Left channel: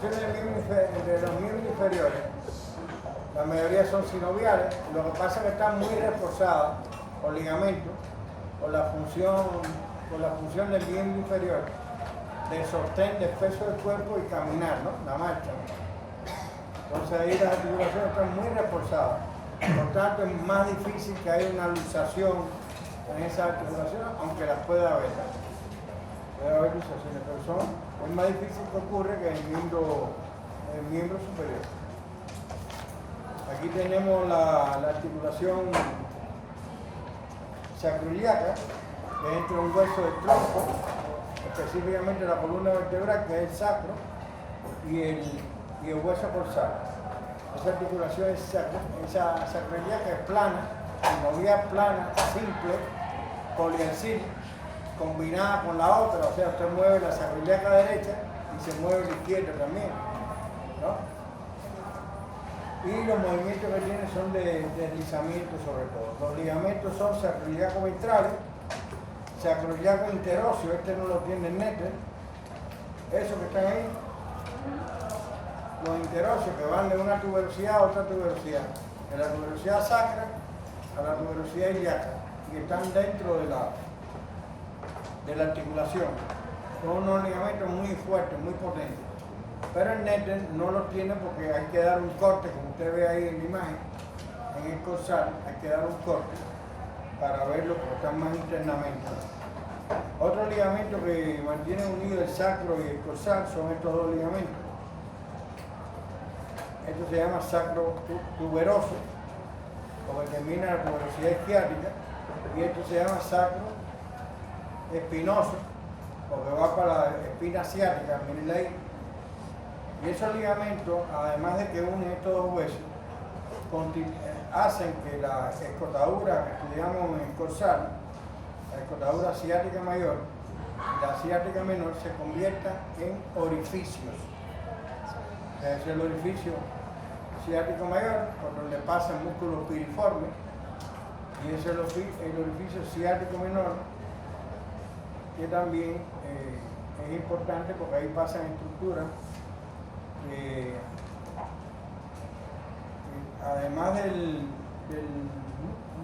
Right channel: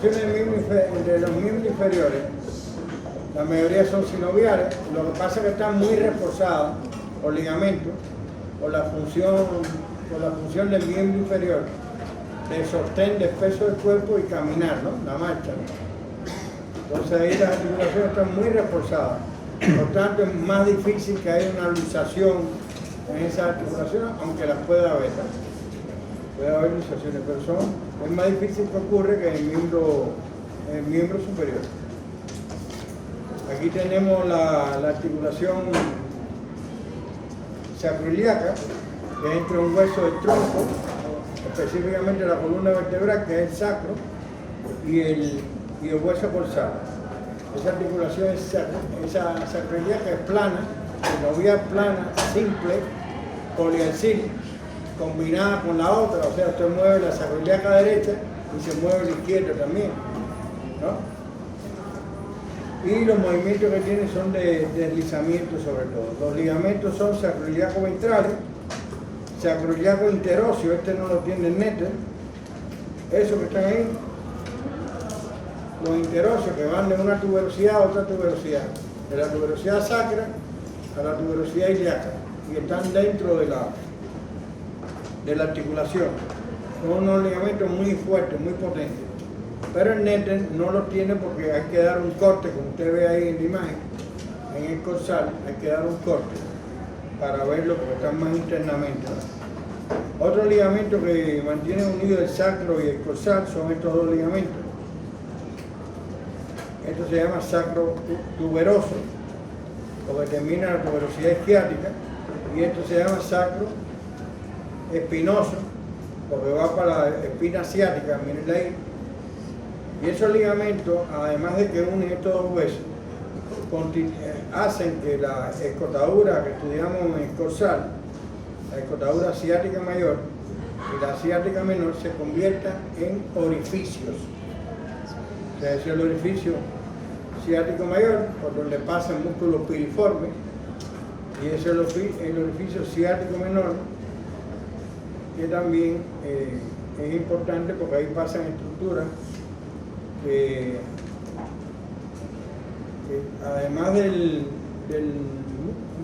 De los miembros inferiores, la mayoría son sinoviales, lo que pasa es que están muy reforzadas por ligamentos, por la función del miembro inferior, de sostén del peso del cuerpo y caminar, ¿no? La marcha, ¿no? Entonces ahí las articulaciones están muy reforzadas, por tanto es más difícil que haya una luxación en esas articulaciones, aunque las pueda haber, ¿no? Puede haber luxaciones, pero es más difícil que ocurre que en el miembro superior. Aquí tenemos la articulación sacroiliaca, que es entre un hueso del tronco, específicamente la columna vertebral, que es el sacro, y el hueso corsal. Esa articulación esa sacroiliaca es plana, sinovial plana, simple, poliaxil, combinada con la otra, o sea, usted mueve la sacroiliaca derecha y se mueve la izquierda también, ¿no? Y los movimientos que tiene son de deslizamiento sobre todo. Los ligamentos son sacroiliaco ventrales, sacroiliaco interóseo, este no lo tiene el Netter, esos que están ahí, los interóseos que van de una tuberosidad a otra tuberosidad, de la tuberosidad sacra a la tuberosidad ilíaca, y están dentro de la articulación. Son unos ligamentos muy fuertes, muy potentes. Pero el Netter no lo tiene porque hay que dar un corte, como usted ve ahí en la imagen, en el corsal, hay que dar un corte para verlo porque están más internamente, ¿no? Otro ligamento que mantiene unido el sacro y el corsal son estos dos ligamentos. Esto se llama sacro tuberoso, porque termina la tuberosidad isquiática, y esto se llama sacro espinoso, porque va para la espina asiática, miren ahí. Y esos ligamentos, además de que unen estos dos huesos, hacen que la escotadura que estudiamos en el corsal, la escotadura asiática mayor y la asiática menor, se conviertan en orificios. O sea, ese es el orificio asiático mayor, por donde pasa el músculo piriforme, y ese es el orificio asiático menor, que también es importante porque ahí pasan estructuras que además del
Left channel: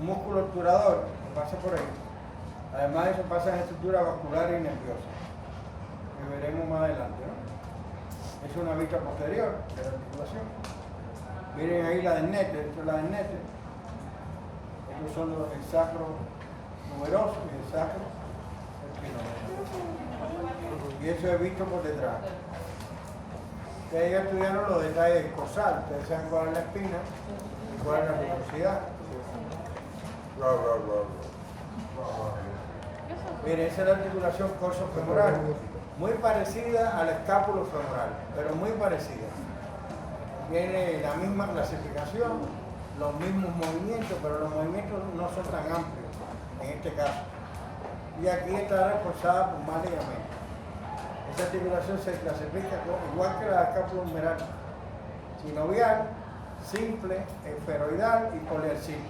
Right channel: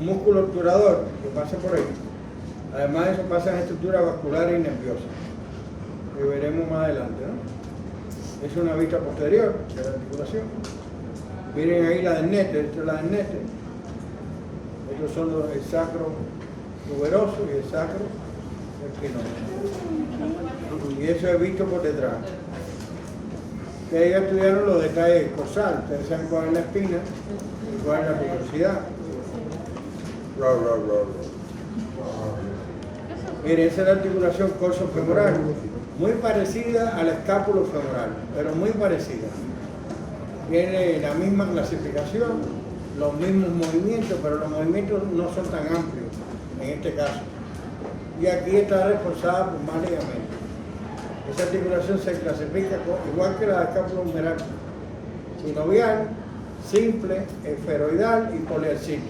músculo obturador que pasa por ahí, además de eso pasan estructuras vasculares y nerviosas, que veremos más adelante, ¿no? Es una vista posterior de la articulación. Miren ahí la del Netter, esto es la del Netter. Estos son el sacro tuberoso y el sacro espinoso. Y eso es visto por detrás. Ustedes ya estudiaron los detalles del corsal, ustedes saben cuál es la espina y cuál es la tuberosidad. Miren, esa es la articulación corsofemoral, muy parecida a la escápulo-femoral, pero muy parecida. Tiene la misma clasificación, los mismos movimientos, pero los movimientos no son tan amplios en este caso. Y aquí está reforzada por más ligamentos. Esa articulación se clasifica igual que la escápulo-humeral, sinovial, simple, esferoidal y poliaxil.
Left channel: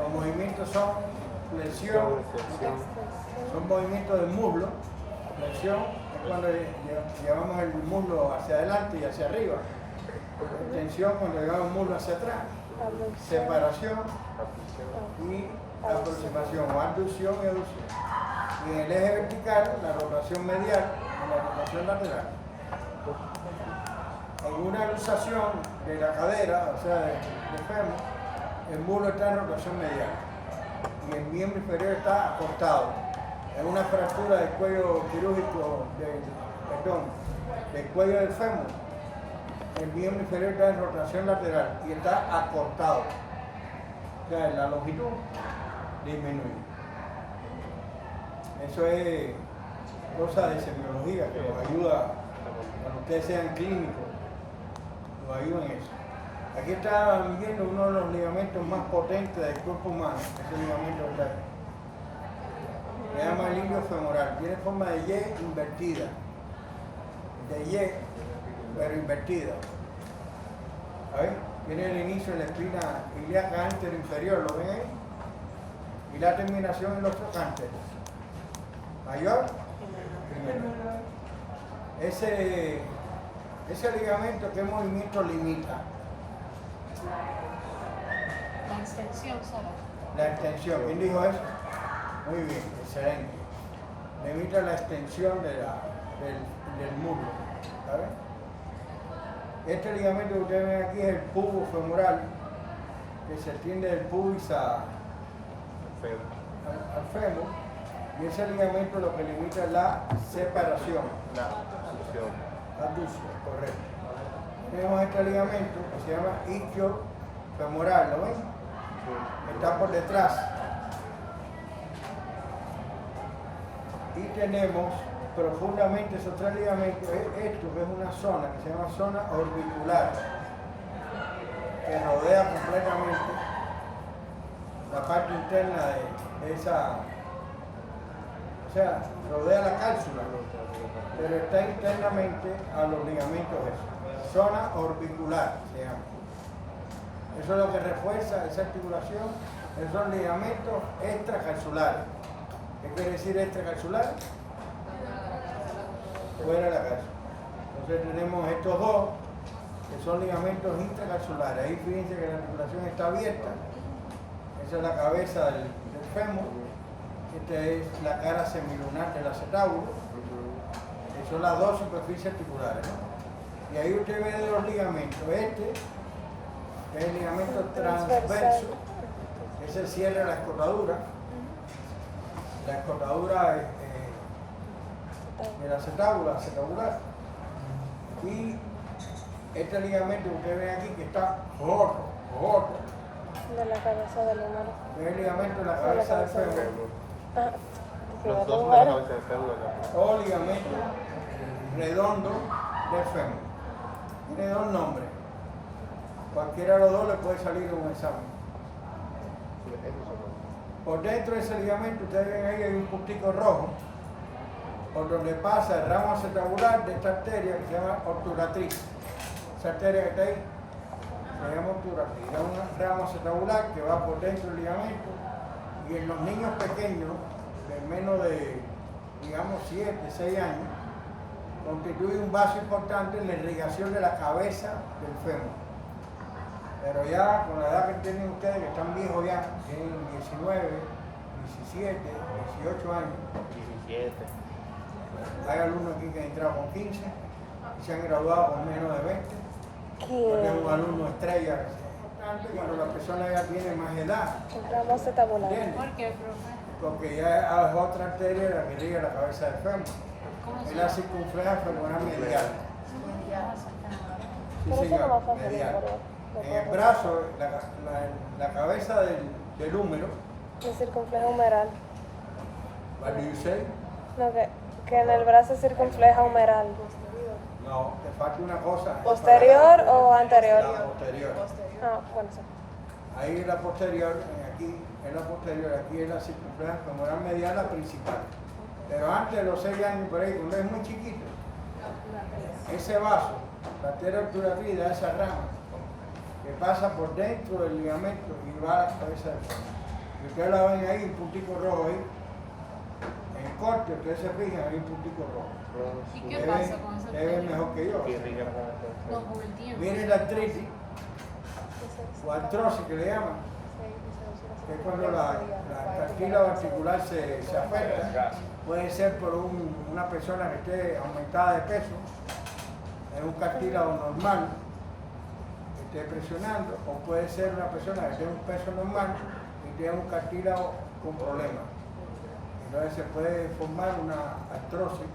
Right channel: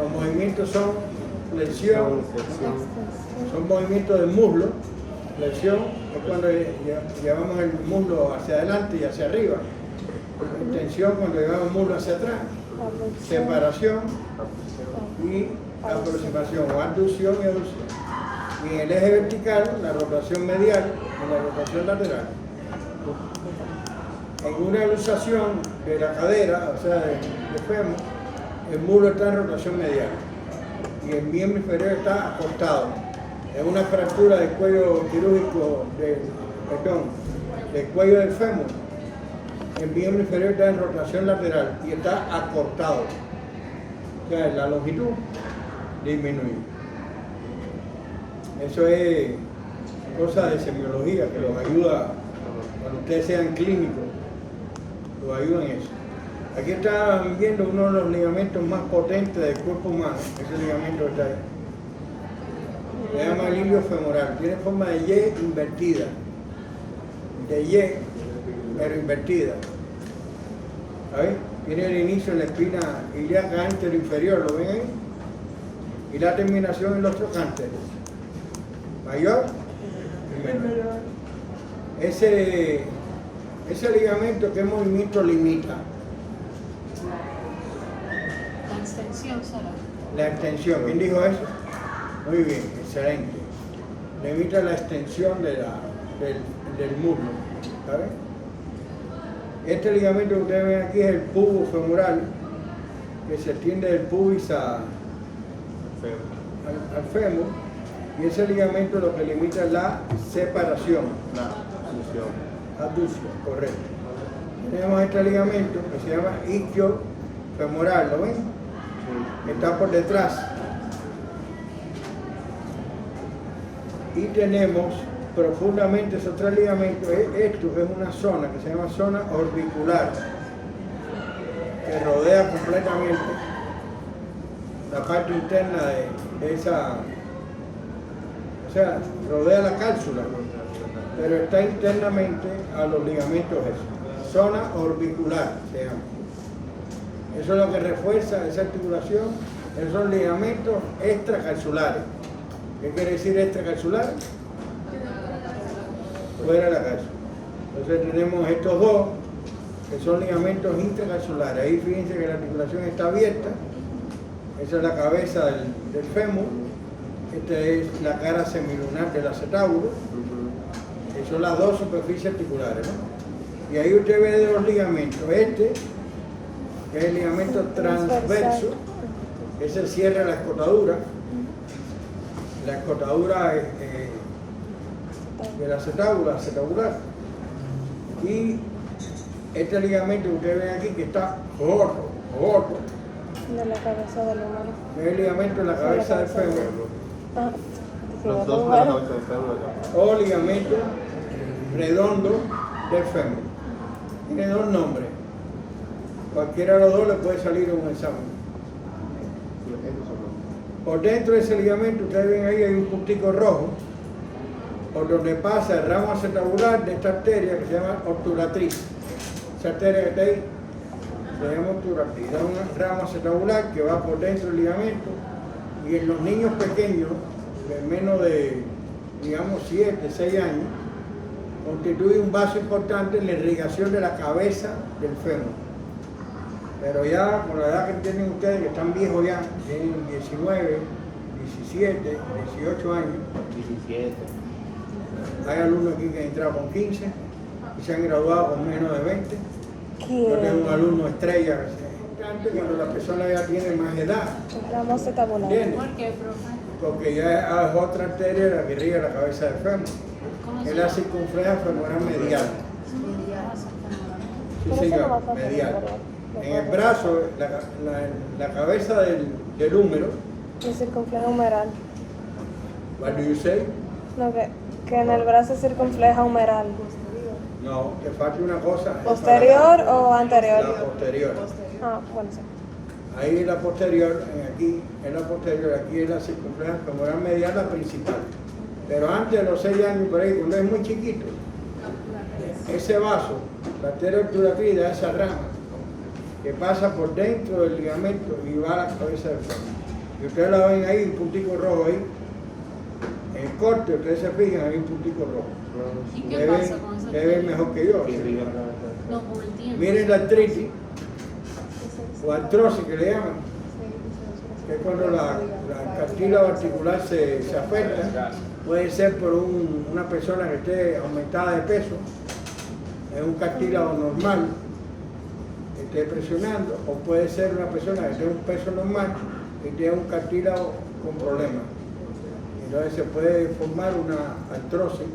Los movimientos son flexión, son movimientos del muslo. Flexión es cuando llevamos el muslo hacia adelante y hacia arriba. Extensión cuando llevamos el muslo hacia atrás. Separación y aproximación, o abducción y aducción. Y en el eje vertical, la rotación medial y la rotación lateral. En una luxación de la cadera, o sea, de fémur, el muslo está en rotación medial y el miembro inferior está acostado. Es una fractura del cuello quirúrgico, del cuello del fémur. El miembro inferior está en rotación lateral y está acortado. O sea, la longitud disminuye. Eso es cosa de semiología que los ayuda, cuando ustedes sean clínicos, los ayuda en eso. Aquí están viendo uno de los ligamentos más potentes del cuerpo humano, ese ligamento que está ahí. Se llama el ilio femoral, tiene forma de Y invertida, de Y, pero invertida. ¿Sabes? Tiene el inicio en la espina ilíaca anteroinferior, ¿lo ven ahí? Y la terminación en los trocánteres, mayor y menor. Ese Ese ligamento, ¿qué movimiento limita? La extensión solo. La extensión. ¿Quién dijo eso? Muy bien, excelente. Limita la extensión del muslo. ¿Sabe? Este ligamento que ustedes ven aquí es el pubis femoral, que se extiende del pubis al fémur, y ese ligamento lo que limita es la separación. Aducción, correcto. Tenemos este ligamento que se llama isquio femoral, ¿lo ven? Está por detrás. Y tenemos profundamente esos tres ligamentos. Esto es una zona que se llama zona orbicular, que rodea completamente la parte interna de esa, o sea, rodea la cápsula, pero está internamente a los ligamentos esos. Zona orbicular se llama. Eso es lo que refuerza esa articulación. Esos son ligamentos extracapsulares. ¿Qué quiere decir extracapsular? Fuera de la cápsula. Entonces tenemos estos dos, que son ligamentos intracapsulares. Ahí fíjense que la articulación está abierta. Esa es la cabeza del fémur. Esta es la cara semilunar del acetábulo. Que son las dos superficies articulares, ¿no? Y ahí usted ve de los ligamentos. Este, que es el ligamento transverso, ese cierra la escotadura. La escotadura del acetabular. Y este ligamento que ustedes ven aquí, que está corto, que es el ligamento de la cabeza del fémur, Los dos de la cabeza del fémur. o ligamento redondo del fémur. Tiene dos nombres. Cualquiera de los dos le puede salir en un examen. Por dentro de ese ligamento, ustedes ven ahí, hay un puntico rojo, por donde pasa el ramo acetabular de esta arteria que se llama obturatriz. Esa arteria que está ahí se llama obturatriz. Es un ramo acetabular que va por dentro del ligamento, y en los niños pequeños, de menos de, digamos, 7, 6 años, constituye un vaso importante en la irrigación de la cabeza del fémur. Pero ya con la edad que tienen ustedes, que están viejos ya, tienen 19, 17, 18 años. 17. Hay alumnos aquí que han entrado con 15 y se han graduado con menos de 20. Yo tengo un alumno estrella que se importante cuando la persona ya tiene más edad. ¿Entiendes? ¿Por qué, profe? Porque ya es otra arteria la que irriga la cabeza del fémur. Es la circunferencia femoral medial. Sí, señor, medial. En el brazo, la cabeza del húmero. Y circunfleja humeral. What do you say? No, que en el brazo es circunfleja humeral. No, te falta una cosa. ¿Posterior o anterior? La posterior. Ah, bueno, sí. Ahí es la posterior, aquí es la posterior, aquí es la circunferencia femoral medial, la principal. Pero antes de los 6 años, por ahí, cuando es muy chiquito, ese vaso, la arteria obturatriz de esa rama, que pasa por dentro del ligamento y va a la cabeza del fémur. Y ustedes la ven ahí, un puntico rojo ahí. En el corte, ustedes se fijan, hay un puntico rojo. ¿Y qué Ustedes pasa con esa ustedes ven mejor que yo. Y ¿sí? brillo. No, con el tiempo. Miren la artritis, o artrosis que le llaman, que es cuando la cartílago articular se afecta. Puede ser por una persona que esté aumentada de peso, es un cartílago normal, que esté presionando, o puede ser una persona que tiene un peso normal y tiene un cartílago con problemas. Entonces se puede formar una artrosis.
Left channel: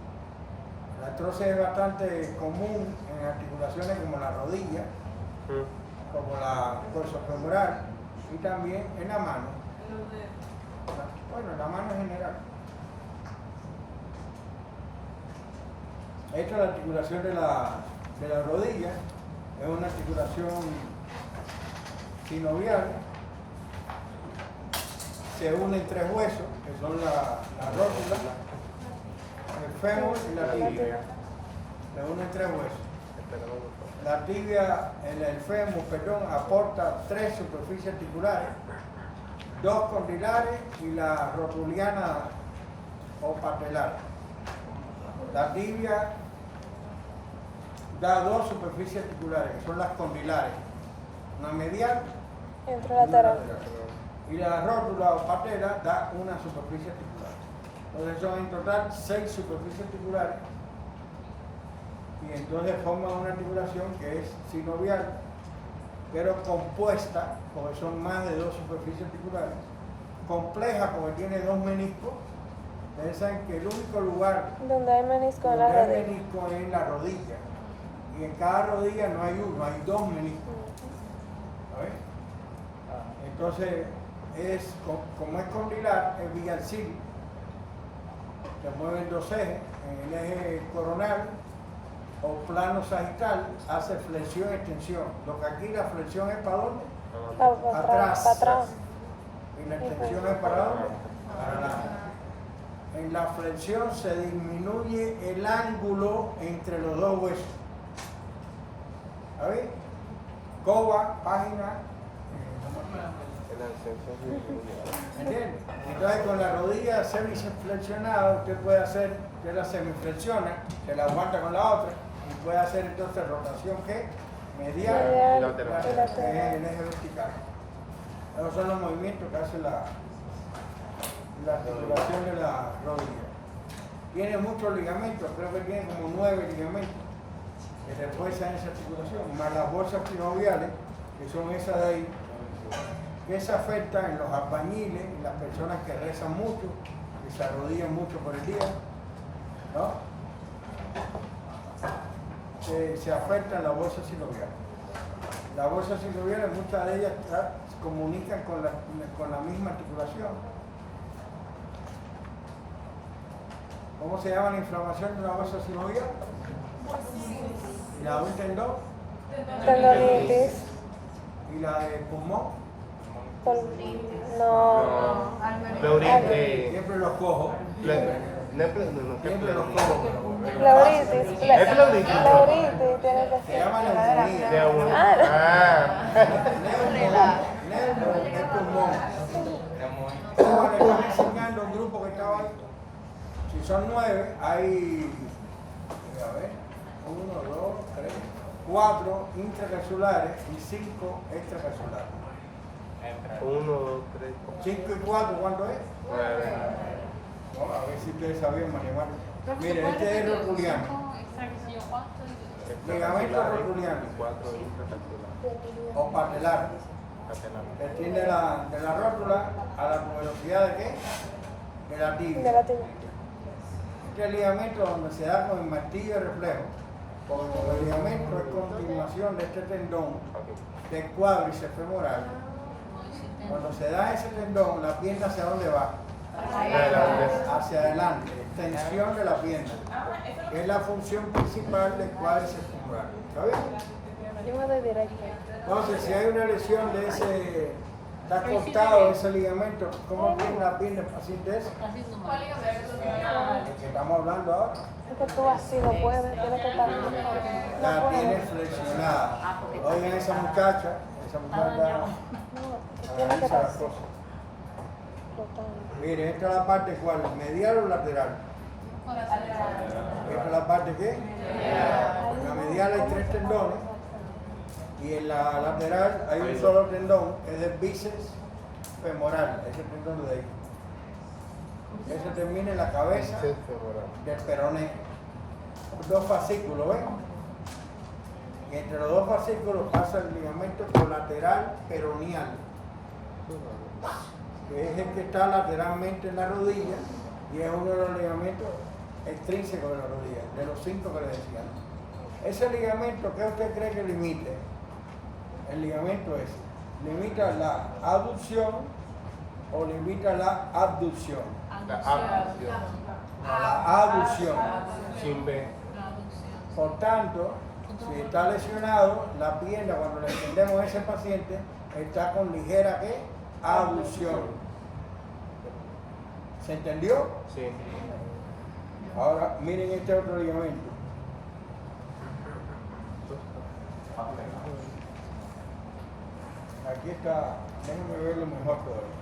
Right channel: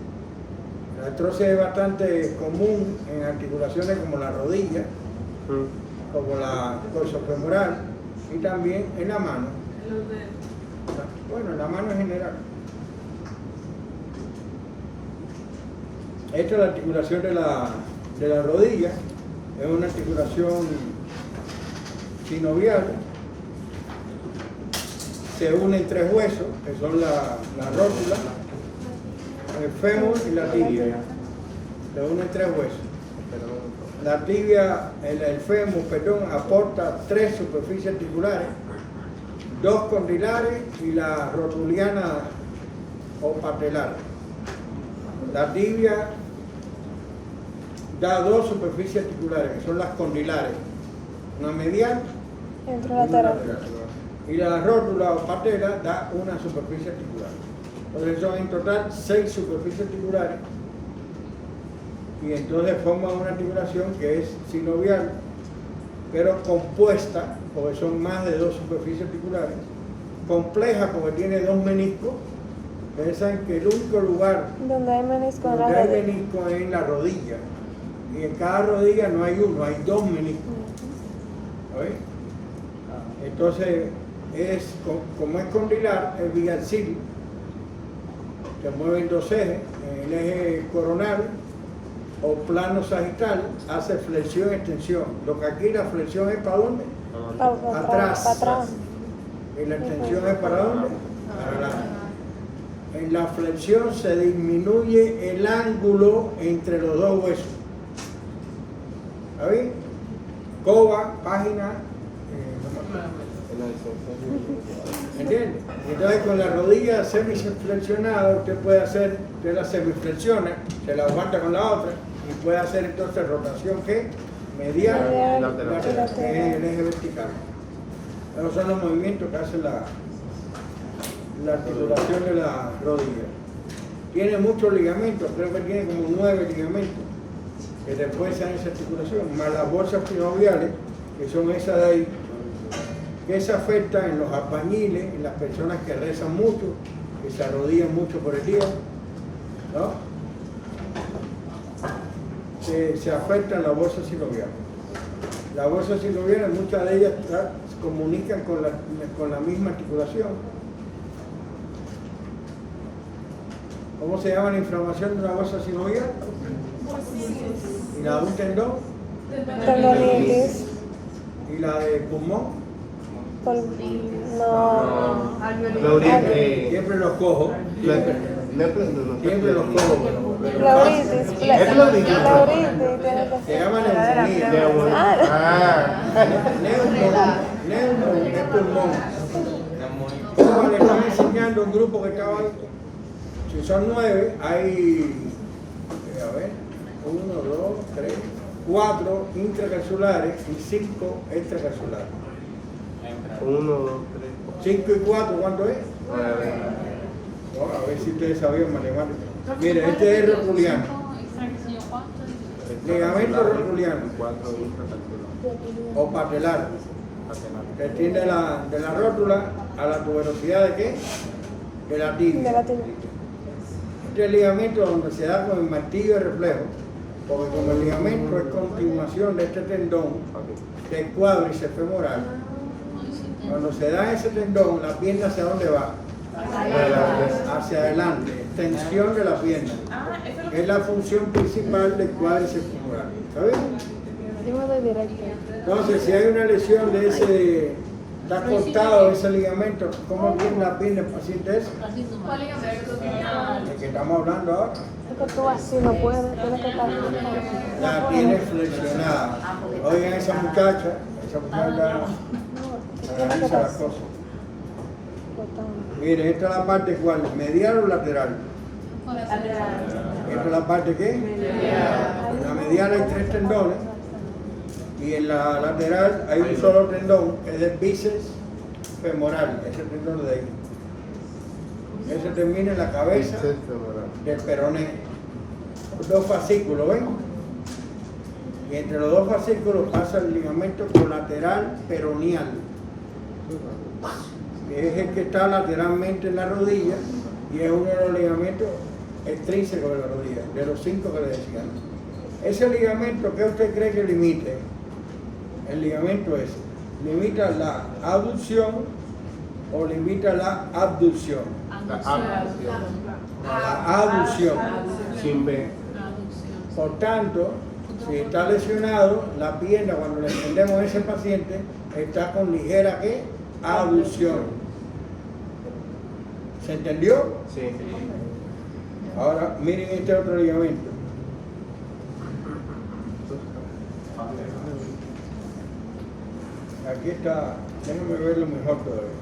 La artrosis es bastante común en articulaciones como la rodilla, como la corsofemoral, y también en la mano. Bueno, en la mano en general. Esta es la articulación de la rodilla, es una articulación sinovial. Se unen 3 huesos, que son la rótula, el fémur y la tibia. Se unen 3 huesos. La tibia, el fémur, perdón, aporta 3 superficies articulares, 2 condilares y la rotuliana o patelar. La tibia da dos superficies articulares, que son las condilares, una medial Y y otro una lateral. lateral. Y la rótula o patela da una superficie articular. Entonces son en total 6 superficies articulares y entonces forman una articulación que es sinovial, pero compuesta, porque son más de 2 superficies articulares, compleja porque tiene 2 meniscos. Ustedes saben que el único lugar Donde hay menisco en la donde hay rodilla. menisco es en la rodilla, y en cada rodilla no hay uno, hay 2 meniscos. ¿Sabes? Entonces, como es condilar, es biaxial, que mueven 2 ejes, el eje coronal o plano sagital hace flexión extensión. Lo que aquí la flexión es para dónde, atrás. Para atrás. y la extensión es para dónde, para adelante. En la flexión se disminuye el ángulo entre los 2 huesos. ¿Está bien? Coba, página, ¿entiendes? Entonces con la rodilla semiflexionada usted puede hacer, usted la semiflexiona, se la aguanta con la otra y puede hacer entonces rotación que medial, Medial, lateral, que es el eje vertical. Esos son los movimientos que hace la articulación de la rodilla. Tiene muchos ligamentos, creo que tiene como 9 ligamentos que después se dan esa articulación, más las bolsas sinoviales, que son esas de ahí, que se afectan en los albañiles, en las personas que rezan mucho, que se arrodillan mucho por el día, ¿no? Se afectan las bolsas sinoviales. Las bolsas sinoviales, muchas de ellas se comunican con la misma articulación. ¿Cómo se llama la inflamación de una bolsa sinovial? ¿Y la de un tendón? Tendonitis. ¿Y la de pulmón? No. Siempre los cojo. Siempre los cojo, pero fácil. Pleuritis. Se llama neumonía. Neumo es pulmón. ¿Cómo le están enseñando un grupo que estaba ahí? Si son 9, hay, a ver, 1, 2, 3, 4 intracapsulares y 5 extracapsulares. 1, 2, 5 y 4, ¿cuánto es? 3, Bueno, a ver si ustedes sabían matemáticas. Mira, este es rotuliano. Ligamento rotuliano o patelar. Se extiende de la rótula a la tuberosidad de qué? De la tibia. Este ligamento donde se da con el martillo de reflejo, porque como el ligamento es continuación de este tendón del cuádriceps femoral, cuando se da ese tendón, la pierna ¿hacia dónde va? Hacia adelante, extensión de la pierna. Es la función principal del cuádriceps femoral. ¿Está bien? Entonces, si hay una lesión de ese, está cortado ese ligamento, ¿cómo tiene la pierna el paciente ese? El que estamos hablando ahora. Si no puede. La tiene flexionada. Oigan, esa muchacha analiza las cosas. Mire, esta es la parte cuál, medial o lateral. Esta es la parte ¿qué? En la medial hay 3 tendones y en la lateral hay un solo tendón, que es el bíceps femoral, ese tendón de ahí. Ese termina en la cabeza del peroné. 2 fascículos, ¿ven? Y entre los 2 fascículos pasa el ligamento colateral peroneal, que es el que está lateralmente en la rodilla y es uno de los ligamentos extrínsecos de la rodilla, de los 5 que les decía. Ese ligamento, ¿qué usted cree que limite? El ligamento ese, ¿limita la aducción o limita la abducción? La aducción. sin B. Por tanto, si está lesionado, la pierna cuando le extendemos a ese paciente está con ligera ¿qué? Abducción. ¿Se entendió? Sí. Ahora miren este otro ligamento. Aquí está, déjenme verlo mejor todavía.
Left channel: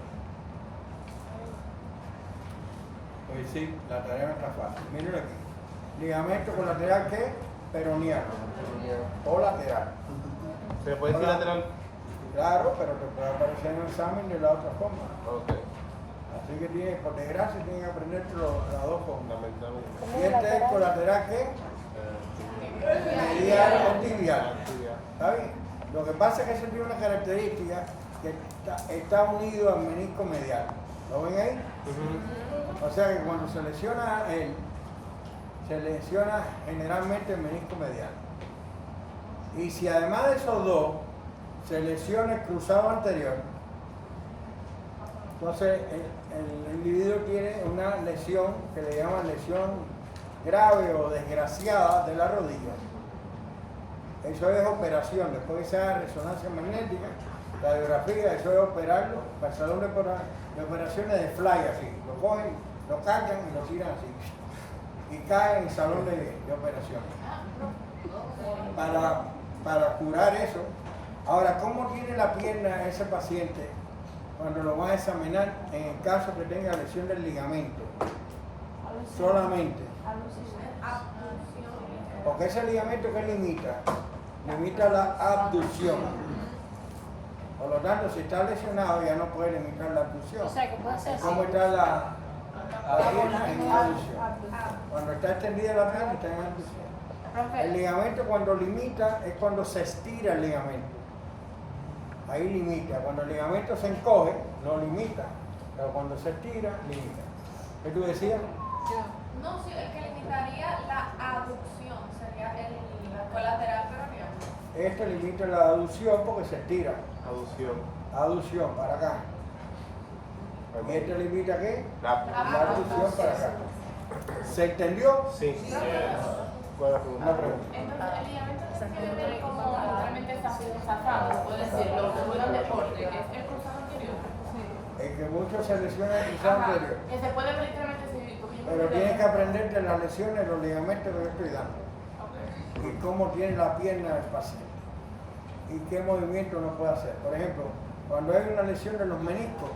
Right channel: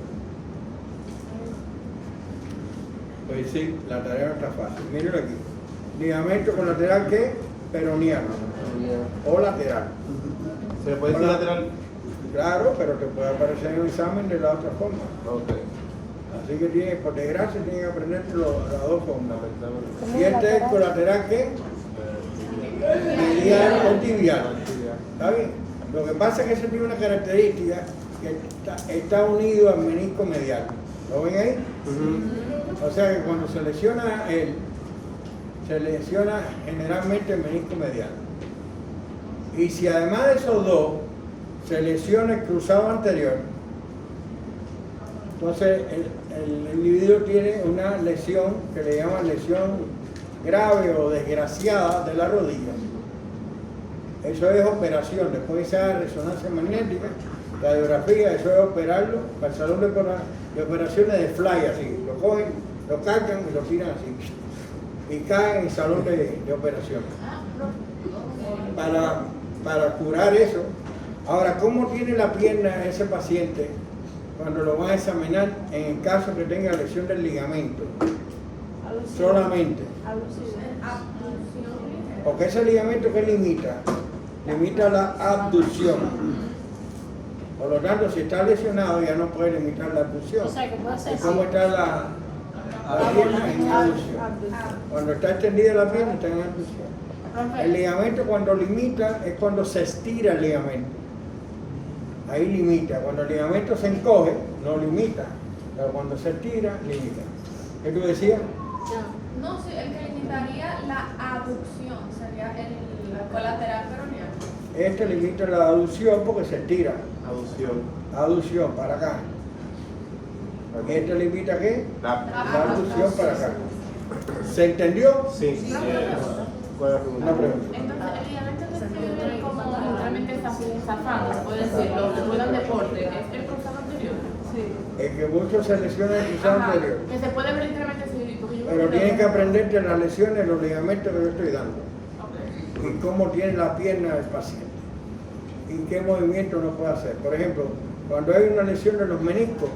Pues sí, la tarea no está fácil. Miren aquí. Ligamento colateral ¿qué? Peroneal. o lateral. ¿Se puede decir lateral? Claro, pero te puede aparecer en un examen de la otra forma. Ok. Así que por desgracia tienes que aprender las dos formas. ¿Y este es colateral qué? Medial o tibial. ¿Está bien? Lo que pasa es que ese tiene una característica que está unido al menisco medial. ¿Lo ven ahí? O sea que cuando se lesiona él, se lesiona generalmente el menisco medial. Y si además de esos dos se lesiona el cruzado anterior, entonces el individuo tiene una lesión que le llaman lesión grave o desgraciada de la rodilla. Eso es operación. Después que se haga resonancia magnética, radiografía, eso es operarlo para el salón de operaciones de fly, así. Lo cogen, lo cargan y lo tiran así. Y caen en el salón de operaciones. Para curar eso. Ahora, ¿cómo tiene la pierna ese paciente cuando lo van a examinar en el caso que tenga lesión del ligamento? Solamente. Porque ese ligamento que limita la abducción. Por lo tanto, si está lesionado ya no puede limitar la abducción. O sea, que puede ser ¿Y cómo está la pierna? En abducción. Cuando está extendida la pierna está en abducción. El ligamento cuando limita es cuando se estira el ligamento. Ahí limita. Cuando el ligamento se encoge, no limita. Pero cuando se estira, limita. ¿Qué tú decías? No, sí, el que limitaría la aducción sería el colateral peroneal. Este limita la aducción porque se estira. Aducción. Aducción para acá. ¿Y este limita qué? La. La aducción para acá. ¿Se entendió? Sí. Una pregunta. Entonces, el ligamento que como literalmente está zafando, se puede decir, los que juegan deporte, ¿es el cruzado anterior? Sí. Es que muchos se lesionan el cruzado anterior. Que se puede ver literalmente así, porque yo Pero tienes que aprenderte las lesiones, los ligamentos que yo estoy dando. Ok. Y cómo tiene la pierna del paciente. Y qué movimiento no puede hacer. Por ejemplo, cuando hay una lesión de los meniscos,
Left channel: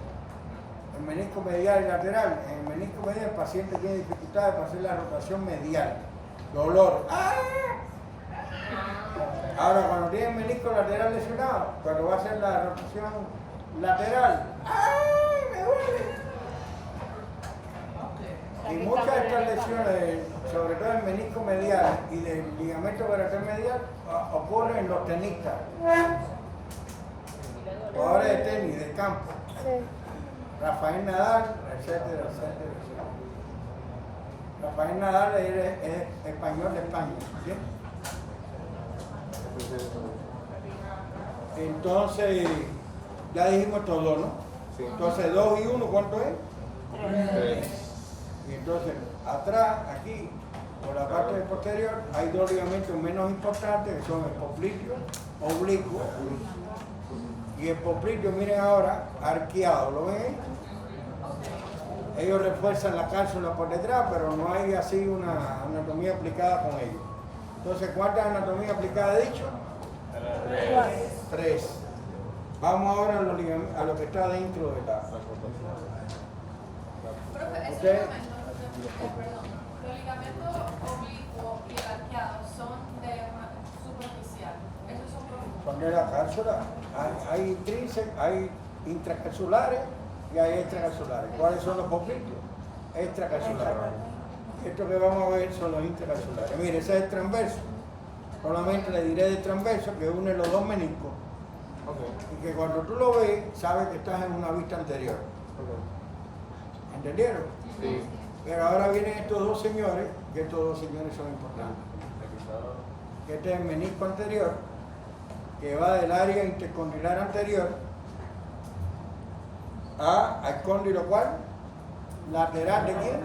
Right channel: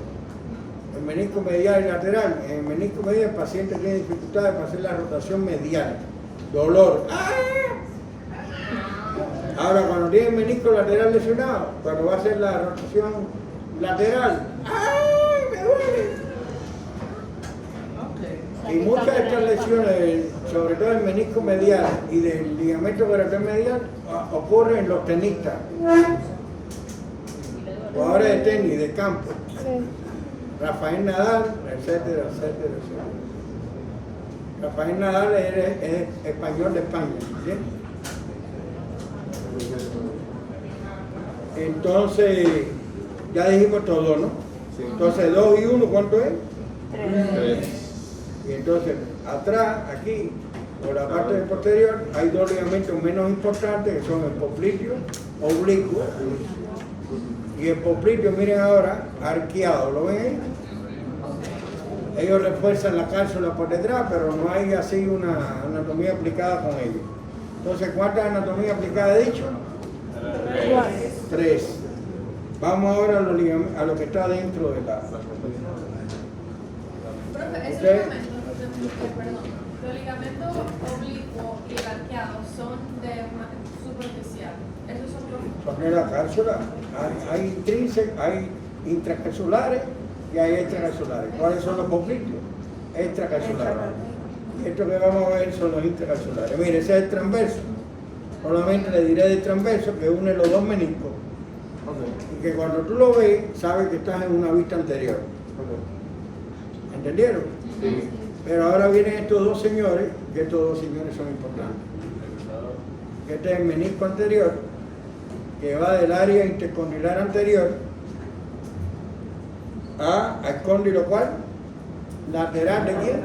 el menisco medial y lateral, en el menisco medial el paciente tiene dificultades para hacer la rotación medial. Dolor. ¡Ah! Ahora, cuando tiene el menisco lateral lesionado, cuando va a hacer la rotación lateral, ¡ay, me duele! Y muchas de estas lesiones, sobre todo el menisco medial y del ligamento coratal medial, ocurren en los tenistas, jugadores de tenis, de campo, Rafael Nadal, etcétera, etcétera, etcétera. Rafael Nadal es español de España, ¿sí? Entonces, ya dijimos todo, ¿no? Entonces, 2 y 1, ¿cuánto es? 3. Y entonces, atrás, aquí, por la parte posterior, hay 2 ligamentos menos importantes, que son el popliteo oblicuo y el popliteo, miren ahora, arqueado, ¿lo ven ahí? Ellos refuerzan la cápsula por detrás, pero no hay así una anatomía aplicada con ellos. Entonces, ¿cuántas anatomías aplicadas he dicho? 3. Vamos ahora a lo que está dentro de la... Profe, ese ¿Okay? ligamento, perdón, los ligamentos oblicuos y arqueados son de superficial. Esos son profundos. Son en la cápsula. Hay intrínsecos, hay intracapsulares y hay extracapsulares. ¿Cuáles son los popliteos? Extracapsulares. Esto que vamos a ver son los intracapsulares. Mire, ese es el transverso. Solamente le diré del transverso que une los 2 meniscos. Y que cuando tú lo ves, sabes que estás en una vista anterior. ¿Entendieron? Sí. Pero ahora vienen estos 2 señores, que estos 2 señores son importantes. Este es el menisco anterior, que va del área intercondylar anterior al cóndilo, ¿cuál? Lateral de quién?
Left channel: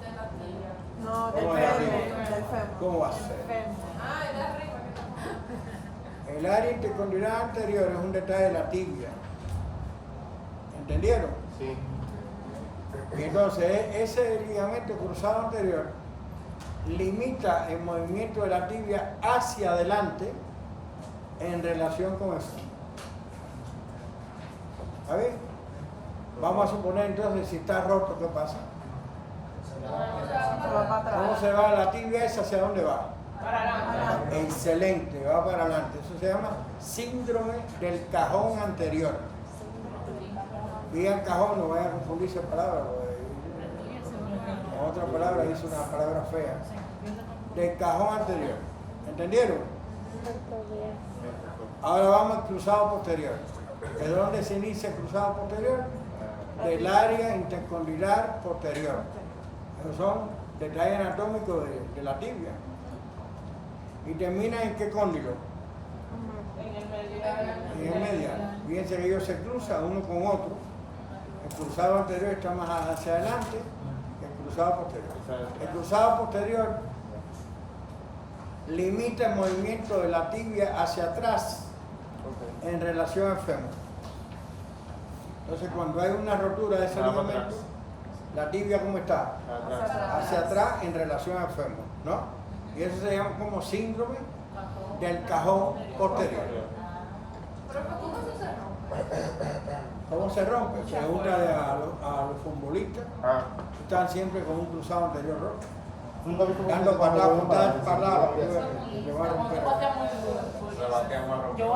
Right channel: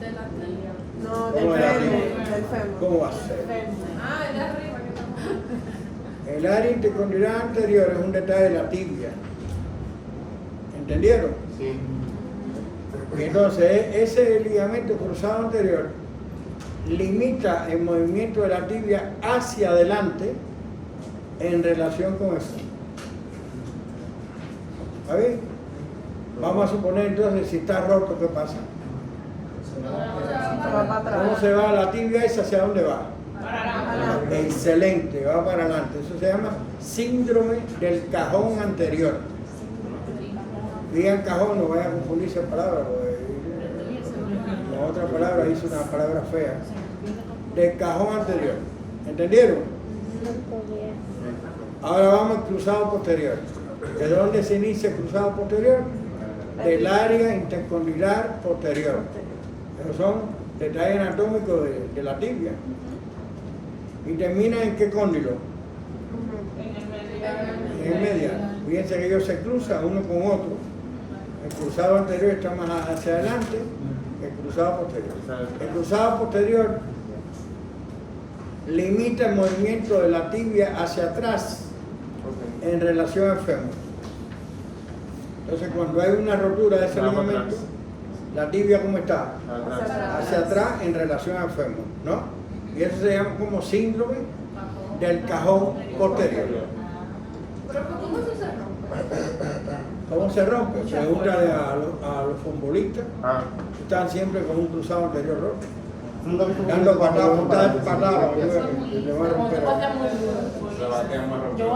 De la tibia. No, ¿Cómo del era? fémur, del fémur. ¿Cómo va a ser? Ah, de arriba que estamos. El área intercondylar anterior es un detalle de la tibia. ¿Entendieron? Sí. Y entonces ese ligamento cruzado anterior limita el movimiento de la tibia hacia adelante en relación con eso. ¿Está bien? Vamos a suponer entonces si está roto, ¿qué pasa? Se va para atrás. ¿Cómo se va la tibia esa? ¿Hacia dónde va? Para nada. Excelente, va para adelante. Eso se llama síndrome del cajón anterior. Digan cajón, no vayan a confundirse palabras, porque en otra palabra hice una palabra fea. Del cajón anterior. ¿Entendieron? Ahora vamos al cruzado posterior. ¿De dónde se inicia el cruzado posterior? Del área intercondilar posterior. Esos son detalles anatómicos de la tibia. ¿Y termina en qué cóndilo? En el medial. Fíjense que ellos se cruzan uno con otro. El cruzado anterior está más hacia adelante que el cruzado posterior. El cruzado posterior limita el movimiento de la tibia hacia atrás en relación al fémur. Entonces, cuando hay una rotura de ese ligamento, la tibia, ¿cómo está? Hacia atrás en relación al fémur, ¿no? Y eso se llama como síndrome del cajón posterior. ¿Cómo se rompe? Pregúntale a los futbolistas. Están siempre con un cruzado anterior roto. Dando patadas, te van a romper. Yo voy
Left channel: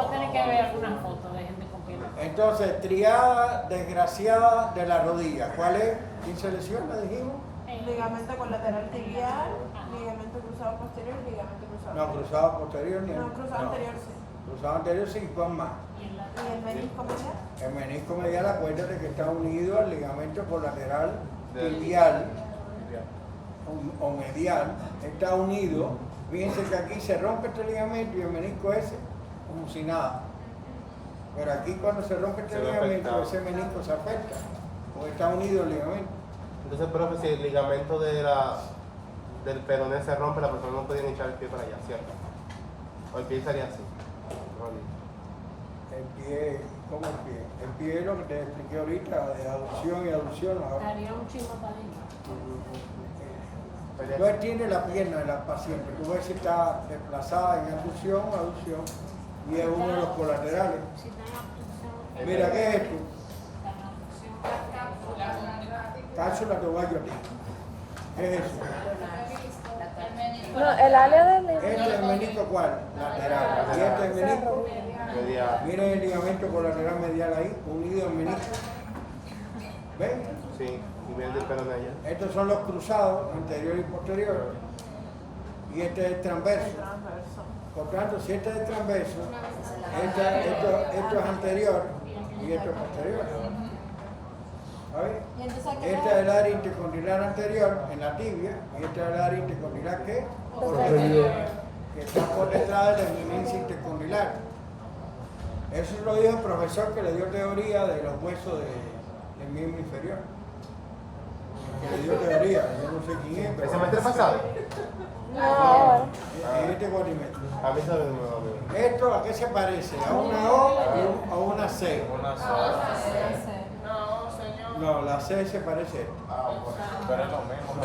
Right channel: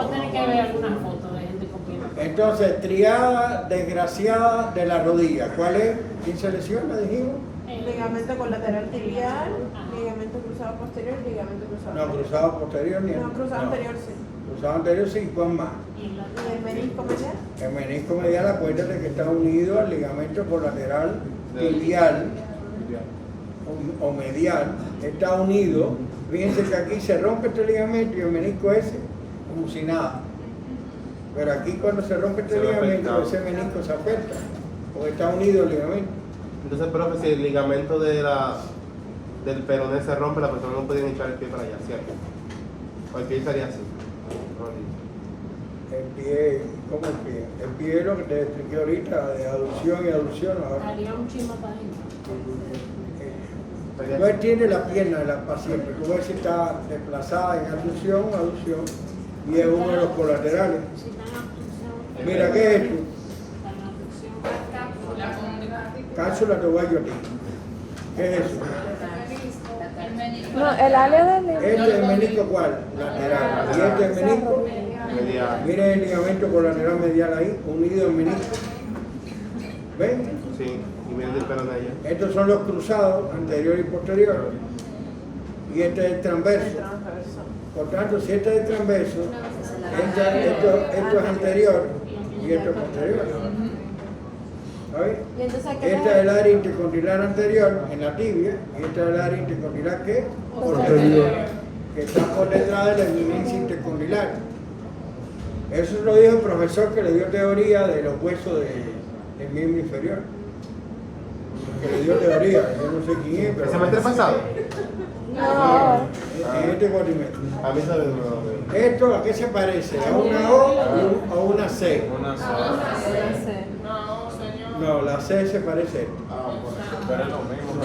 a tener que ver una foto de gente comiendo. Entonces, triada desgraciada de la rodilla. ¿Cuál es? ¿Quién se lesiona? Dijimos. Ligamento colateral tibial, ligamento cruzado posterior, ligamento cruzado No, anterior. cruzado posterior ni No, cruzado anterior sí. Cruzado anterior sí, con más. ¿Y el menisco medial? El menisco medial, acuérdate que está unido al ligamento colateral tibial o medial, está unido. Fíjense que aquí se rompe este ligamento y el menisco ese, como si nada. Pero aquí cuando se rompe este ligamento, ese menisco se afecta, porque está unido el ligamento. Entonces, pero si el ligamento del peroné se rompe, la persona no puede echar el pie para allá, ¿cierto? O el pie estaría así. El pie, ¿cómo el pie? El pie es lo que te expliqué ahorita, de aducción y aducción. Ahora. Daría un chisme para adentro. Tú extiendes la pierna de la paciente, tú ves si está desplazada en aducción o aducción, y es uno de los colaterales. Mira, ¿qué es esto? Cápsula te voy a ti. ¿Qué es eso? No, el área del Este es el menisco ¿cuál? Lateral. Y este es el menisco. Miren el ligamento colateral medial ahí, unido al menisco. ¿Ven? Sí, y miren el peroné allá. Estos son los cruzados, anterior y posterior. Y este es el transverso. Por tanto, si este es el transverso, esto es anterior y esto es posterior. ¿Sabes? Y entonces, Este es el área intercondilar anterior en la tibia y este es el área intercondilar ¿qué? Posterior, que está por detrás de la eminencia intercondilar. Eso lo dijo el profesor que le dio teoría de los huesos del miembro inferior. Que le dio teoría, yo no sé quién es, pero... ¿El semestre pasado? No, en este cuatrimestre. A mí también me lo ¿Esto a qué se parece? ¿A una O o a una C? No, la C se parece a esto.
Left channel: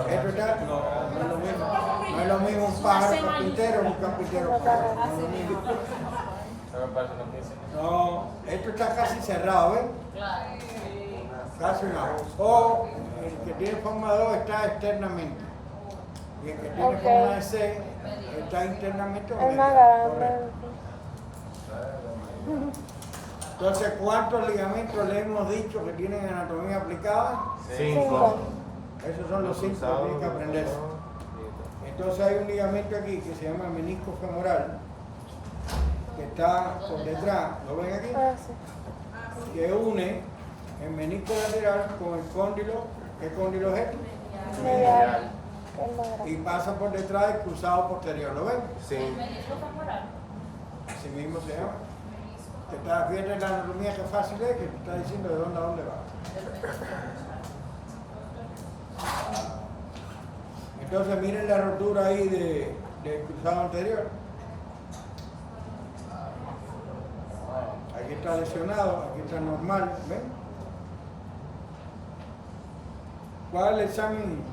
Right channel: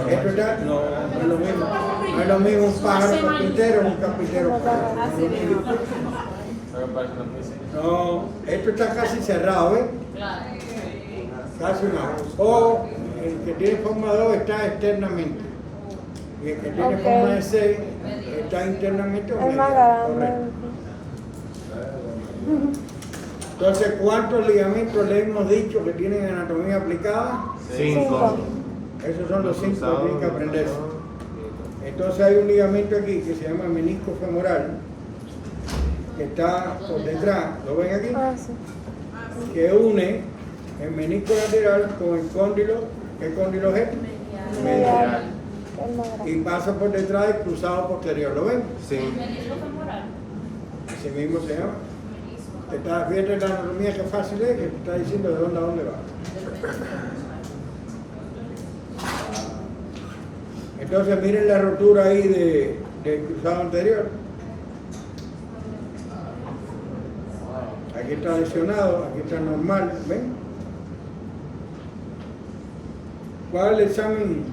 Esto está, no es lo mismo. No es lo mismo un pájaro carpintero o un carpintero pájaro. No es lo mismo. No, esto está casi cerrado, ¿ves? Casi nada. O el que tiene forma de O está externamente. Y el que tiene forma de C está internamente o medio. Correcto. Entonces, ¿cuántos ligamentos le hemos dicho que tienen anatomía aplicada? 5. Esos son los 5 que tienen que aprenderse. Entonces hay un ligamento aquí que se llama menisco femoral, que está por detrás, ¿lo ven aquí? Que une el menisco lateral con el cóndilo, ¿qué cóndilo es? Medial. Y pasa por detrás del cruzado posterior, ¿lo ven? Sí. Ese mismo se llama. Te estás viendo la anatomía que fácil es, que te está diciendo de dónde a dónde va. Entonces miren la rotura ahí del cruzado anterior. Aquí está lesionado, aquí está normal, ¿ven? ¿Cuál es el examen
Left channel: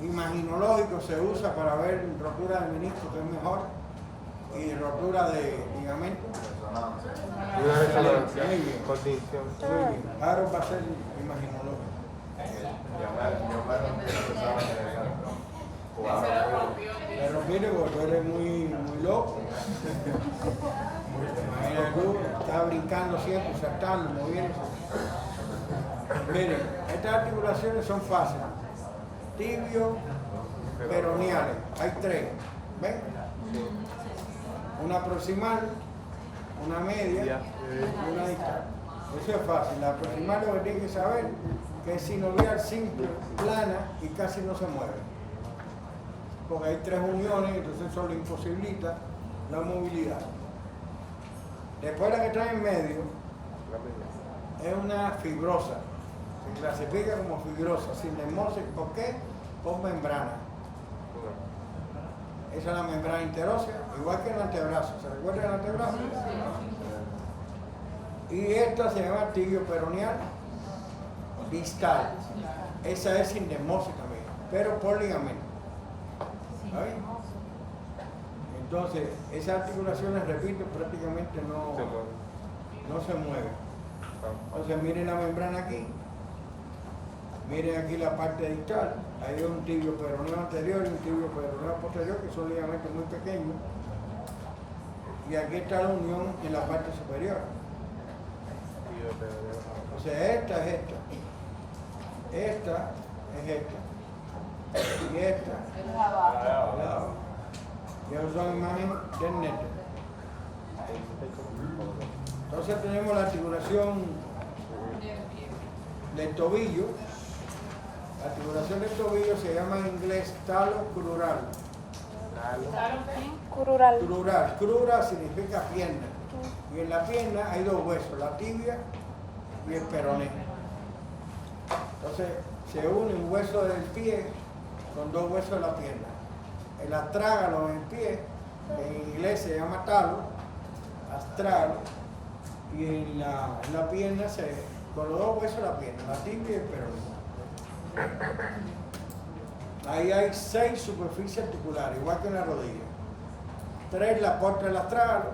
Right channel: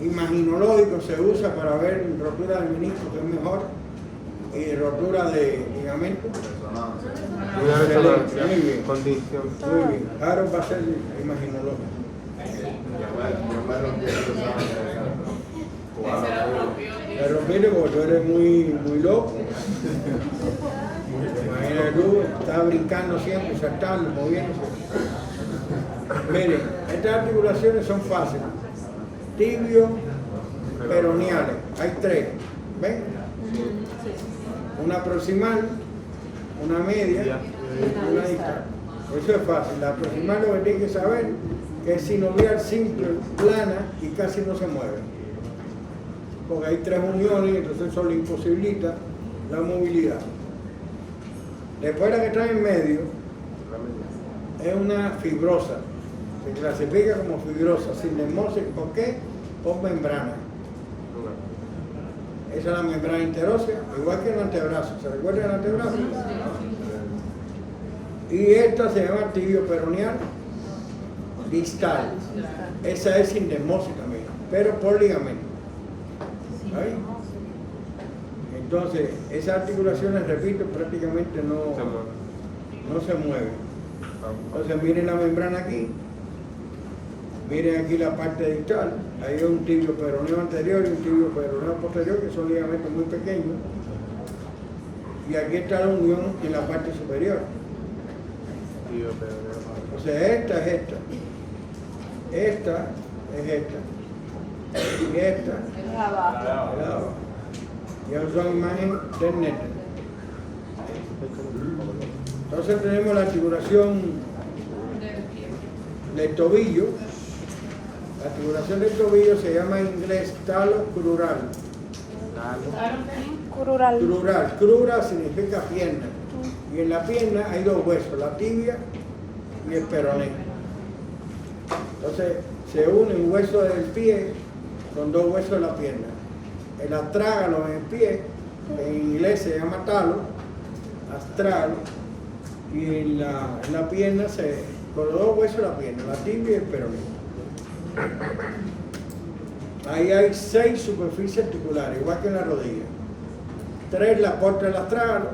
imaginológico se usa para ver rotura del menisco, que es mejor? Y rotura de ligamento. Excelente, muy bien. Muy bien. Harold va a ser imaginológico. Se lo rompió. Pero mire, porque tú eres muy loco. Imagínate tú, estás brincando siempre, saltando, moviéndose. Miren, estas articulaciones son fáciles. Tibio, peroneales. Hay tres. ¿Ven? Una proximal, una media y una distal. Eso es fácil. La proximal lo que tienen que saber que es sinovial, simple, plana y casi no se mueve. Porque hay tres uniones y entonces eso le imposibilita la movilidad. Después la que está en medio es una fibrosa. Se clasifica como fibrosa, sin dermosis o qué, o membrana. Esa es la membrana interósea, igual que el antebrazo. ¿Se recuerda el antebrazo? Y esta se llama tibio peroneal distal. Esa es sin dermosis también, pero por ligamento. ¿Ahí? Entonces, esas articulaciones, repito, prácticamente no se mueven. Entonces, miren la membrana aquí. Miren aquí la parte distal. Ahí hay un tibio peroneo anterior y un tibio peroneo posterior, que son ligamentos muy pequeños. Y aquí está la unión en la parte superior. O sea, esta es esta. Esta es esta. Y esta es la abajo. Y ahora son imagen del neto. Entonces tenemos la articulación del tobillo. La articulación del tobillo se llama en inglés talo crural. Crural. Crura significa pierna. Y en la pierna hay dos huesos, la tibia y el peroné. Entonces se une un hueso del pie con dos huesos de la pierna. El astrágalo en el pie, en inglés se llama talo, astral, y en la pierna con los dos huesos de la pierna, la tibia y el peroné. Ahí hay 6 superficies articulares, igual que en la rodilla. 3 la aporta el astrágalo,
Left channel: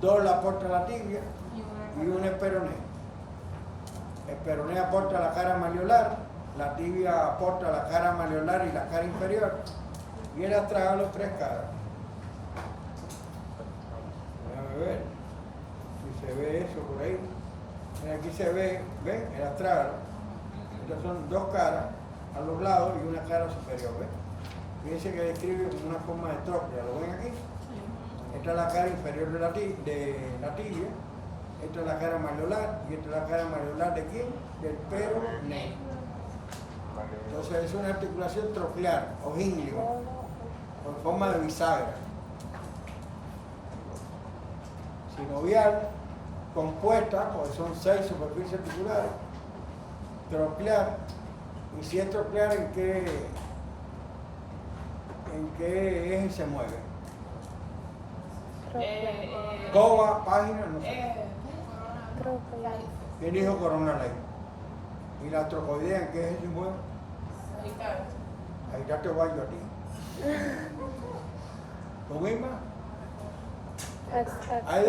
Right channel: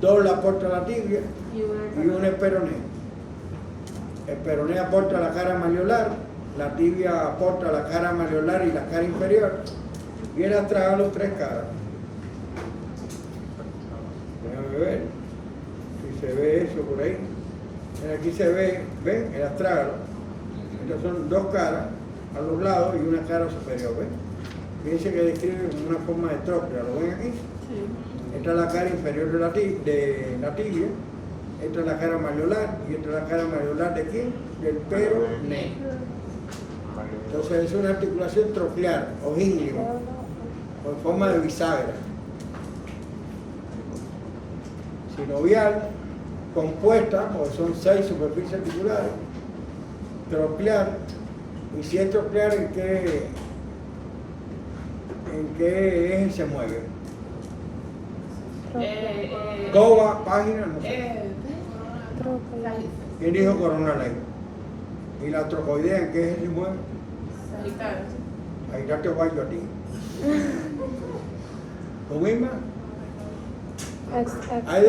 2 la aporta la tibia y una el peroné. El peroné aporta la cara malleolar, la tibia aporta la cara malleolar y la cara inferior, y el astrágalo 3 caras. Déjame ver si se ve eso por ahí. Aquí se ve, ¿ven? El astrágalo. Entonces son 2 caras a los lados y una cara superior, ¿ven? Fíjense que describe una forma de trópea, ¿lo ven aquí? Sí. Esta es la cara inferior de la tibia, esta es la cara malleolar y esta es la cara malleolar de quién? Del peroné. Entonces es una articulación troclear o íngleo, con forma de bisagra. Sinovial, compuesta, porque son 6 superficies articulares, troclear, y si es troclear, ¿en qué eje se mueve? Coba, página, no sé. ¿Quién dijo coronal ahí? ¿Y la trocoidea en qué eje se mueve? Ahí ya te voy yo a ti. ¿Tú misma? Hay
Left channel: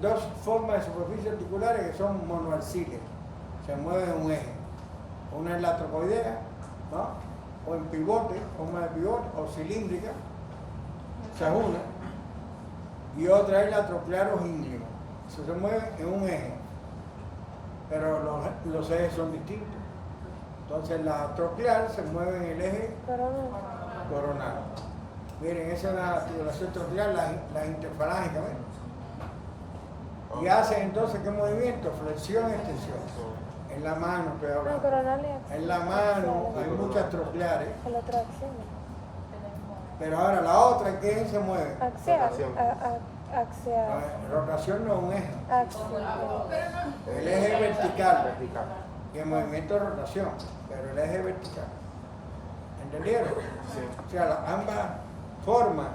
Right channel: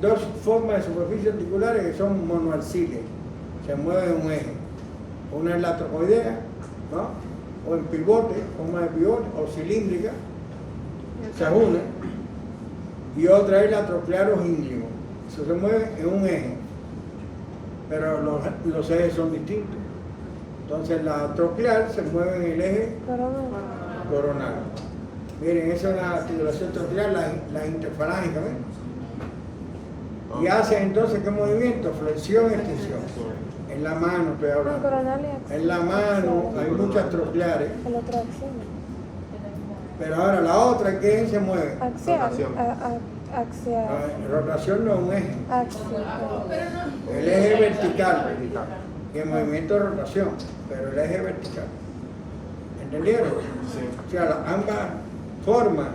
dos formas de superficies articulares que son monoarciles, se mueven en un eje. Una es la trocoidea, ¿no? O en pivote, forma de pivote, o cilíndrica, se une. Y otra es la troclear o íngleo. Eso se mueve en un eje, pero los ejes son distintos. Entonces la troclear se mueve en el eje coronal. Miren, esa es una articulación troclear, la interfalángica, ¿ven? Y hace entonces ¿qué movimiento? Flexión, extensión. En la mano estoy hablando. En la mano hay muchas trocleares. Pero ahora la otra, ¿en qué eje se mueve? Rotación no es un eje. El eje vertical. Y el movimiento de rotación. Pero el eje vertical. ¿Entendieron? O sea, ambas formas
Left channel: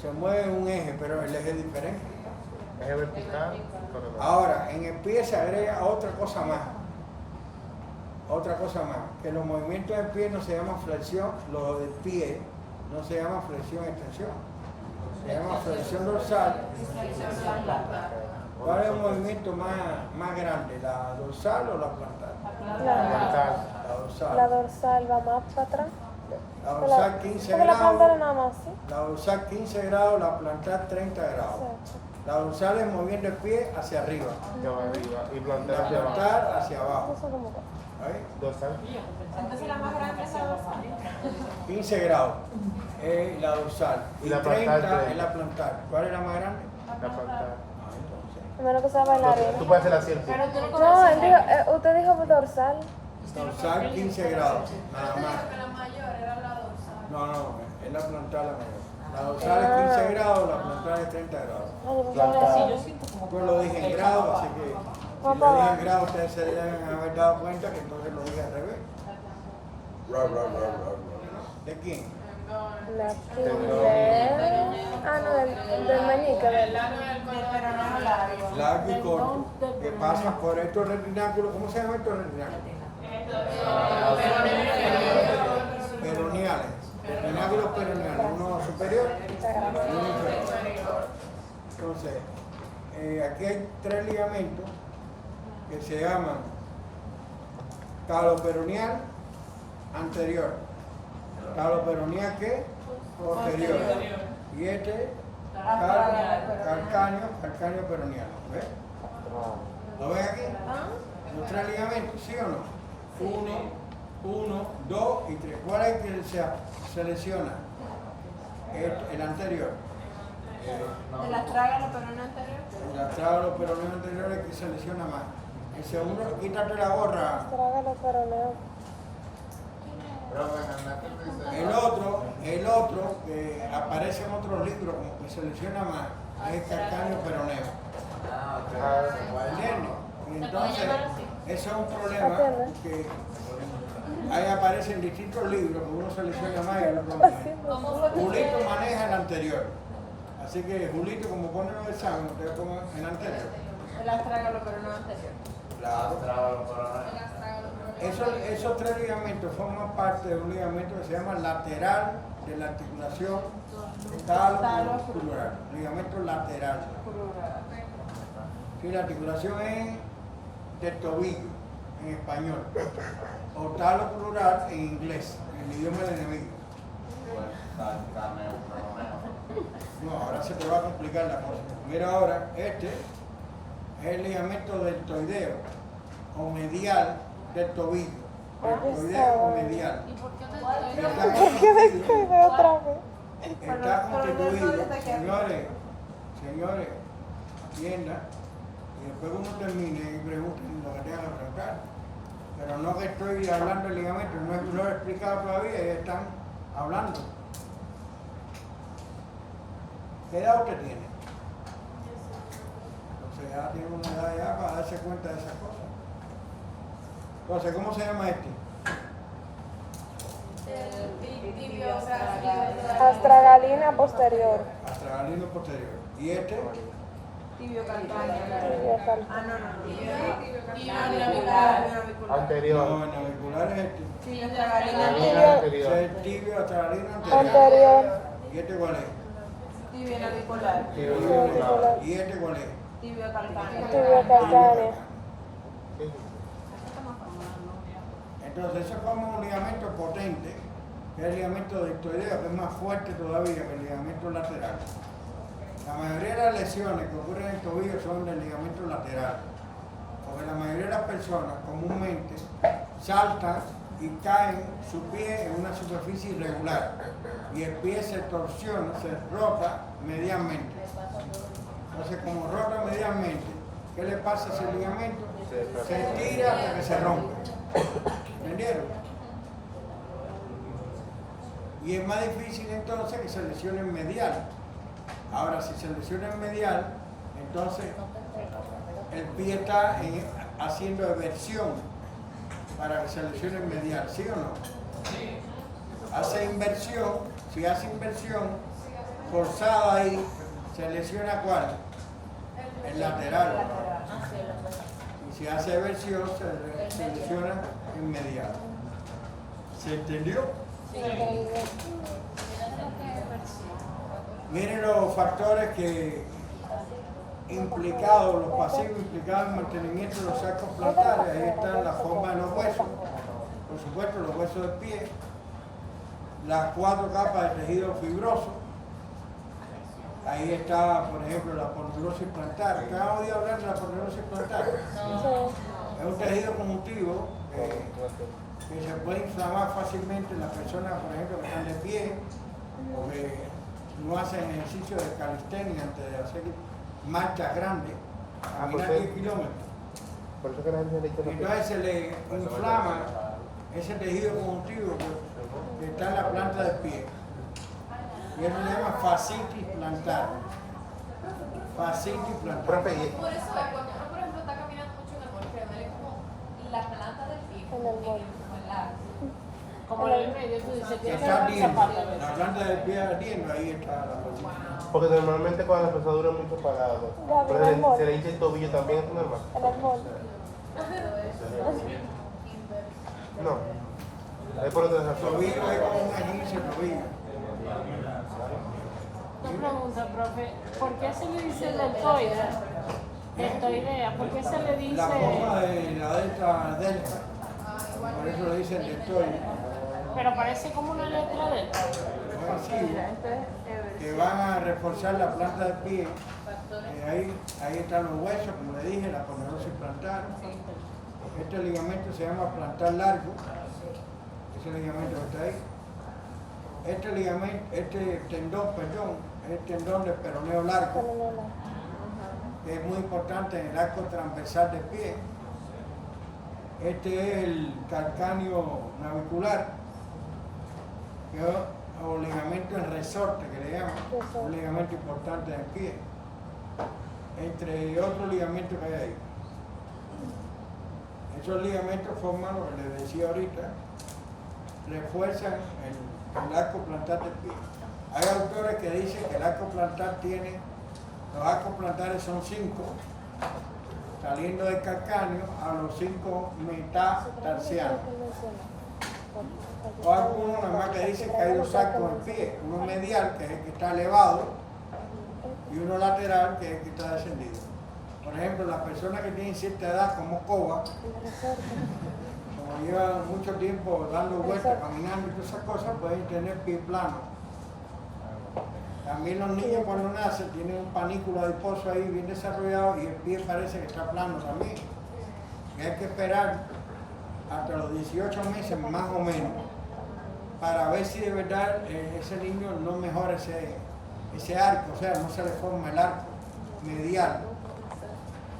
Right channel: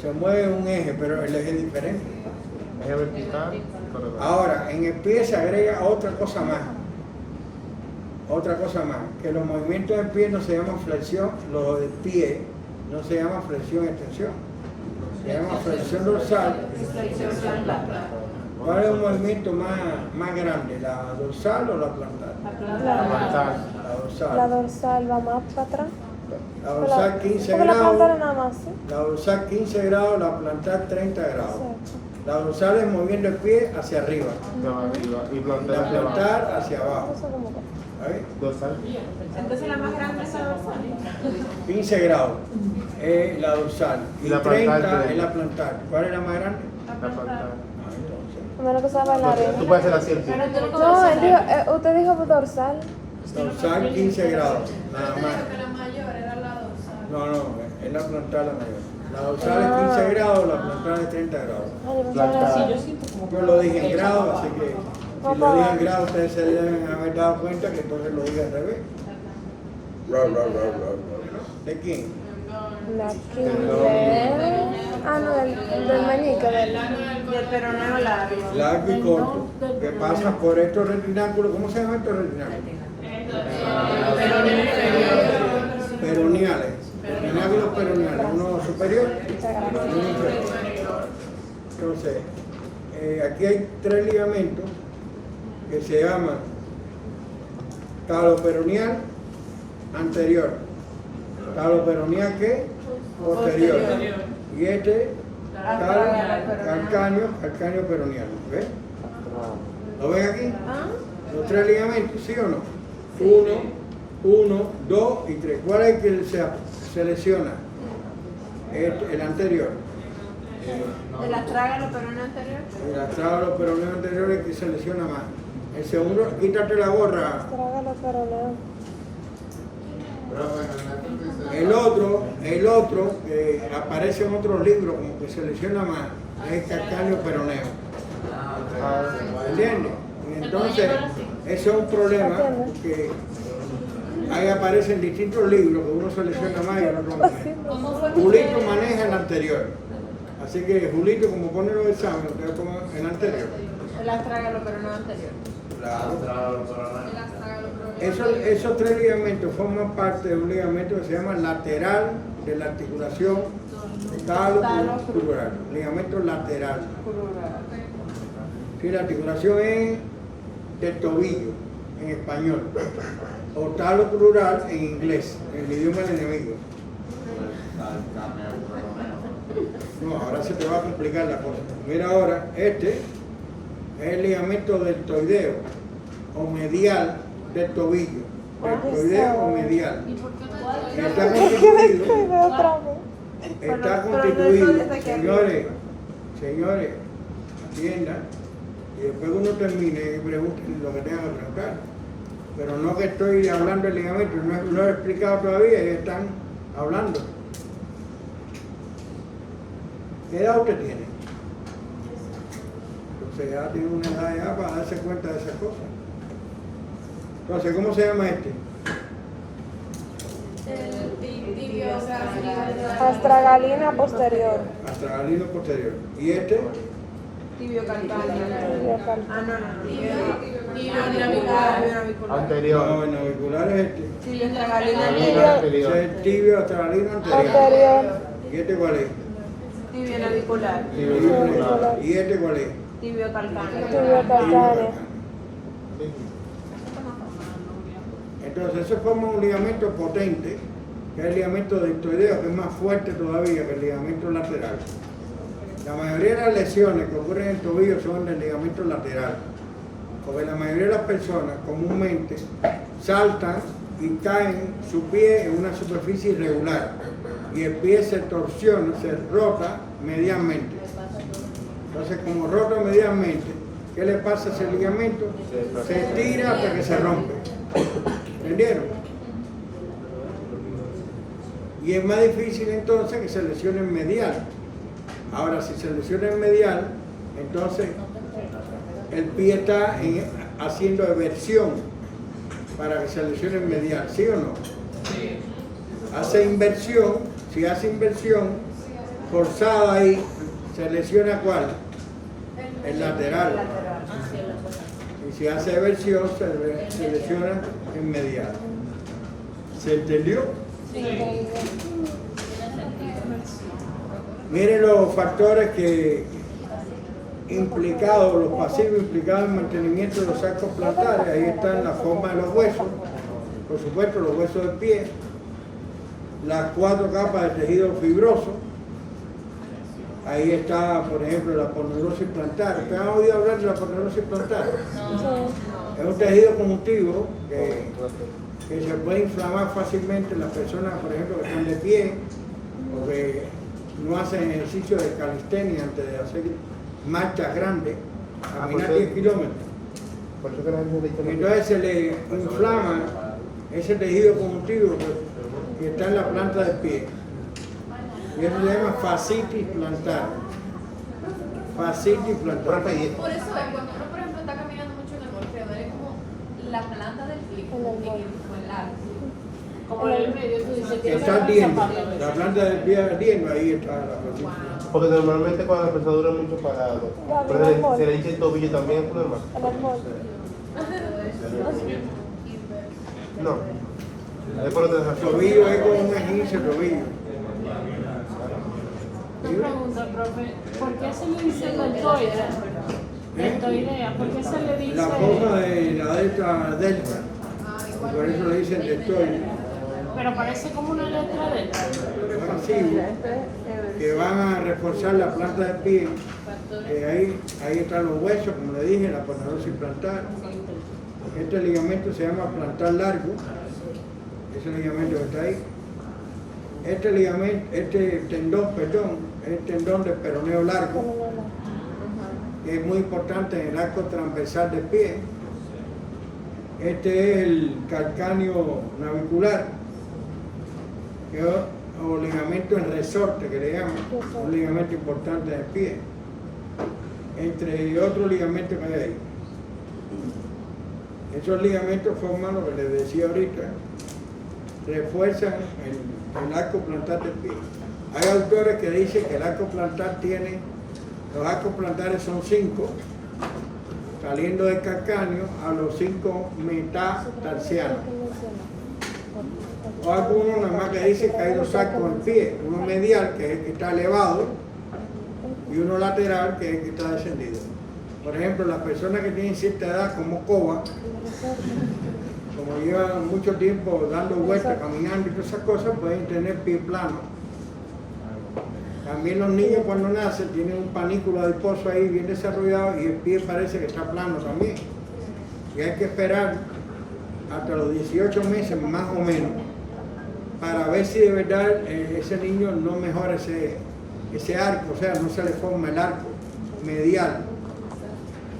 se mueven un eje, pero el eje es diferente. Eje vertical. Ahora, en el pie se agrega otra cosa más. Que los movimientos del pie no se llaman flexión, los del pie no se llaman flexión extensión. Se llama flexión dorsal. ¿Cuál es un movimiento más grande? ¿La dorsal o la plantar? La dorsal. La dorsal va más para atrás. La dorsal 15 ¿Cómo la grados. plantar nada más, sí? La dorsal 15 grados, la plantar 30 grados. La dorsal es moviendo el pie hacia arriba, De abajo arriba. Y la plantar. plantar hacia abajo. ¿Ahí? Dorsal. Entonces la más grande es la dorsal. 15 grados es la dorsal y Y la 30 plantar, es la plantar. ¿Cuál es la más grande? La plantar. Entonces, Menos que sea bailar. Tú puedes hacer así el pie. No, él dijo, usted dijo dorsal. dorsal 15 grados, nada Yo te más. digo que la mayor era la dorsal. No, no, es la plantar la mayor. La dorsal es 15 grados, la plantar es 30 grados. Plantar. Sí, yo siento como Yo lo dije en grados, así que si lo dije en grados ustedes se deben haber dado cuenta que entonces lo dije al revés. ¿De quién? Ah, no, del mañique. Y el peroneo largo. Largo y corto, que pasa por estos retináculos. ¿Cómo se llaman estos retináculos? Peroneales. Retináculos peroneales, uno superior y uno inferior. Entonces, aquí hay 3 ligamentos que se llaman taloperoneal anterior, taloperoneal ¿qué? Posterior. Y este calcáneo peroneal. ¿Ves? ¿Lo ven aquí? ¿Ah? Los 3 ligamentos, ¿sí o no? 1, 2 y 3. ¿Cuál es el que se lesiona? El anterior. El astrágalo peroneo anterior. El astrágalo peroneo anterior es el que se lesiona más. El segundo, quítate la gorra. El otro que aparece en otros libros como que se lesiona más es calcáneo peroneo. ¿Entiendes? Y entonces, eso es un problema porque ahí aparecen distintos libros que uno se lesiona más y el otro menos. ¿Cómo fue? Julito maneja el anterior. Así que Julito, como pone los exámenes, usted pone el anterior. El astrágalo peroneo anterior. Claro. El astrágalo peroneo. Esos 3 ligamentos forman parte de un ligamento que se llama lateral de la articulación talocrural. Ligamento lateral. Sí, la articulación es del tobillo en español o talocrural en inglés, en el idioma del enemigo. No, ahora se te va a complicar la cosa. Mira ahora, este es el ligamento deltoideo o medial del tobillo. Deltoideo o medial. Y está constituido, señores, atiendan, y después que uno termine, pregunten lo que tengan que preguntar. Pero no que estoy hablando del ligamento, no lo he explicado todavía, ya están hablando. ¿Qué edad usted tiene? Entonces ya tiene una edad ya para darse cuenta de esas cosas. Entonces, ¿cómo se llama este? El tibio Astragalina posterior. Astragalino posterior. ¿Y este? Tibio calcáneo. Ah, no. Tibio navicular. Anterior. No, el navicular es este. Tibio astragalino Anterior. anterior. Ese es el tibio astragalino anterior. ¿Y este cuál es? Tibio navicular. Tibio navicular. ¿Y este cuál es? Tibio calcáneo. Tibio calcáneo. Entonces, eso forma un ligamento potente, que es el ligamento deltoideo, que es más fuerte todavía que el ligamento lateral. La mayoría de las lesiones que ocurren en el tobillo son del ligamento lateral, porque la mayoría de las personas comúnmente saltan y caen su pie en una superficie irregular y el pie se torsiona, se rota medialmente. Entonces, como rota medialmente, ¿qué le pasa a ese ligamento? Se estira hasta que se rompe. ¿Entendieron? Y es más difícil entonces que se lesione en medial. Ahora, si se lesiona en medial, entonces el pie está haciendo eversión para que se lesione en medial, ¿sí o no? Sí. Hace inversión, si hace inversión forzada ahí, se lesiona ¿cuál? El lateral. Y si hace eversión, se lesiona en medial. ¿Se entendió? Sí. Miren los factores que implicados, los pasivos implicados en el mantenimiento de los arcos plantares. Ahí están la forma de los huesos, por supuesto los huesos del pie, las 4 capas de tejido fibroso, Ahí está, por ejemplo, la aponeurosis plantar. ¿Ustedes han oído hablar de la aponeurosis plantar? Es un tejido conjuntivo que se puede inflamar fácilmente en las personas, por ejemplo, que están de pie o que no hacen ejercicio de calistenia antes de hacer marchas grandes, caminar 10 kilómetros. Y entonces se le inflama ese tejido conjuntivo que está en la planta del pie. Y eso se llama fascitis plantar. Fascitis plantar. Por eso es, cuando uno, por ejemplo, está caminando mucho en el bosque, duele como la planta del pie, como el largo. Como en el medio, tú dices Que está ardiendo. La planta del pie ardiendo, ahí está la fascitis plantar. Porque normalmente cuando la persona duele mucho parado, se le hincha el tobillo también, ¿es normal? No. Es por otra El razón. tobillo es como un esguince el tobillo. pregunta, profe, ¿por qué se le dice deltoidea? Deltoidea, ¿por qué se le dice? La forma de la delta, y por eso le dicen deltoide. Pero parece como una letra delta. Masivos que van a reforzar la planta del pie. Ahí están los huesos, como le dije, la aponeurosis plantar. Este ligamento se llama plantar largo, ese ligamento que está ahí. Este tendón, es el tendón del peroneo largo, que es muy importante en el arco transversal del pie. Este es el calcáneo navicular, que es o ligamento en resorte, que le llaman, un ligamento importante del pie, entre otros ligamentos que hay ahí. Esos ligamentos forman lo que les decía ahorita, refuerzan el arco plantar del pie. Hay autores que dicen que el arco plantar los arcos plantares son 5, saliendo del calcáneo a los 5 metatarsianos. O algunos nada más que dicen que hay 2 arcos en pie, uno medial, que es el que está elevado, y uno lateral, que es el que está descendido. Por ejemplo, las personas que tienen cierta edad, como Coba, como llevan mucho tiempo dando vueltas, caminando y todas esas cosas, pueden tener pie plano. También los niños cuando nacen tienen un panículo adiposo ahí bien desarrollado y el pie parece que está plano también. Y hay que esperar hasta los 18 meses más o menos para ver si de verdad ese niño no mejora ese arco, o sea, no se le forma el arco medial.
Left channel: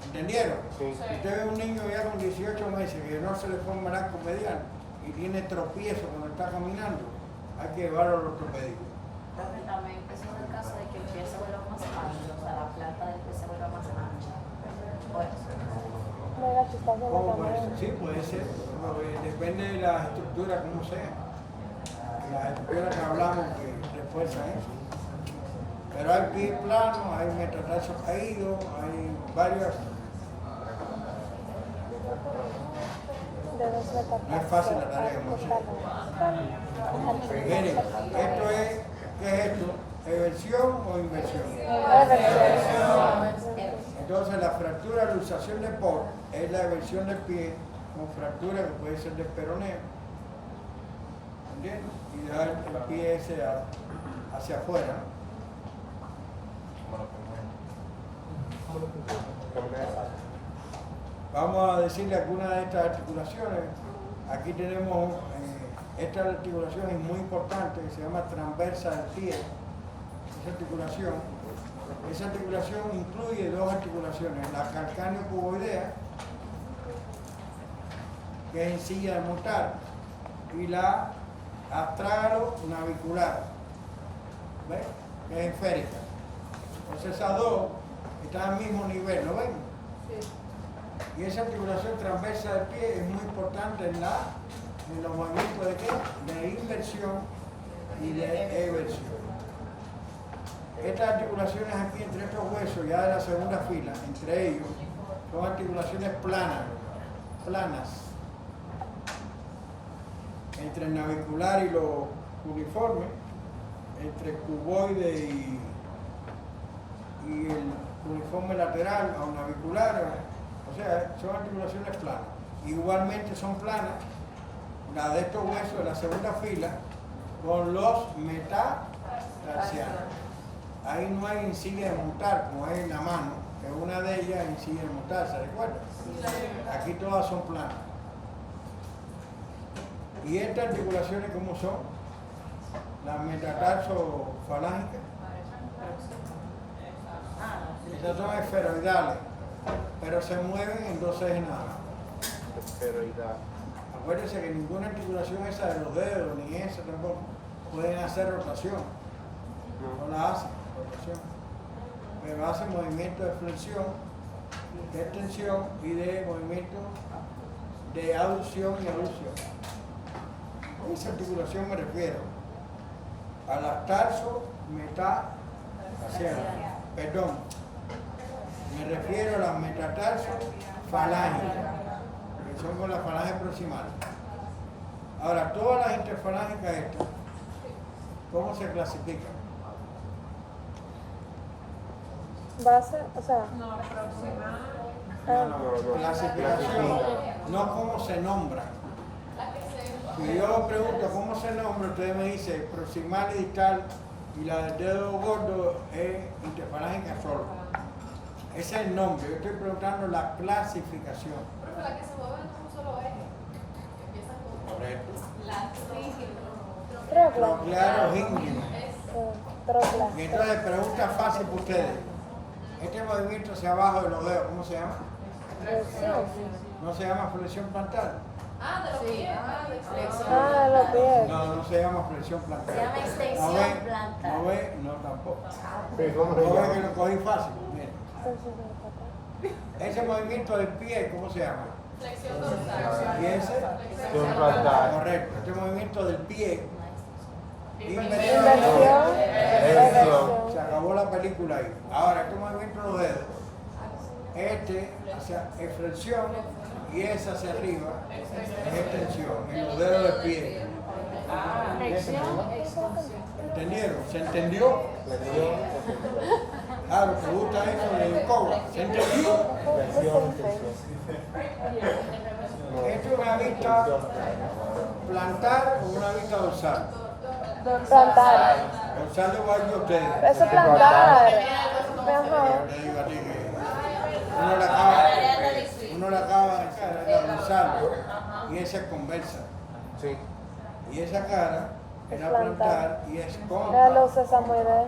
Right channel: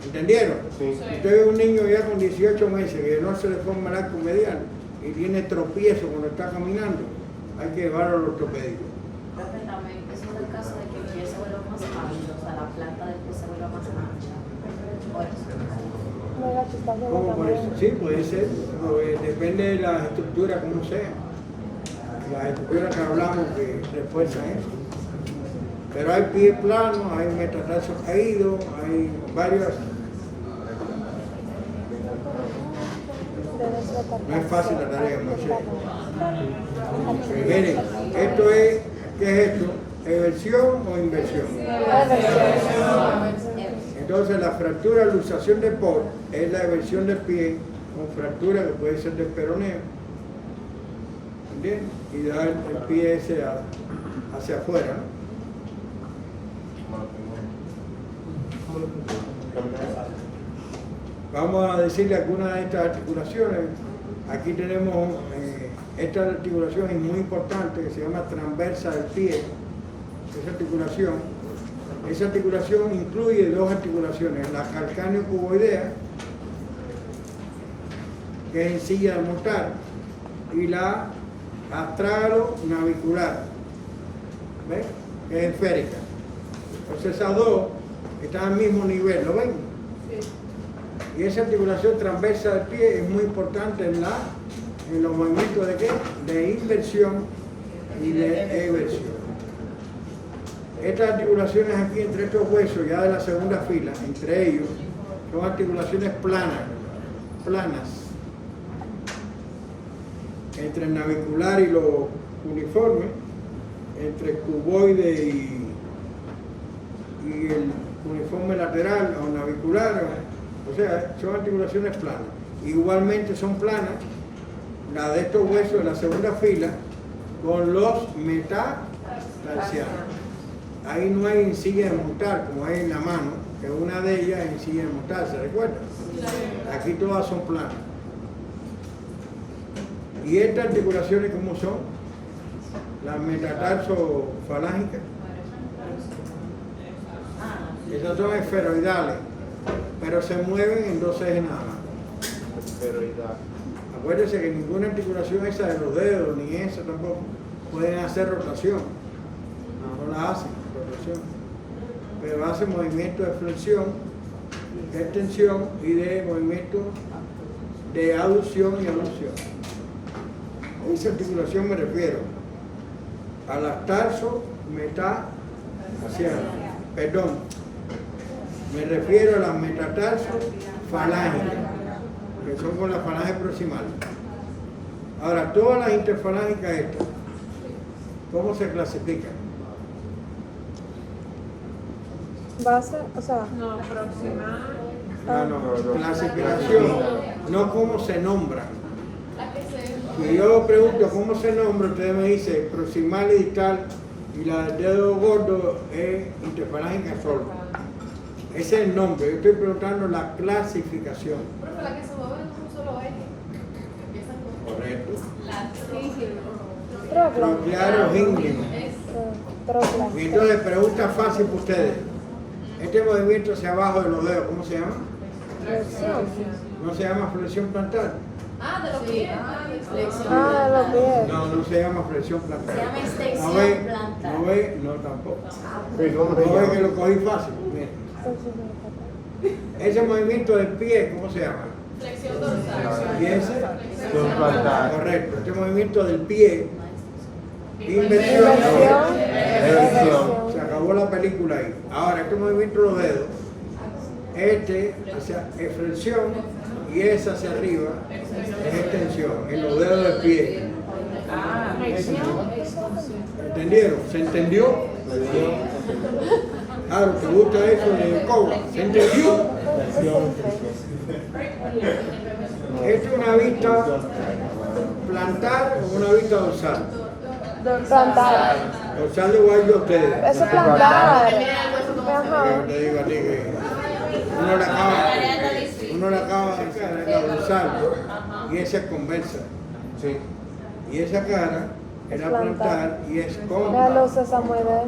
¿Entendieron? Sí. Si usted ve un niño ya con 18 meses que no se le forma el arco medial y tiene tropiezo cuando está caminando, hay que llevarlo al ortopédico. Profe, también eso es el caso de que el pie se vuelve más pálido, o sea, la planta del pie se vuelve más ancha. Por eso. ¿Cómo por eso? Sí, puede ser, pero, depende de la estructura como sea. Las estructuras que hablamos que refuerzan eso. Pero hay pies planos, hay metatarsos caídos, hay varias. No es fácil la tarea, Moisés. Miren, esto es, ¿qué es esto? ¿Eversión o inversión? Entonces la fractura, luxación de Paul es la eversión del pie con fractura que puede ser del peroneo. ¿Entiendes? Y da el pie ese hacia afuera, ¿no? Vamos a decirle algunas de estas articulaciones. Aquí tenemos, esta articulación es muy importante, que se llama transversa del pie. Esa articulación incluye 2 articulaciones, la calcáneo-cuboidea, que es en silla de montar, y la astrágalo-navicular, ¿ves? Que es esférica. Entonces esas 2 están al mismo nivel, ¿lo ven? Y esa articulación transversa del pie es muy importante en los movimientos de ¿qué? De inversión y de eversión. Estas articulaciones aquí entre estos huesos, ya de la segunda fila, entre ellos, son articulaciones planas. Entre el navicular y lo uniforme, entre el cuboide y el uniforme lateral o navicular, o sea, son articulaciones planas. Igualmente son planas las de estos huesos de la segunda fila con los metatarsianos. ahí no hay encilla de montar como hay en la mano, que una de ellas es encilla de montar, ¿se recuerda? Aquí todas son planas. ¿Y estas articulaciones cómo son? Las metatarsofalángicas. Esas son esferoidales, pero se mueven en dos ejes nada más. Esferoidal. Acuérdense que ninguna articulación esa de los dedos, ni esa tampoco, pueden hacer rotación. No la hacen, rotación. Pero hacen movimiento de flexión, de extensión y de movimiento de aducción y abducción. A esa articulación me refiero a las tarso metatarsianas. Perdón, me refiero a las metatarsofalángicas, que son con las falanges proximales. Ahora, todas las interfalángicas estas, ¿cómo se clasifican? Base, o sea, No, proximal. No, clasificación, no cómo se nombran. Si yo pregunto cómo se nombra, ustedes me dicen proximal y distal, y la del dedo gordo es interfalángica solo. Ese es el nombre, yo estoy preguntando la clasificación. Profe, la que se mueve en un solo eje. Empiezan con Correcto. la Troclearos ínguinos. Y entonces, pregunta fácil para ustedes. Este movimiento hacia abajo de los dedos, ¿cómo se llama? ¿No se llama flexión plantar? Ah, de los pies. ah, los pies. No se llama flexión plantar. Se llama extensión ¿No ve? plantar. ¿No ve? No, tampoco. ¿No ve que lo cogí fácil? Miren. Ese movimiento del pie, ¿cómo se llama? Flexión dorsal. ¿Y ese? Correcto. Este movimiento del pie, inversión. Se acabó la película ahí. Ahora, este movimiento de los dedos, este hacia flexión y ese hacia arriba es extensión, en los dedos del pie. ¿Entendieron? ¿Se entendió? Claro, ¿te gusta eso de cobra? ¿Se entendió? ¿Esta es una vista plantar o una vista dorsal? Plantar. Dorsal de guardo a ustedes. Eso es plantar. Yo te digo a ti que uno la acaba de sacar, la dorsal, y esa es conversa. Sí. Y esa cara es la plantar y es La cóncava. luz sesamoidea.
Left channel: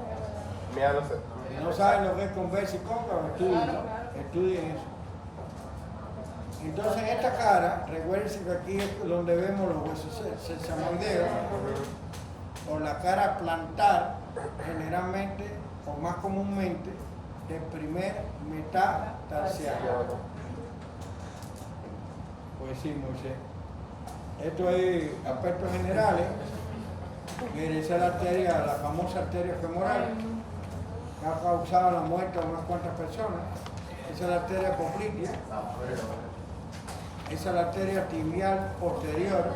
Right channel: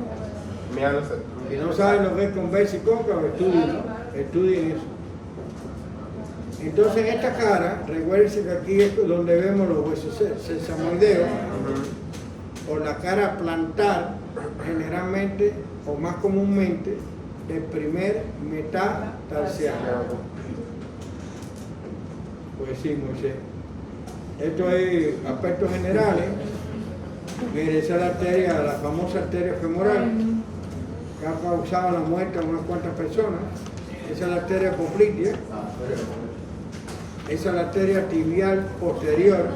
Mira, no sé. Si no saben lo que es conversa y cóncava, estudien eso. Entonces en esta cara, recuérdense que aquí es donde vemos los huesos sesamoideos, o la cara plantar, generalmente o más comúnmente, el primer metatarsiano. Pues sí, Moisés. Esto es aspectos generales. Mire, esa es la arteria, la famosa arteria femoral, que ha causado la muerte de unas cuantas personas. Esa es la arteria poplitea. Esa es la arteria tibial posterior.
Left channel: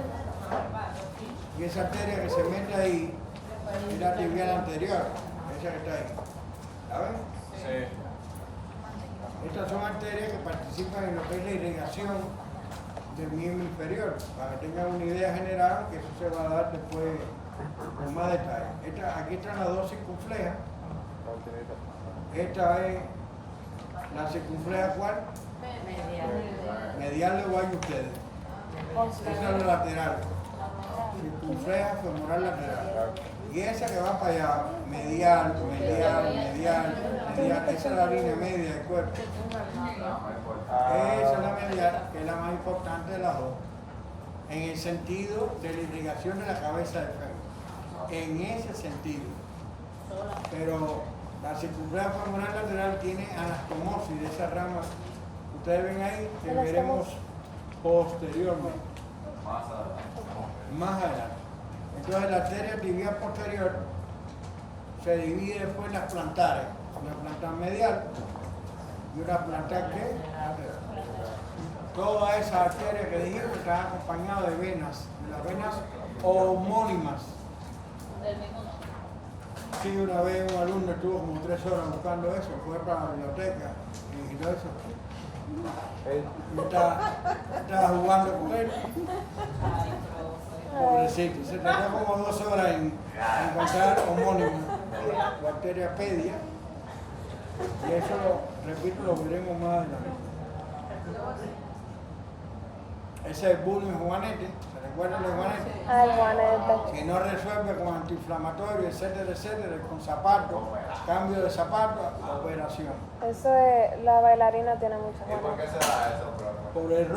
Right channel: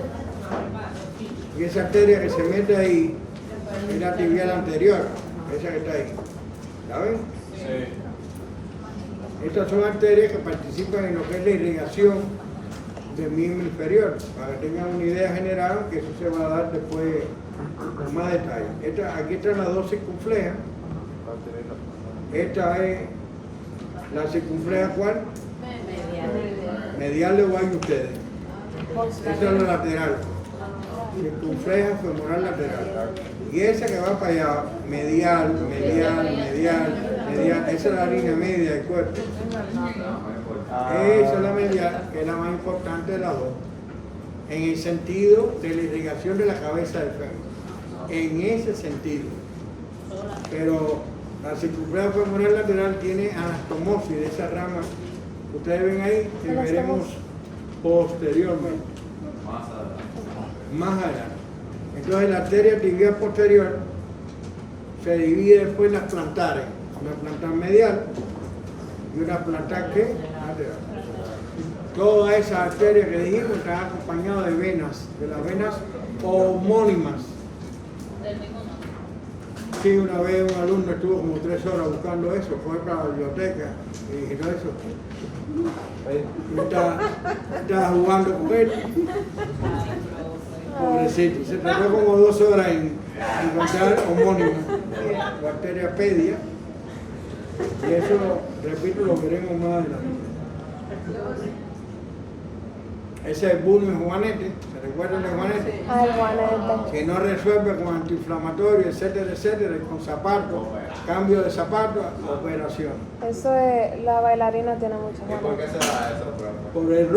Y esa arteria que se mete ahí es la tibial anterior, esa que está ahí. ¿Saben? Sí. Estas son arterias que participan en lo que es la irrigación del miembro inferior, para que tengan una idea general, que eso se va a dar después con más detalle. Aquí están las dos circunflejas. Esta es la circunfleja, ¿cuál? Medial le voy a ustedes. Esa es la lateral. Circunfleja femoral lateral. Y esa que va para allá, medial, esa es la línea media del cuerpo. Esa es la medial, que es la más importante de las dos, en el sentido de la irrigación de la cabeza del fémur. En ese sentido. Pero la circunfleja femoral lateral tiene anastomosis de esa rama que ustedes ven ahí, que veremos posteriormente. Más adelante. Entonces la arteria tibial posterior se divide después en las plantares, una plantar medial y una plantar ¿qué? Lateral. Todas esas arterias que dijimos están acompañadas de venas, de las venas homónimas. Sí, una vez un alumno estuvo como 3 horas buscando eso, fue para la biblioteca y dije, no, eso. Y estaba jugando con él. Pobrecito, se tardó como 2 horas en encontrar homónimo, bacteriapedia. Y eso, repito, lo veremos más adelante. Ese es Bruno y Juanete, ¿se recuerdan de Juanete? Ay, Juanete. Que no resuelve con antiinflamatorio, etcétera, etcétera, con zapatos, cambio de zapatos, operación. Eso es, la bailarina tiene mucho. ¿Y por qué se da eso, profe? Por el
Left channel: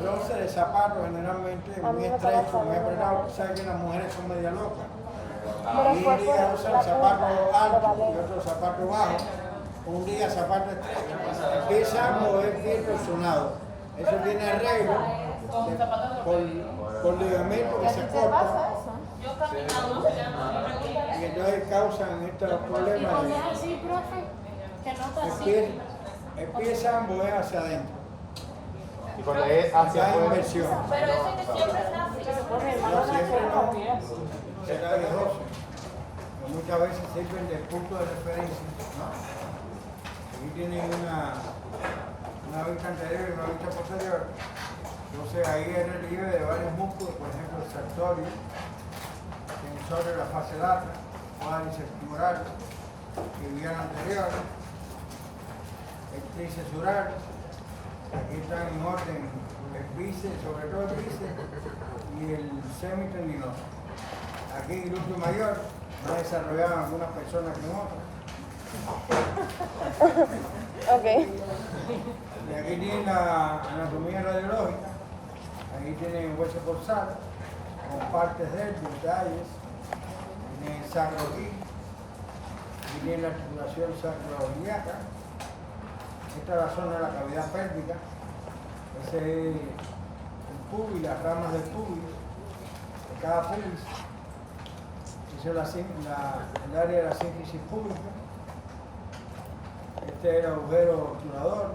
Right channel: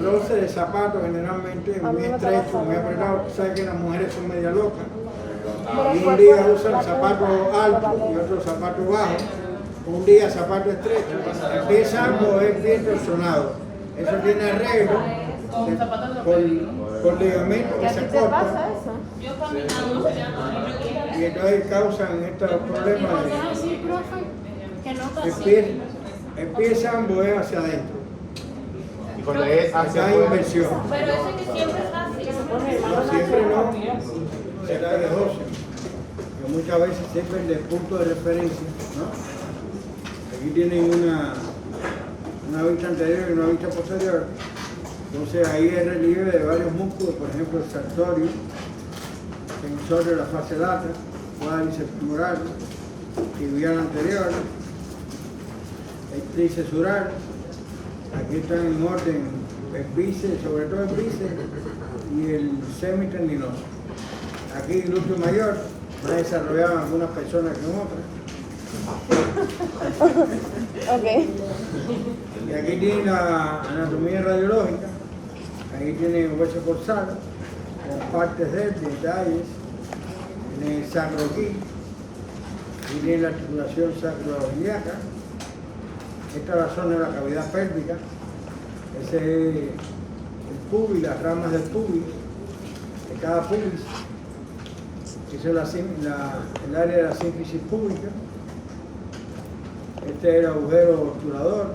roce de zapatos generalmente es muy estrecho, muy apretado. Tú sabes que las mujeres son media locas. Y un día usan zapatos altos y otro zapatos bajos. Un día zapato estrecho. Empieza algo es bien torsionado. Eso tiene arreglo con ligamentos que se cortan. Yo caminamos ya. Y entonces causan estos problemas ¿Y de... por qué decir, profe, que no está Empieza, así? empieza a emboer hacia adentro. Y cuando es Acá hacia hay inversión. Pero eso que siempre está así. No, siempre no. Será de óseo. Que muchas veces sirven de punto de referencia, ¿no? Aquí tienen una vista anterior y una vista posterior. Entonces ahí hay relieve de varios músculos, por ejemplo el sartorio, tensor de la fase lata, cuádriceps femoral, tibial anterior, el tríceps sural. Aquí están en orden el bíceps, sobre todo el bíceps y el semitendinoso. Aquí el glúteo mayor, más desarrollado en algunas personas que en otras. Ok. Y aquí tiene la anatomía radiológica, ahí tiene un hueso corsal, con partes de él, detalles, tiene el sacro aquí, aquí tiene la articulación sacroiliaca, esta es la zona de la cavidad pélvica, ese es el pubis, las ramas del pubis, de cada pubis, esa es el área de la sínfisis púbica, este es el agujero obturador.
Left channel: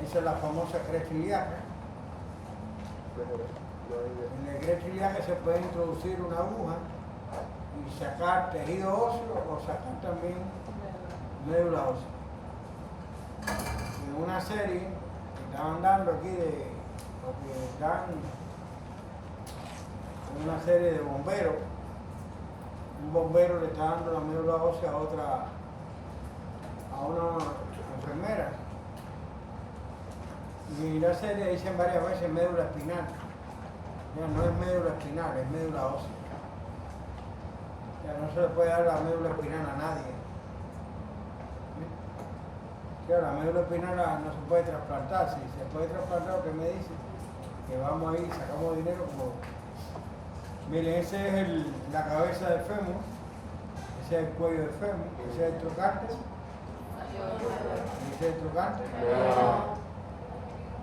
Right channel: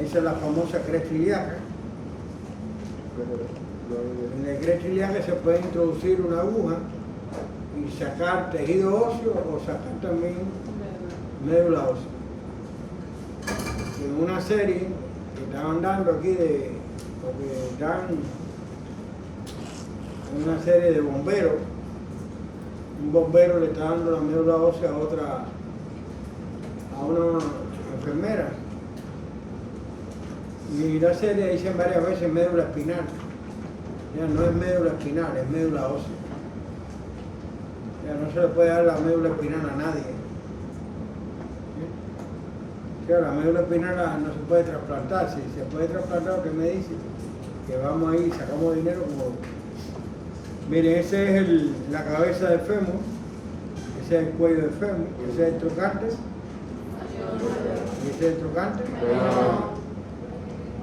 Esa es la famosa cresta ilíaca. En la cresta ilíaca se puede introducir una aguja y sacar tejido óseo o sacar también médula ósea. En una serie que estaban dando aquí porque dan una serie de bomberos, un bombero le está dando la médula ósea a una enfermera. Y la serie dicen varias veces médula espinal. Ya no es médula espinal, es médula ósea. Ya no se le puede dar la médula espinal a nadie. Ya, la médula espinal no se puede trasplantar. Si se puede trasplantar, lo que me dice, que vamos ahí y sacamos dinero como... Miren, ese es la cabeza del fémur, ese es el cuello del fémur, ese es el trocánter. ¿Y ese es el trocánter?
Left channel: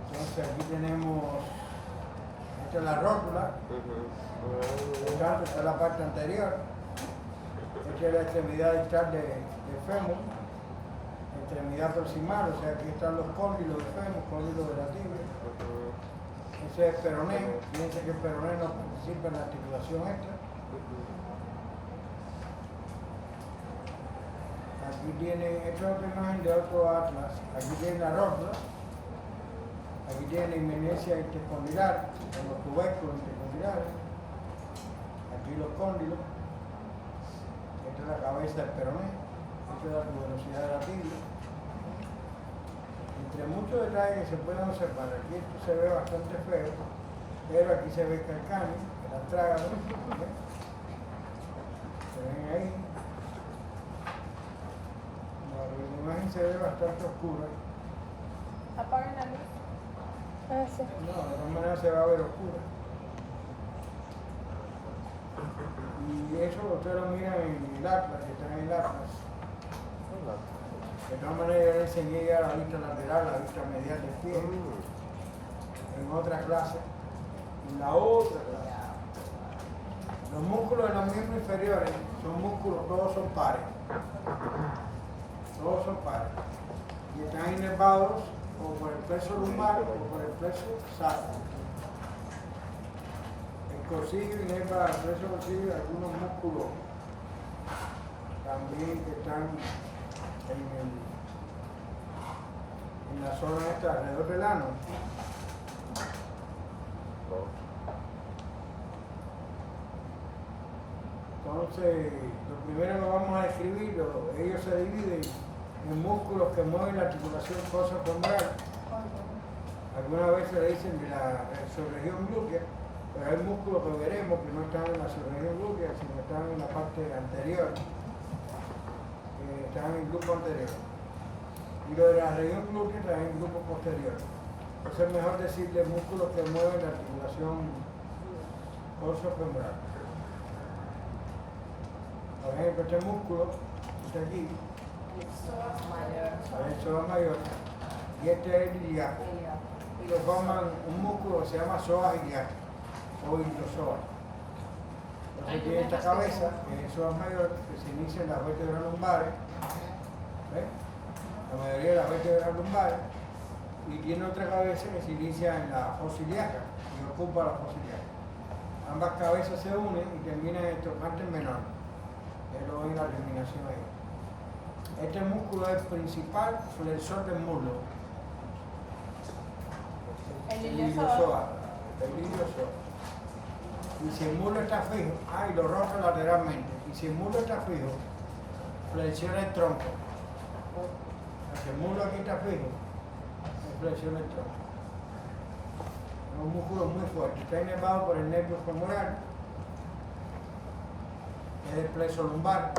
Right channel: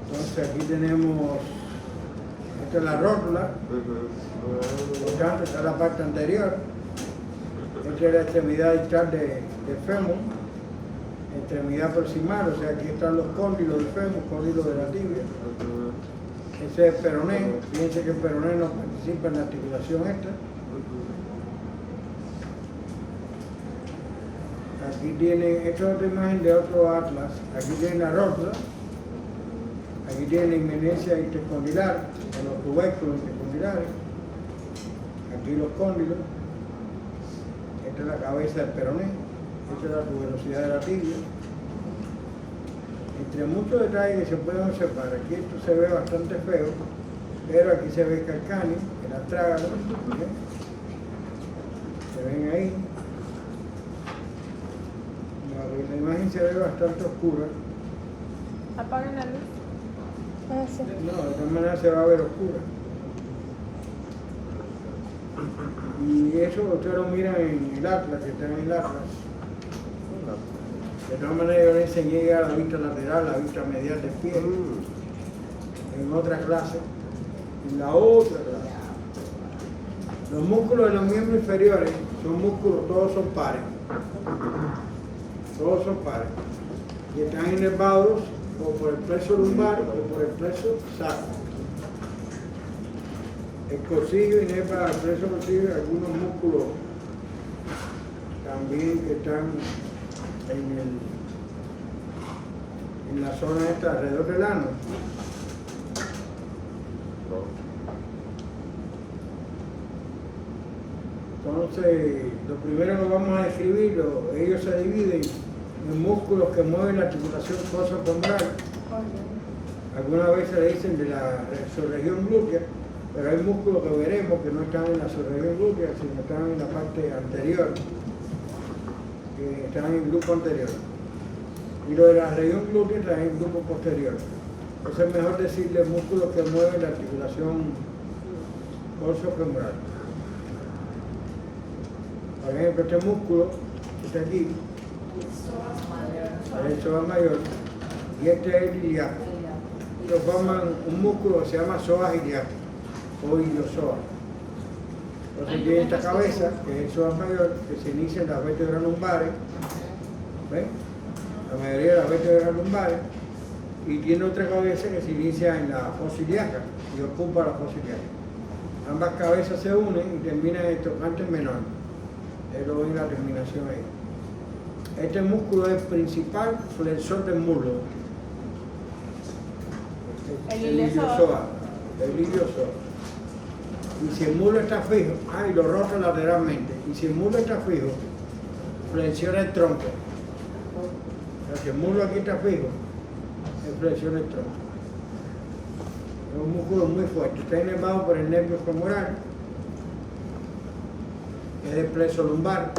Entonces aquí tenemos, esta es la rótula, por tanto está la parte anterior, esta es la extremidad distal del fémur, extremidad proximal, o sea aquí están los cóndilos del fémur, cóndilos de la tibia, ese es el peroné, fíjense que el peroné no participa en la articulación esta. Aquí tiene, esta es otra imagen de otro atlas, aquí tiene la rótula. Aquí tiene la inminencia intercondilar, en los tubérculos intercondilares. Aquí los cóndilos. Esta es la cabeza del peroné. Esta es la tuberosidad de la tibia. Entre muchos detalles que se pueden observar, aquí esto se ve bastante feo, pero aquí se ve el calcáneo, el astrágalo. ¿Bien? Se ven ahí. La imagen se ve bastante oscura. Apaguen la luz. Ah, sí. No, de todas maneras se va a ver oscura. Y eso ustedes lo miran en el atlas, que está en el atlas. De todas maneras yo les enseñé ya la vista lateral, la vista medial del pie, en otra clase, en la otra clase. Los músculos de los miembros inferiores son músculos, todos son pares. Todos son pares. Y están inervados o por el plexo lumbar o por el plexo sacro. El coxillo inerva el plexo coxillo y algunos músculos también que están en la zona esta alrededor del ano. Entonces, lo primero que vamos a describir, ellos se dividen en músculos que mueven la articulación coxofemoral. Algunas veces le dicen de la subregión glútea, pero hay músculos que veremos que no están en la subregión glútea, sino están en la parte anterior, que están en el grupo anterior. Y lo de la región glútea está en el grupo posterior. Entonces es mejor decirle músculos que mueven la articulación coxofemoral. Por ejemplo, este músculo que está aquí, el psoas mayor, y este es el ilíaco. Lo forman un músculo que se llama psoas ilíaco o iliosoas. Entonces tiene esta cabeza, que es el psoas mayor, que se inicia en las vértebras lumbares, ¿ven? La mayoría de las vértebras lumbares, y tiene otra cabeza que se inicia en la fosa ilíaca y ocupa la fosa ilíaca. Ambas cabezas se unen y terminan en el trocánter menor. Lo ven en la terminación ahí. Este músculo es el principal flexor del muslo. El iliosoas. El iliosoas. Y si el muslo está fijo, y lo rota lateralmente. Y si el muslo está fijo, flexiona el tronco. O sea, que el muslo aquí está fijo, flexiona el tronco. Es un músculo muy fuerte. Está inervado por el nervio femoral, que es el plexo lumbar.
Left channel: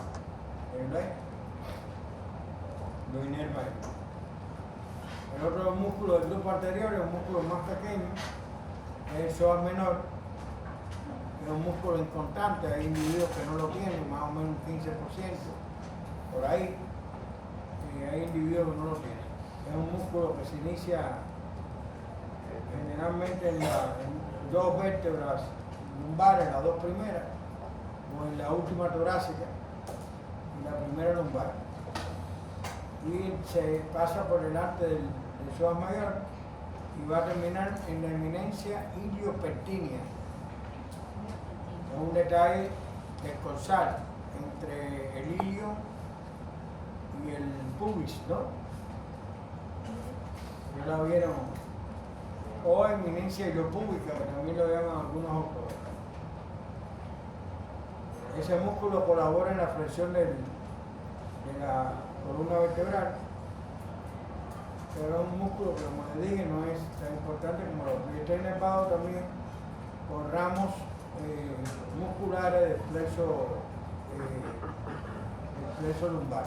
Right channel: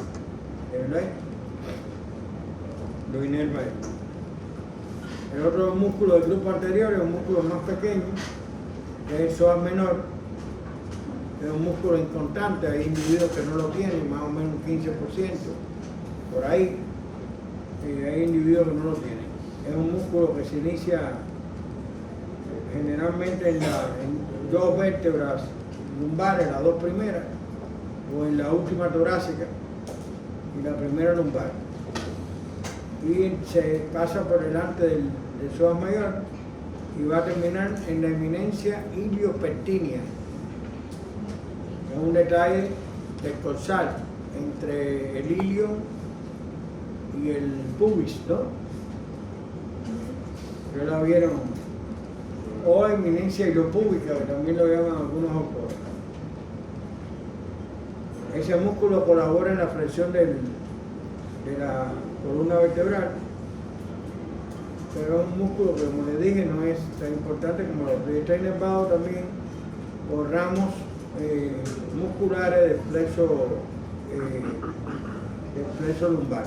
¿Ven ahí? Lo inerva ahí. El otro músculo del grupo anterior es un músculo más pequeño, que es el psoas menor. Es un músculo inconstante, hay individuos que no lo tienen, más o menos un 15%, por ahí. Hay individuos que no lo tienen. Es un músculo que se inicia generalmente en dos vértebras lumbares, las dos primeras, o en la última torácica y la primera lumbar. Y se pasa por delante del psoas mayor y va a terminar en la eminencia iliopectínea. Es un detalle descorsal entre el ilio y el pubis, ¿no? Ya la vieron. O eminencia iliopúbica, que también lo llaman algunos autores. Ese músculo colabora en la flexión de la columna vertebral, pero es un músculo que, como les dije, no es tan importante como los otros. Está inervado también por ramos musculares del plexo lumbar.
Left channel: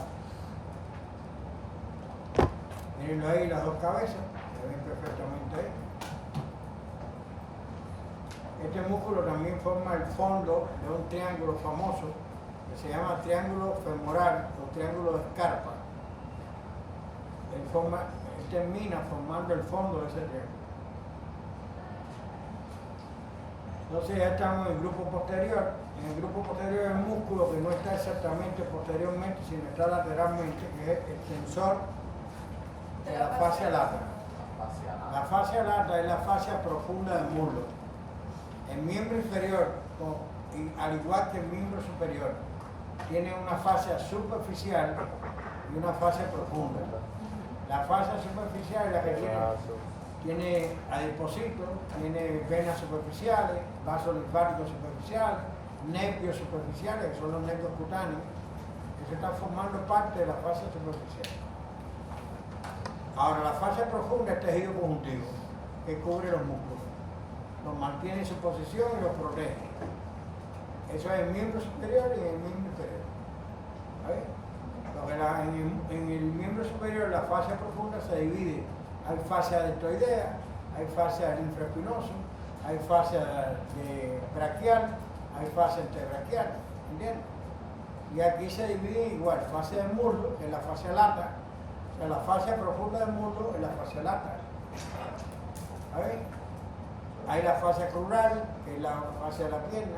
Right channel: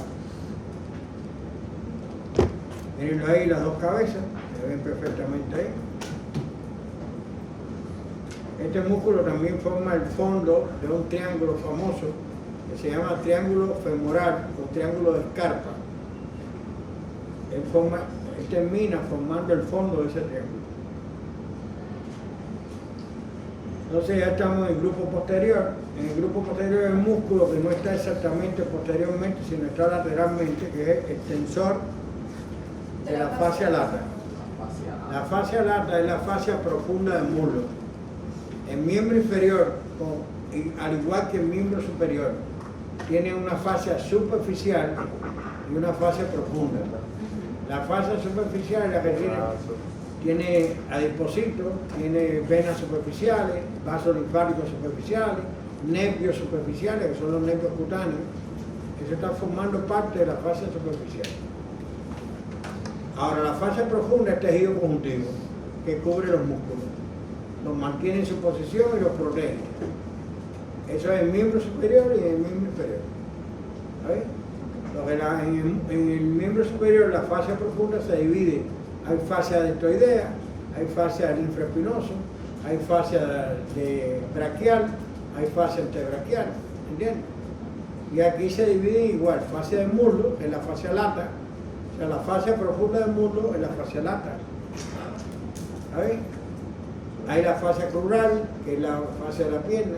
Miren ahí las dos cabezas, se ven perfectamente ahí. Este músculo también forma el fondo de un triángulo famoso que se llama triángulo femoral o triángulo de Scarpa. Él termina formando el fondo de ese triángulo. Entonces ya estamos en el grupo posterior. En el grupo posterior es el músculo que no está exactamente posteriormente, sino está lateralmente, que es el tensor de la fascia lata. La fascia lata es la fascia profunda del muslo. El miembro inferior, al igual que el miembro superior, tiene una fascia superficial y una fascia profunda. La fascia superficial es la que tiene adipocitos, tiene venas superficiales, vasos linfáticos superficiales, nervios superficiales, que son los nervios cutáneos. Eso está formando parte de la fascia superficial. Ahora, la fascia profunda es tejido conjuntivo, que cubre los músculos, los mantiene en su posición y los protege. Eso es el miembro superior y el miembro inferior. ¿Sabes? Porque en el miembro superior la fascia profunda se divide. Hay fascia deltoidea, hay fascia linfoespinoso, hay fascia braquial, hay fascia antebraquial, ¿entiendes? Y aquí se divide igual, fascia del muslo, que es la fascia lata, o sea, la fascia profunda del muslo es la fascia lata. ¿Sabes? Hay la fascia crural, que es la fascia de la pierna.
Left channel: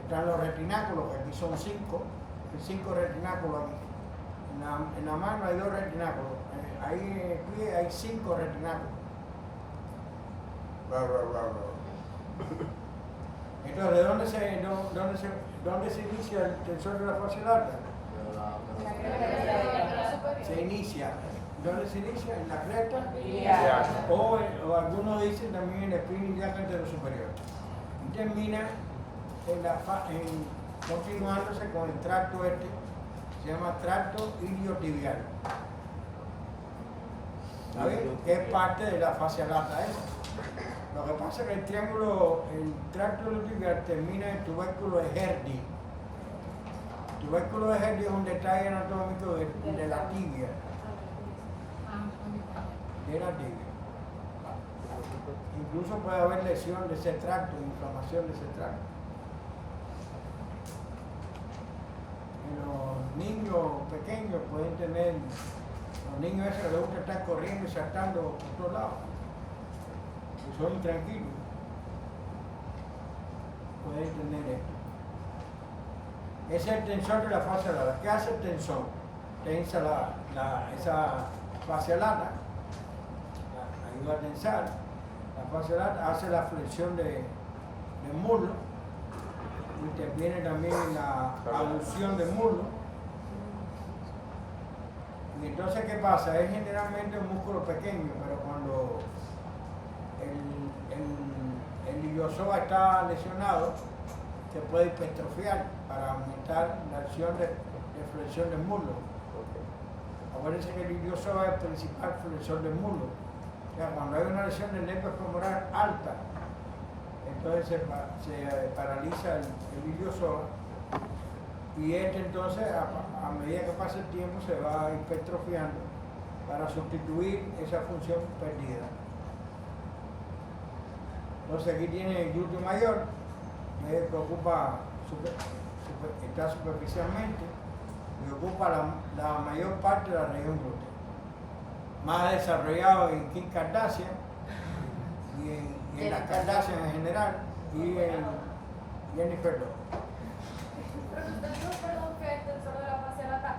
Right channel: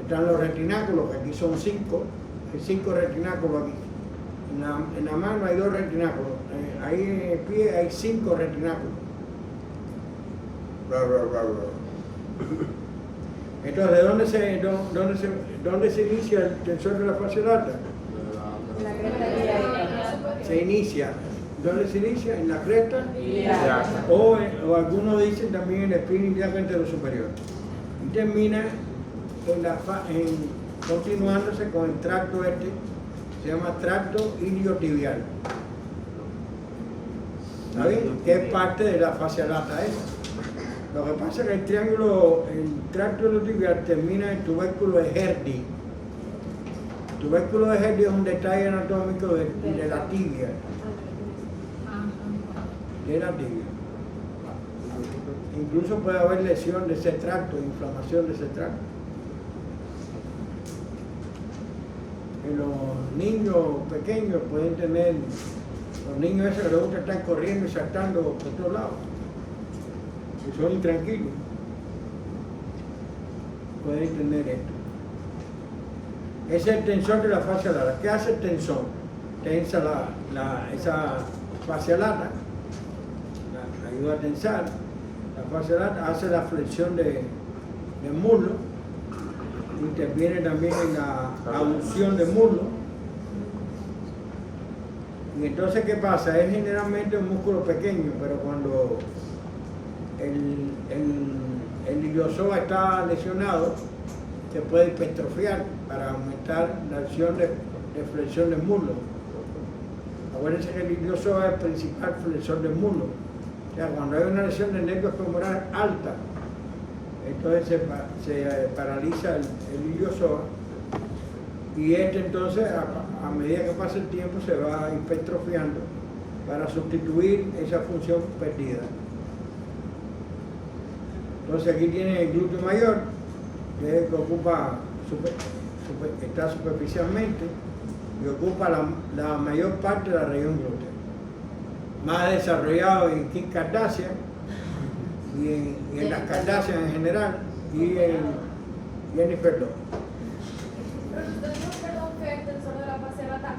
Están los retináculos, que aquí son 5. Hay 5 retináculos aquí. En la mano hay 2 retináculos. Ahí en el pie hay 5 retináculos. Entonces, ¿dónde se inicia el tensor de la fascia lata? Se inicia. ¿Dónde se inicia? En la cresta o algunos dicen también en la espina ilíaca anterosuperior y termina continuándose con el tracto este, se llama tracto iliotibial. ¿Está bien? Que es parte de la fascia lata esa. Lo que pasa es que el tracto iliotibial termina en el tubérculo de Herdy. El tubérculo de Herdy es un detalle anatómico de la tibia. De la tibia. Incluso puede haber lesión de ese tracto, inflamación de ese tracto. En los niños pequeños pueden tener, los niños esos que les gusta estar corriendo y saltando por todos lados, que son intranquilos, pueden tener esto. Ese es el tensor de la fascia lata. ¿Qué hace el tensor? Tensa esa fascia lata, ayuda a tensar. La fascia lata hace la flexión del muslo, interviene también en la abducción del muslo. Y entonces, ¿qué pasa? Es generalmente un músculo pequeño, pero cuando el iliozoa está lesionado, se puede hipertrofiar para aumentar la acción de flexión del muslo. Acuérdense que el iliozoa es el principal flexor del muslo. O sea, cuando hay una lesión del nervio femoral alta, entonces se paraliza el iliozoa, y este entonces a medida que pasa el tiempo se va hipertrofiando para sustituir esa función perdida. Entonces aquí tiene el glúteo mayor, que es el que ocupa, está superficialmente y ocupa la mayor parte de la región glútea. Más desarrollado en Kim Kardashian y en las Kardashian en general y en Jennifer Lopez. Pero usted dijo, perdón, que el tensor de la fascia lata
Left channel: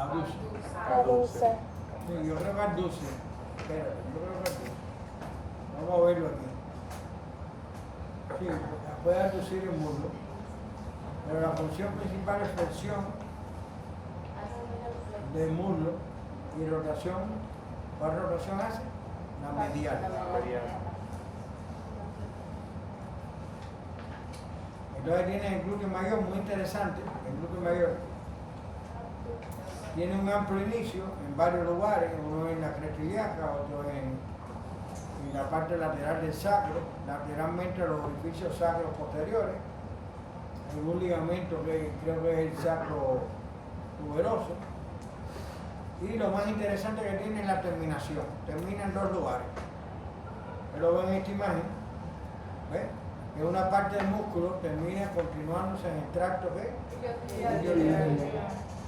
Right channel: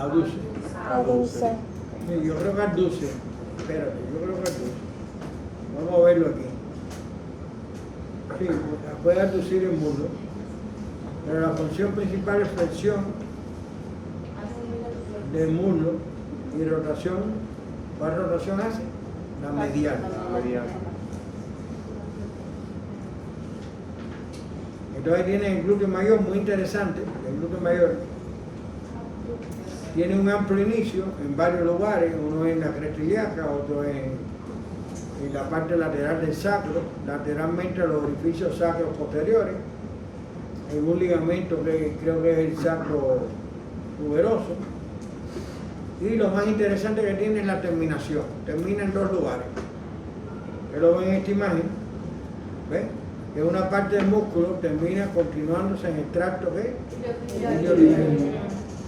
Abduce. Abduce. Sí, yo creo que abduce. Espérate, yo creo que abduce. Vamos a verlo aquí. Sí, puede abducir el muslo, pero la función principal es flexión del muslo y rotación. ¿Cuál rotación hace? La medial. Entonces tiene el glúteo mayor, muy interesante. El glúteo mayor tiene un amplio inicio en varios lugares, uno en la cresta ilíaca, otro en la parte lateral del sacro, lateralmente a los orificios sacros posteriores, en un ligamento que creo que es el sacro tuberoso. Y lo más interesante que tiene es la terminación. Termina en dos lugares. Ustedes lo ven en esta imagen. ¿Ves? Que una parte del músculo termina continuándose en el tracto que iliotibial.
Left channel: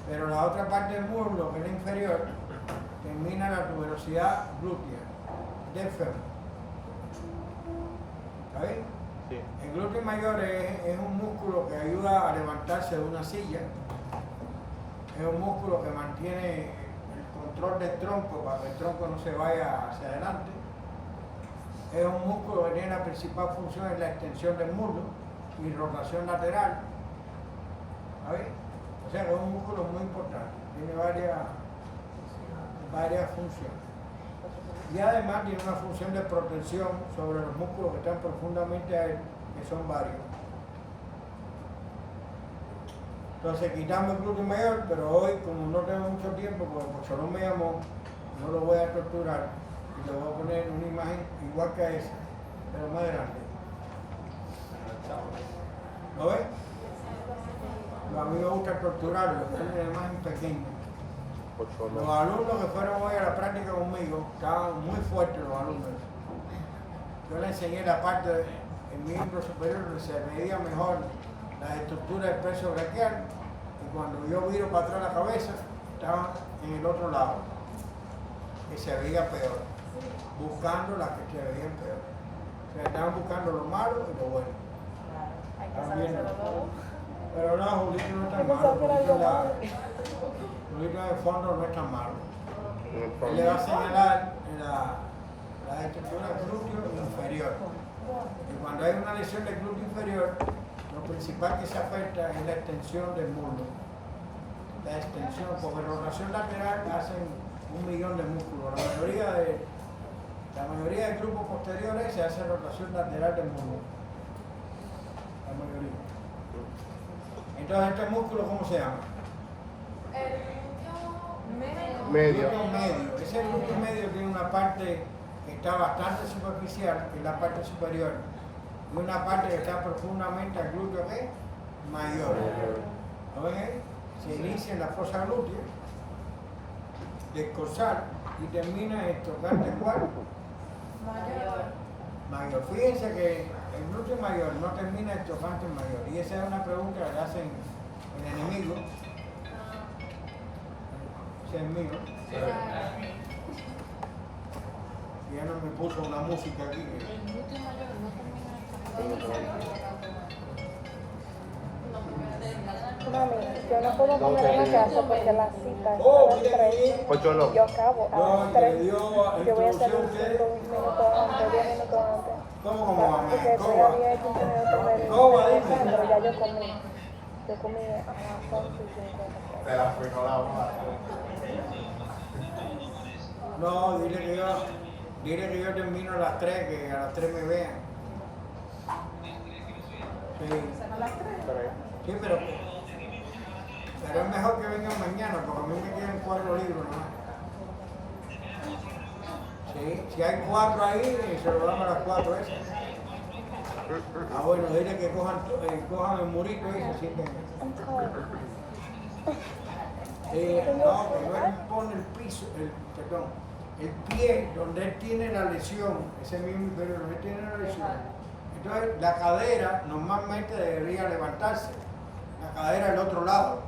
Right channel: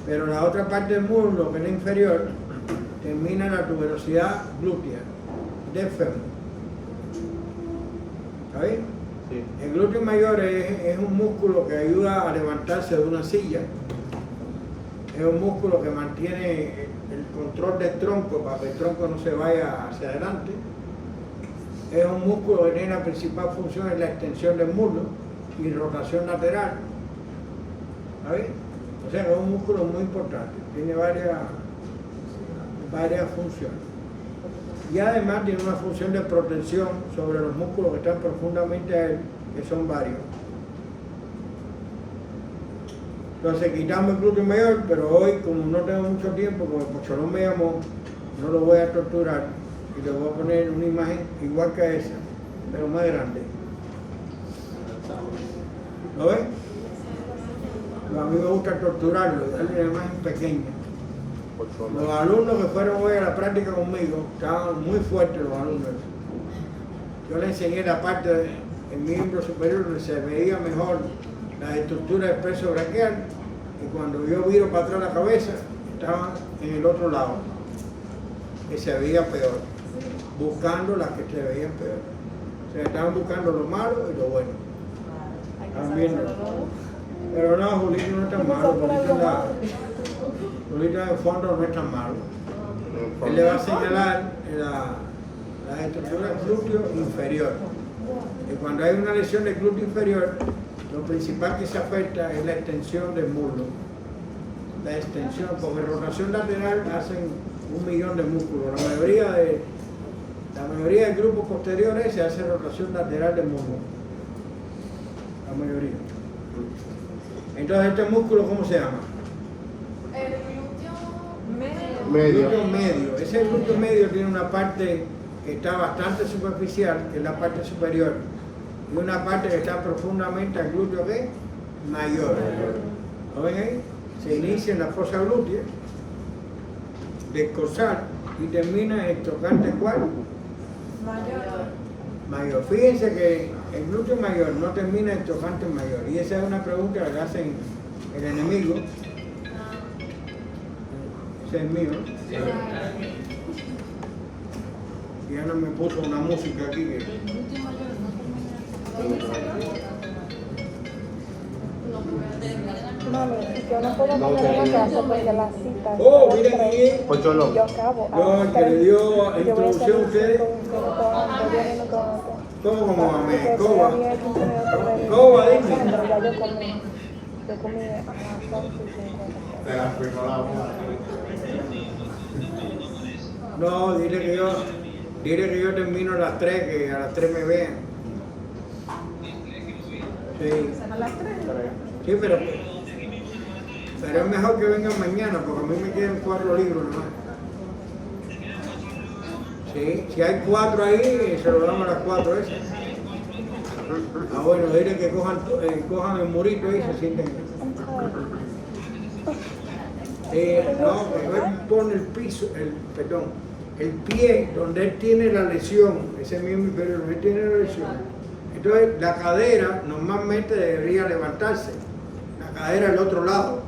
Pero la otra parte del muslo, que es la inferior, termina en la tuberosidad glútea del fémur. ¿Está bien? Sí. El glúteo mayor es un músculo que ayuda a levantarse de una silla. Es un músculo que mantiene el control del tronco para que el tronco no se vaya hacia adelante. Es un músculo que tiene la principal función en la extensión del muslo y rotación lateral. ¿Está bien? O sea, es un músculo muy importante. Tiene varias funciones. Y además tiene una función de protección sobre los músculos que están profundamente a él, que son varios. Entonces quitamos el glúteo mayor, pero hoy, como no tengo mucho tiempo, porque el Pocholón me llamó, no lo voy a torturar y le voy a poner una imagen igual que esa, pero más grande. ¿Lo ven? A mí me gusta torturarlo y darle una imagen pequeña. Los alumnos que fueron hoy a la práctica conmigo estaban muy fuertes, los alumnos. Yo les enseñé la parte del miembro superior donde se veía mejor la estructura del peso braquial, y cuando yo viro para atrás la cabeza, estaban en el otro lado, que se veía peor, buscando las que se veían peor. O sea, estaban buscando lo malo y lo bueno. Estaban viendo. Pero no, Julito no es tan malo, Julito en el fondo no es tan malo. Él le va a señalar la estructura del glúteo inferior. Y cuando hay una lesión del glúteo inferior, lo principal que se afecta es la extensión del muslo. La extensión, porque rotación lateral hacen 1.000.000 de músculos. La mayoría del grupo posterior se hace rotación lateral del muslo. La mayoría. Entonces, ¿este músculo cómo se llama? El glúteo Medio. Glúteo medio. Ese glúteo medio tiene una parte que está bastante superficial, que es la parte superior, y una parte que está profundamente al glúteo ¿qué? Mayor. ¿Lo ven ahí? Se inicia en la fosa glútea, descorsal, y termina en el tocante ¿cuál? Mayor. Fíjense que el glúteo mayor no termina en tocante mayor, y esa es una pregunta que le hacen el enemigo. Ese es mío, ¿no? Ya no me puso una música aquí que... Oh, miren aquí. Ocho no. No, que le dio introducción a ustedes. ¿Cómo Mohamed? Coba. Coba, dime. No, dile que yo termino a las 3, que a las 3 me vean. Sí. Sí, pero es mejor que vengan mañana, porque a mí me quedan 4 libros nomás. Sí, si hay 4 ahí, se lo damos a las 4 esas. Ah, bueno, dile que cojan el murito ahí y se sienten. No, cuando él pone el pie donde él tiene la lesión, ese mismo inferior, donde él tiene la lesión. Entonces la cadera normalmente debería levantarse, la cadera al otro lado,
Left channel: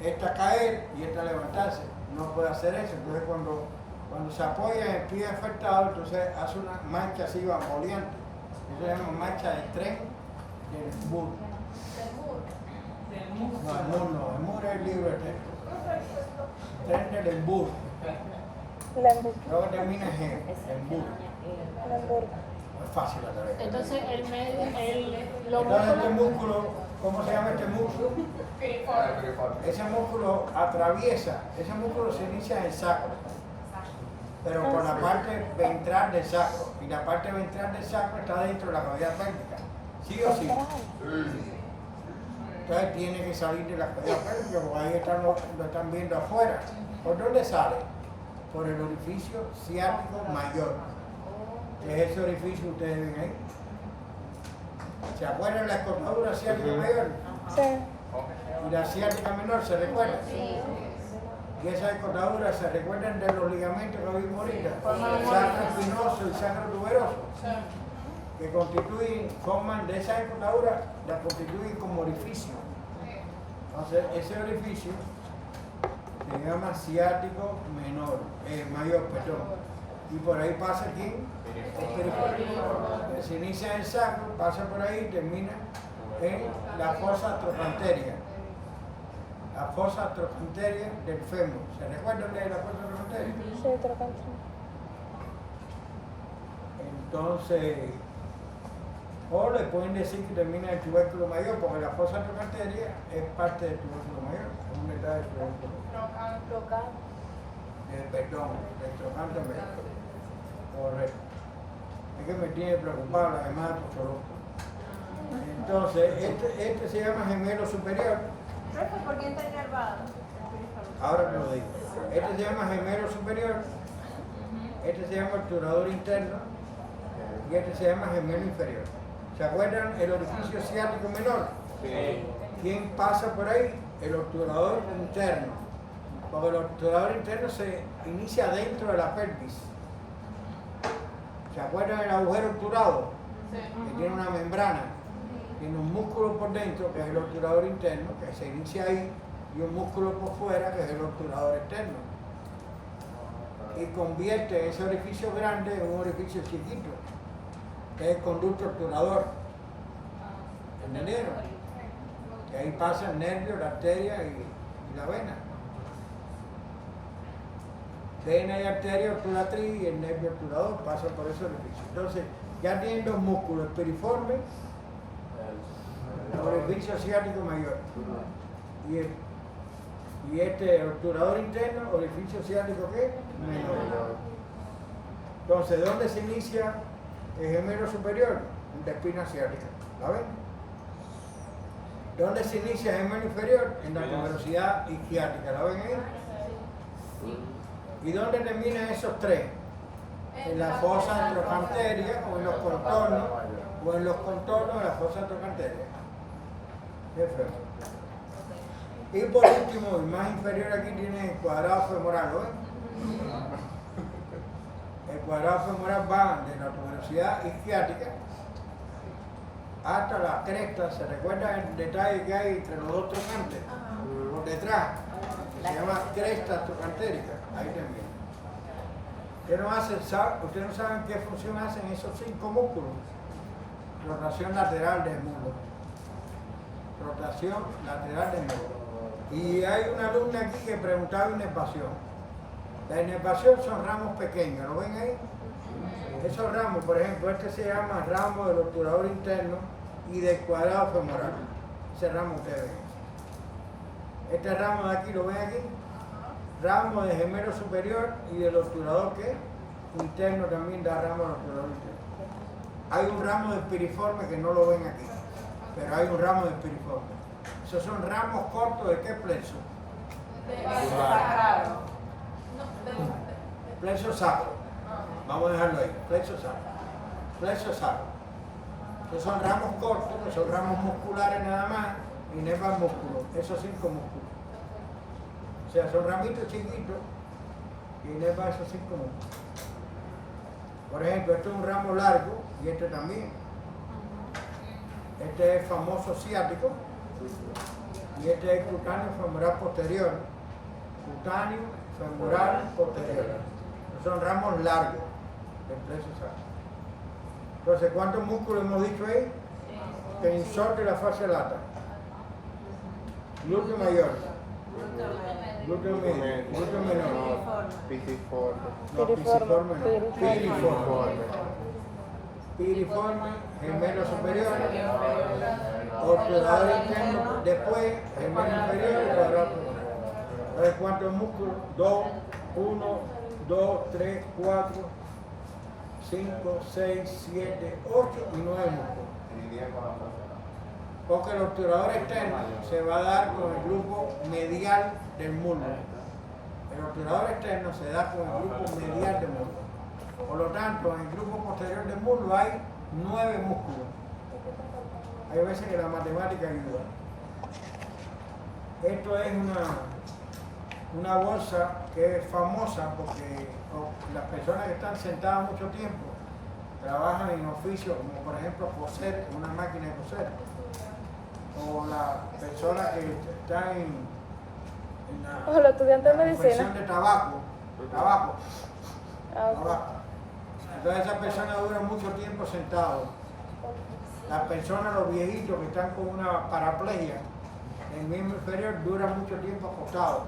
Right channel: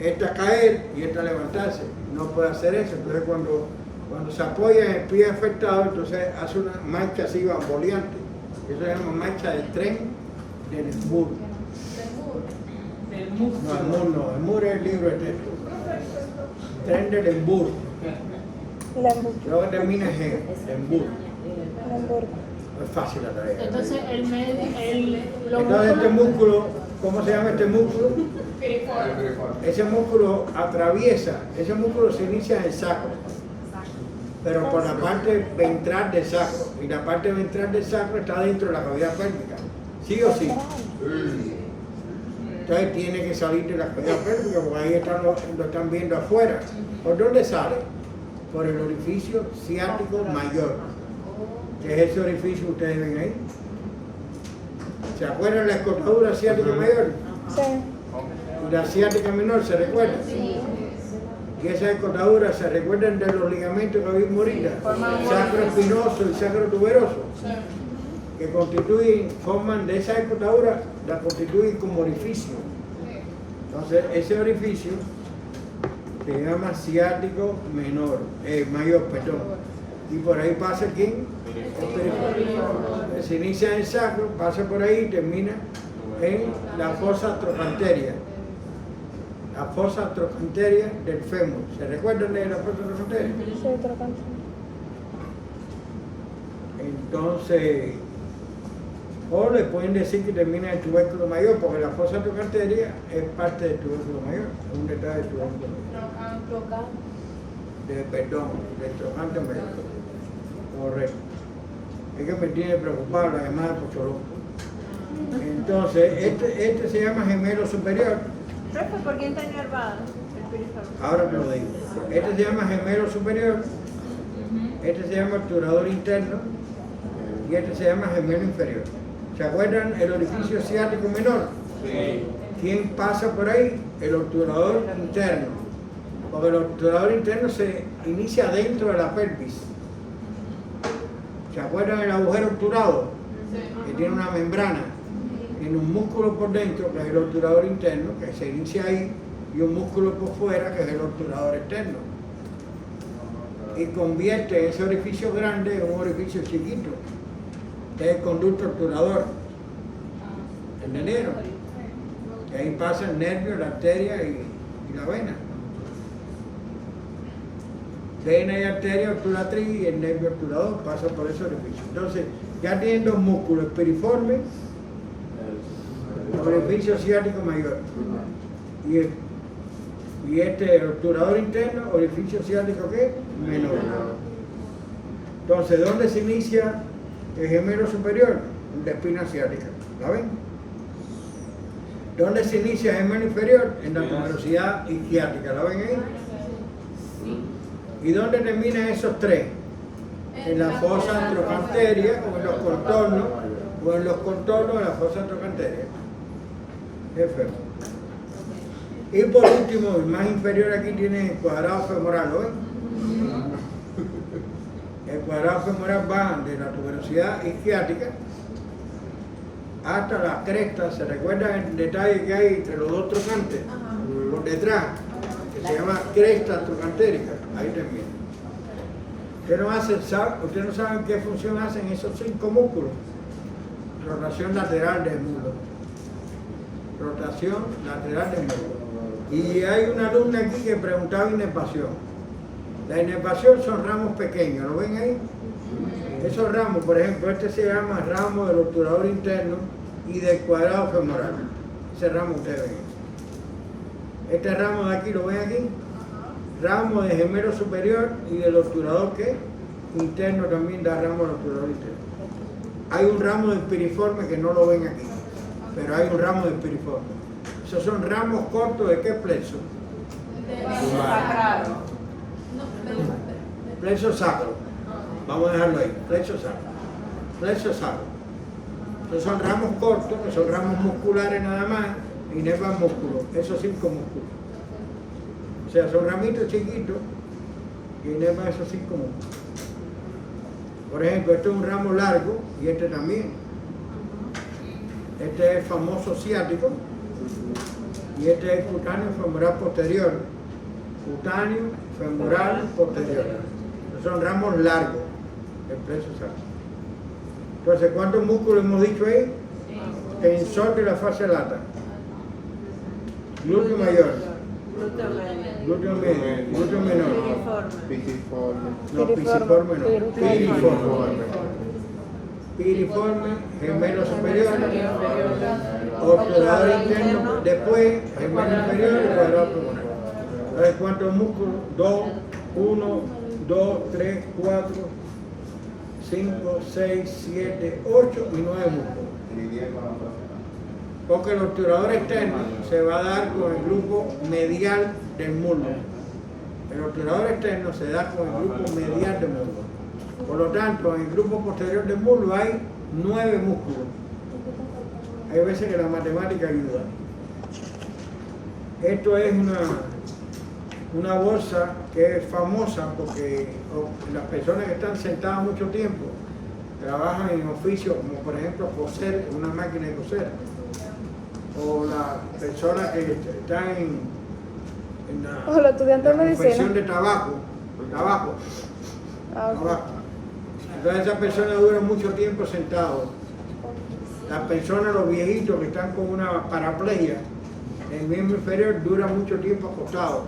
esta caer y esta levantarse. No puede hacer eso. Entonces cuando se apoya en el pie afectado, entonces hace una marcha así bamboleante. Eso se llama marcha del tren del muro. No, el muro es el libro de texto. Tren del embur. Luego termina en G, el embur. No es fácil la tarea. Entonces, Entonces este músculo, ¿cómo se llama este músculo? Ese músculo ese músculo se inicia en el sacro, pero por la parte ventral del sacro, y la parte ventral del sacro está dentro de la cavidad pélvica, ¿sí o sí? Entonces tiene que salir de la cavidad pélvica, porque ahí lo están viendo afuera. ¿Por dónde sale? Por el orificio ciático mayor, que es ese orificio que ustedes ven ahí. ¿Se acuerdan de la escotadura ciática mayor? Sí. Y la ciática menor, ¿se recuerdan? Sí. Y esas escotaduras se recuerdan de los ligamentos que vimos ahorita, sacro espinoso y sacro tuberoso, que forman de esas escotaduras, la constituyen como orificio. Entonces, ese orificio se llama ciático mayor, perdón. Y por ahí pasa ¿quién? El periférico. Se inicia en el sacro, pasa por ahí y termina en la fosa trocanteria. La fosa trocanteria del fémur. ¿Se recuerdan de la fosa trocanteria? Sí, trocante. Entonces, o le pueden decir que termina en el tubérculo mayor, porque la fosa trocanteria es parte del tubérculo mayor, es un detalle del tubérculo mayor. Del trocante mayor. Correcto. Es que me tiene preocupado la demás Pocholón. Entonces, este se llama gemelo superior. Profe, ¿por qué está enervado el periférico? Ahora te lo digo. Este se llama gemelo superior, este se llama obturador interno y este se llama gemelo inferior. ¿Se acuerdan el orificio ciático menor? Sí. ¿Quién pasa por ahí? El obturador interno. Porque el obturador interno se inicia dentro de la pelvis. ¿Se acuerdan del agujero obturado? Que tiene una membrana, tiene un músculo por dentro, que es el obturador interno, que se inicia ahí, y un músculo por fuera, que es el obturador externo. Y convierte ese orificio grande en un orificio chiquito, que es el conducto obturador, el nenero. Y ahí pasa el nervio, la arteria y la vena. Vena y arteria obturatriz y el nervio obturador pasa por ese orificio. Entonces, ya tienen dos músculos, el piriforme, el orificio ciático mayor. Y este obturador interno, orificio ciático ¿qué? Menor. Entonces, ¿dónde se inicia el gemelo superior? En la espina ciática. ¿La ven? ¿Dónde se inicia el gemelo inferior? En la tuberosidad isquiática. ¿Lo ven ahí? ¿Y dónde terminan esos tres? En la fosa antrocanteria o en los contornos, de la fosa antrocanteria. F. Y por último, el más inferior aquí tiene el cuadrado femoral, ¿lo ven? El cuadrado femoral va de la tuberosidad isquiática hasta la cresta. ¿Se recuerda el detalle que hay entre los dos trocantes? Por detrás, que se llama cresta trocantérica. Ahí termina. ¿Ustedes no saben qué función hacen esos 5 músculos? Rotación lateral del muslo. Rotación lateral del muslo. Y hay una alumna aquí que preguntaba inervación. La inervación son ramos pequeños, ¿lo ven ahí? Esos ramos, por ejemplo, este se llama ramo del obturador interno y del cuadrado femoral. Ese ramo ustedes ven. Este ramo de aquí, ¿lo ven aquí? Ramo de gemelo superior y del obturador que interno también da ramo al obturador interno. Hay un ramo de piriforme que no lo ven aquí, pero hay un ramo de piriforme. Esos son ramos cortos de qué plexo? Sacrado. Plexo sacro. Vamos a dejarlo ahí. Plexo sacro. Plexo sacro. Esos son ramos cortos, que son ramos musculares nada más, y inervan músculos. Esos 5 músculos. O sea, son ramitos chiquitos y inervan esos 5 músculos. Por ejemplo, este es un ramo largo y este también. Este es famoso ciático y este es cutáneo femoral posterior. Cutáneo femoral posterior. Estos son ramos largos del plexo sacro. Entonces, ¿cuántos músculos hemos dicho ahí? Tensor de la fascia lata. Glúteo mayor. Glúteo medio. Glúteo menor. No, pisiforme no. Piriforme. Piriforme, gemelo superior, obturador interno, después gemelo inferior y cuadrado femoral. Entonces, ¿cuántos músculos? 2, 1, 2, 3, 4, 5, 6, 7, 8 y 9 músculos. Porque el obturador externo se va a dar con el grupo medial del muslo. El obturador externo se da con el grupo medial del muslo. Por lo tanto, en el grupo posterior del muslo hay 9 músculos. Hay veces que la matemática ayuda. Esto es una bolsa que es famosa porque las personas que están sentadas mucho tiempo trabajan en oficios como por ejemplo coser, una máquina de coser, o las personas que están en los estudiantes la de medicina. confección de tabaco. Entonces esas personas duran mucho tiempo sentados. Las personas, los viejitos que están con una paraplegia, el miembro inferior dura mucho tiempo acostados.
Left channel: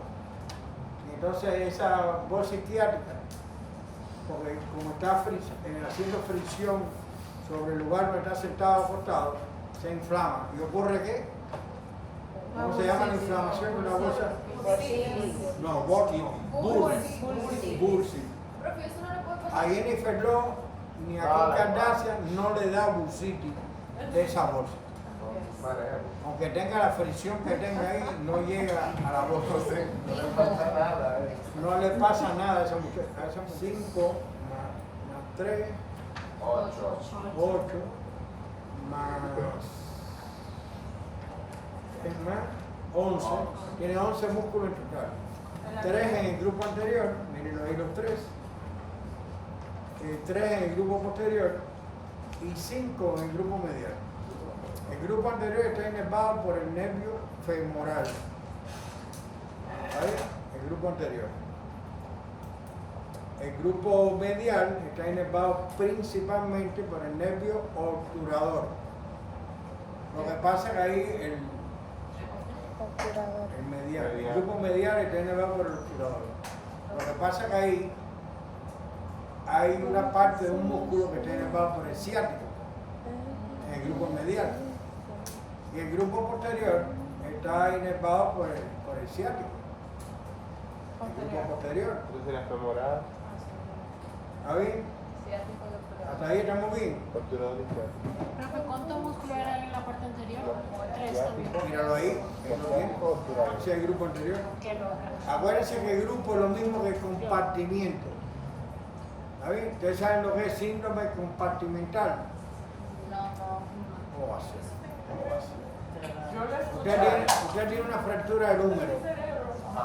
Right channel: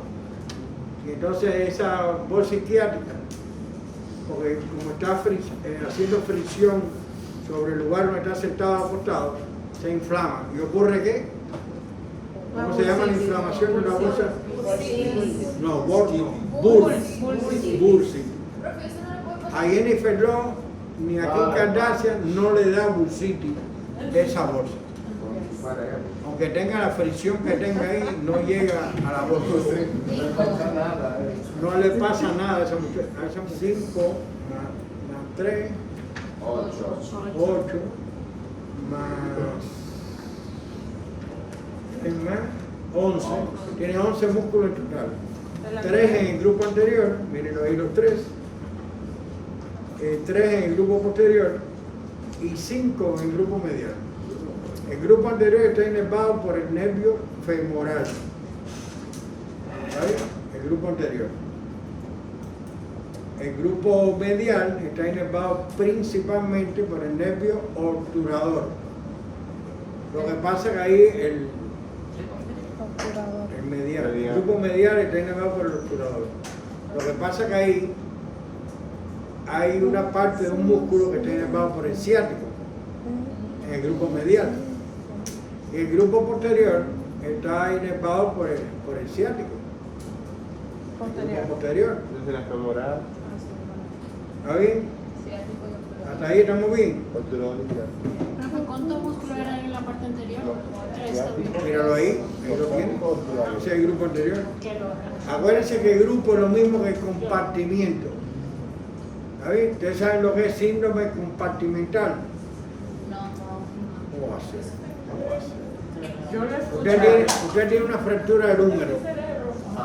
Y entonces esa bolsa isquiática, porque como está haciendo fricción sobre el lugar donde está sentado acostado, se inflama. ¿Y ocurre qué? ¿Cómo se llama la inflamación de la bolsa? No, bursi. A Jennifer Love ni a Kim Kardashian no le da bursitis de esa bolsa. Aunque tenga la fricción que tenga ahí, no llega a la bolsa. No le pasa nada a esa muchacha. A esa 5 más 3, 8 más 11. Tiene 11 músculos en total. 3 en el grupo anterior, miren ahí los 3. 3 en el grupo posterior y 5 en el grupo medial. El grupo anterior está inervado por el nervio femoral. ¿Vale? El grupo anterior. El grupo medial está inervado principalmente por el nervio obturador. Lo que pasa es que ahí el grupo medial está inervado por el obturador. Lo que pasa es que ahí hay una parte de un músculo que está inervado por el ciático, en el grupo medial. Y el grupo posterior está inervado por el ciático. El grupo posterior. ¿Está bien? ¿Hasta ahí estamos bien? ¿Cuántos músculos eran en la parte anterior? 3. Míralo ahí lo tienen. Ese es el grupo anterior. Acuérdense que el grupo es lo mismo que compartimiento. ¿Sabes? Ustedes saben lo que es síndrome compartimental. ¿Cómo va a ser? ¿Cómo va a ser? Yo lo he escuchado. Usted tiene una fractura del húmero.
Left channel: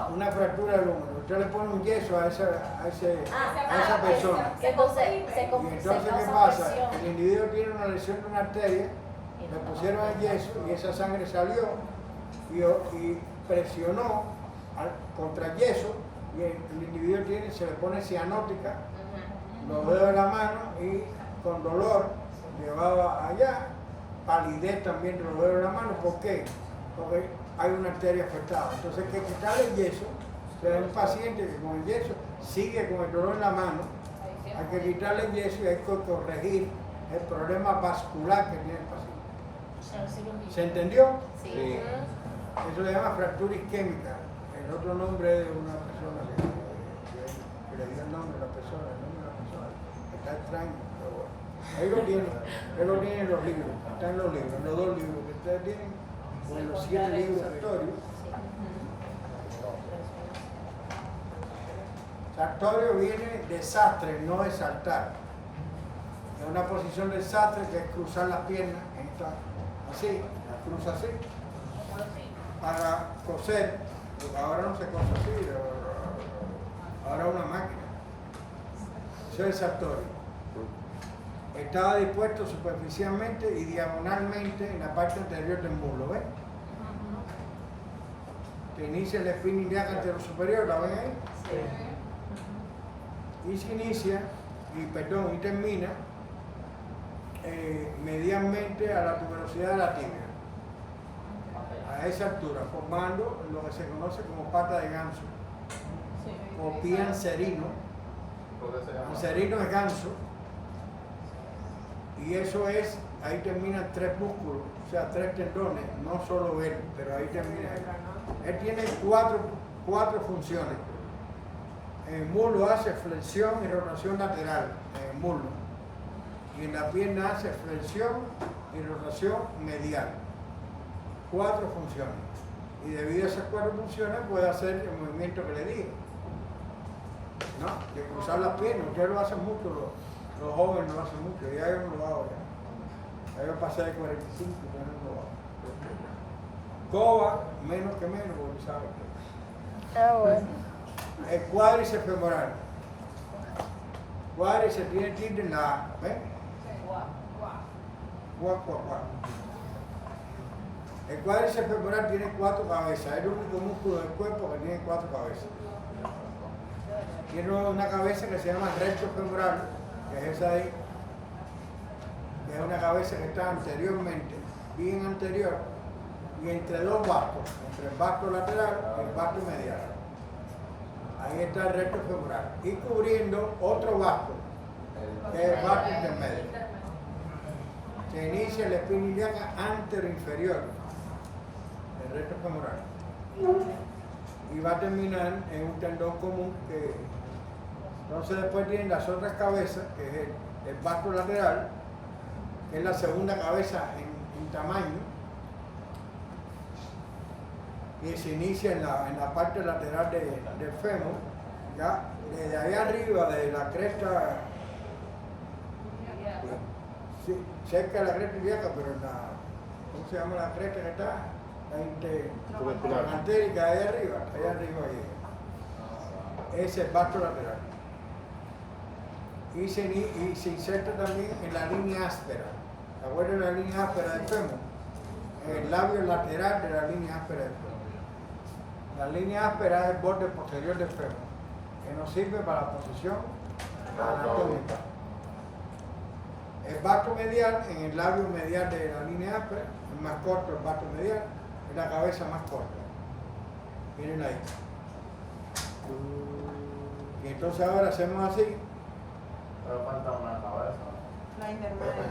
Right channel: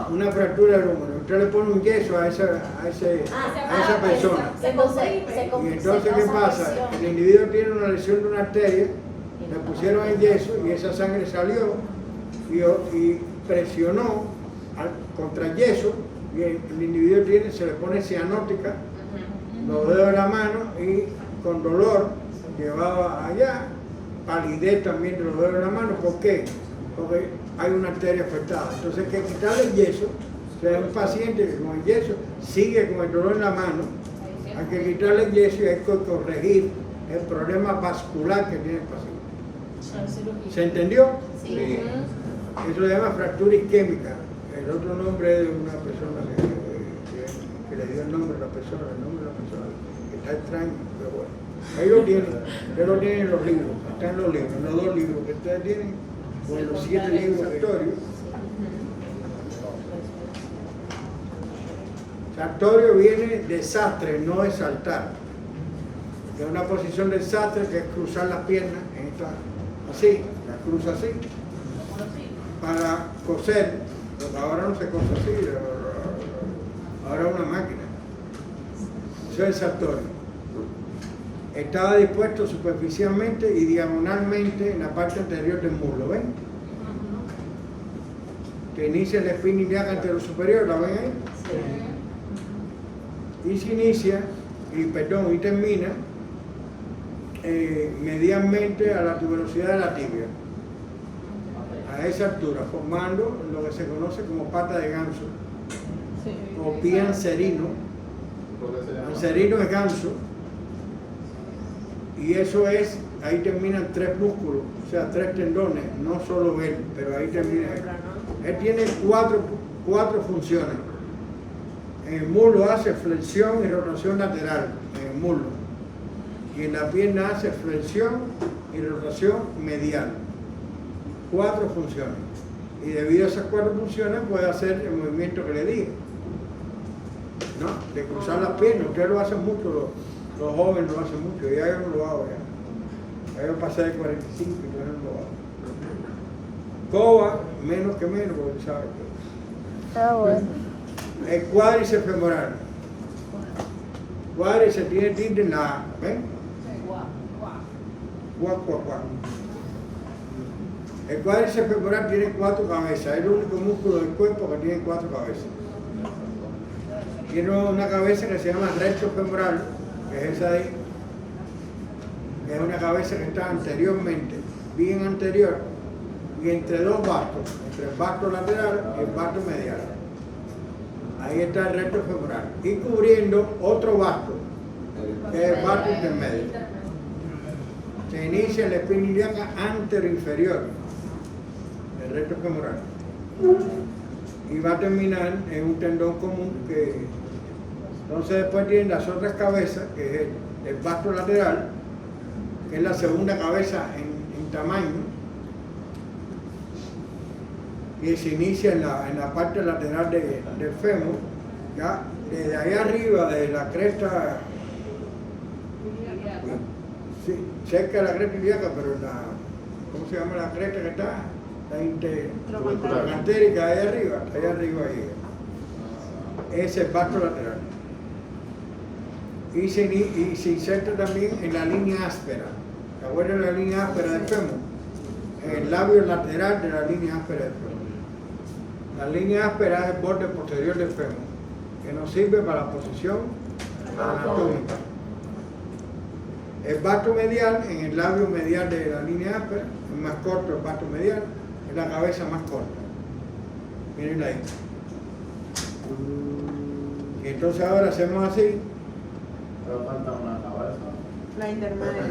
Una fractura del húmero. Usted le pone un yeso a esa persona. Y entonces, ¿qué pasa? El individuo tiene una lesión de una arteria, le pusieron el yeso y esa sangre salió y presionó contra el yeso y el individuo se le pone cianótica, los dedos de la mano y con dolor llevaba allá, palidez también de los dedos de la mano. ¿Por qué? Porque hay una arteria afectada. Entonces hay que quitarle el yeso. O sea, un paciente que con el yeso sigue con el dolor en la mano, hay que quitarle el yeso y hay que corregir el problema vascular que tiene el paciente. ¿Se entendió? Sí. Eso se llama fractura isquémica. El otro nombre es una persona que le dio el nombre a la persona, que está extraño, pero bueno. Ahí lo tienen en los libros, están en los libros, en los 2 libros que ustedes tienen, con los 7 libros de Sartorio. Sartorio viene de sastre, no de saltar. Que es una posición del sastre que es cruzar las piernas, así, las cruza así, para coser, porque ahora no se cose así, ahora es una máquina. Eso es Sartorio. Estaba dispuesto superficialmente y diagonalmente en la parte anterior del muslo, ¿ven? Que inicia la espina ilíaca anterior superior, ¿la ven ahí? Y se inicia, y termina medialmente a la tuberosidad de la tibia, a esa altura, formando lo que se conoce como pata de ganso, o pie anserino. Anserino es ganso. Y eso es, ahí terminan 3 músculos, o sea, 3 tendones, no solo él, pero ahí termina él. Él tiene 4 funciones. En el muslo hace flexión y rotación lateral, en el muslo. Y en la pierna hace flexión y rotación medial. 4 funciones. Y debido a esas 4 funciones puede hacer el movimiento que le dije, ¿no? De cruzar las piernas. Ustedes lo hacen mucho, los jóvenes lo hacen mucho, ya yo no lo hago ya. Ya yo pasé de 45 y yo no lo hago. Coba, menos que menos, porque sabe todo. Bueno. El cuádriceps femoral. Cuádriceps tiene tilde en la A, ¿ven? Cuá. El cuádriceps femoral tiene 4 cabezas, es el único músculo del cuerpo que tiene 4 cabezas. Tiene una cabeza que se llama recto femoral, que es esa de ahí, que es una cabeza que está anteriormente, bien anterior, y entre 2 bastos, entre el basto lateral y el basto medial. Ahí está el recto femoral. Y cubriendo otro basto, que es el basto intermedio. Se inicia en la espina ilíaca anteroinferior, el recto femoral. Y va a terminar en un tendón común que entonces después tienen las otras cabezas, que es el basto lateral, que es la segunda cabeza en tamaño, y se inicia en la parte lateral del fémur, ya desde ahí arriba, de la cresta, sí, cerca de la cresta ilíaca, pero ¿cómo se llama la cresta que está? La trocantérica, ahí arriba llega. Ese es el basto lateral. Y se inserta también en la línea áspera. ¿Se acuerdan de la línea áspera del fémur? En el labio lateral de la línea áspera del fémur. La línea áspera es el borde posterior del fémur, que nos sirve para la posición anatómica. El basto medial, en el labio medial de la línea áspera, es más corto el basto medial, es la cabeza más corta. Miren ahí. Y entonces ahora hacemos así. La intermedia.